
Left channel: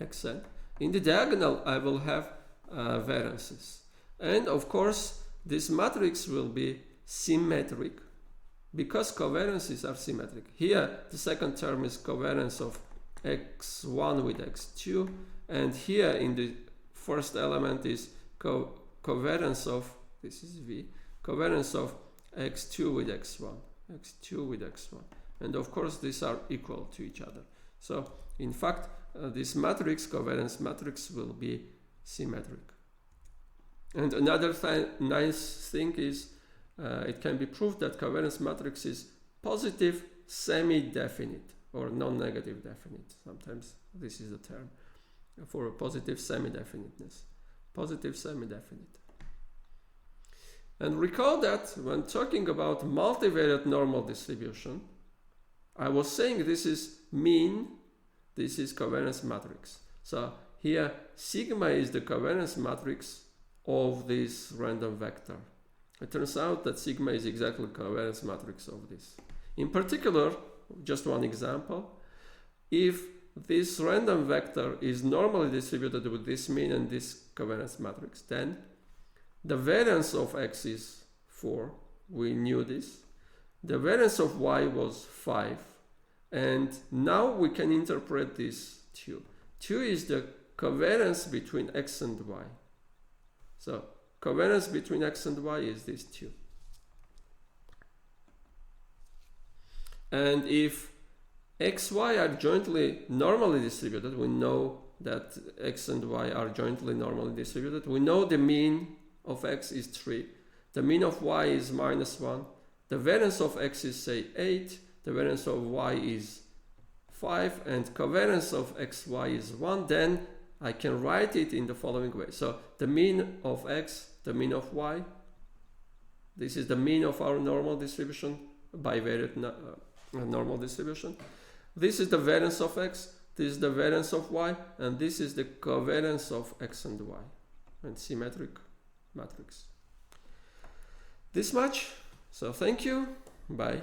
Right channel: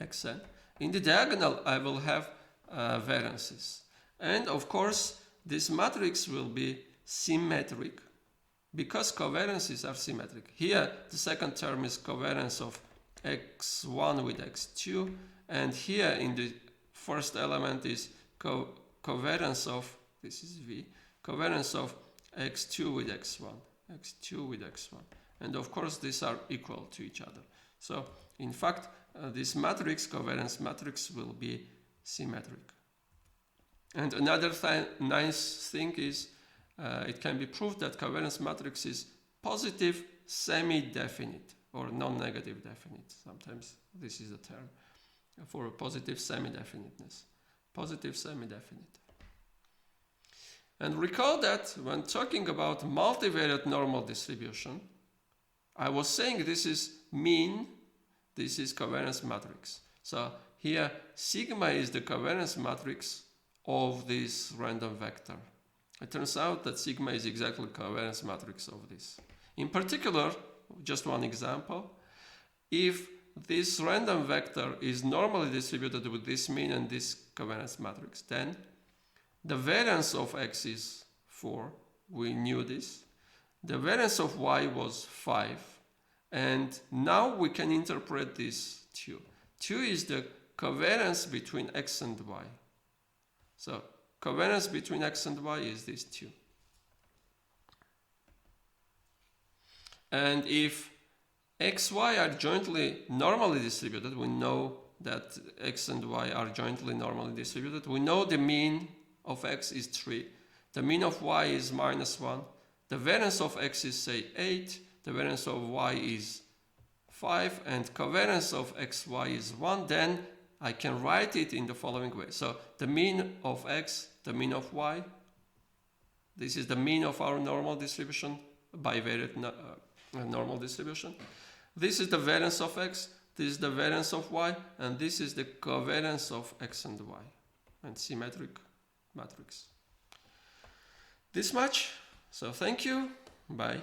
xn. In the diagonal, I will have variances. And of course, this matrix will be symmetric because covariances are symmetric. Here, the second term is covariance of x1 with x2. And here in the first element is covariance of, this is V, covariance of x2 with x1, x2 with x1. And of course, these are equal to each other. So, in fact, this matrix, covariance matrix, will be symmetric. And another nice thing is it can be proved that covariance matrix is positive semi-definite or non-negative definite. Sometimes this is the term for a positive semi-definiteness. Positive semi-definite. And recall that when talking about multivariate normal distribution, I was saying this is mean, this is covariance matrix. So here sigma is the covariance matrix of this random vector. It turns out that sigma is exactly covariance matrix of this. In particular, just one example, if this random vector is normally distributed with this mean and this covariance matrix, then the variance of x is 4. We knew this. The variance of y was 5. And now we can interpret this 2. 2 is the covariance between x and y. So covariance between x and y is this 2. And if x, y are jointly normally distributed, we know that x and y are jointly normally distributed. We know the mean of x is 3. The mean of y is -1. The variance of x is, say, 8. The variance of y is 5. And covariance of xy is 1. Then I can write it in the following way. So the mean of x, the mean of y. This is the mean of our normal distribution bivariate normal distribution. This is the variance of x, this is the variance of y, and this is the covariance of x and y, and symmetric matrix. This much. So thank you. Bye.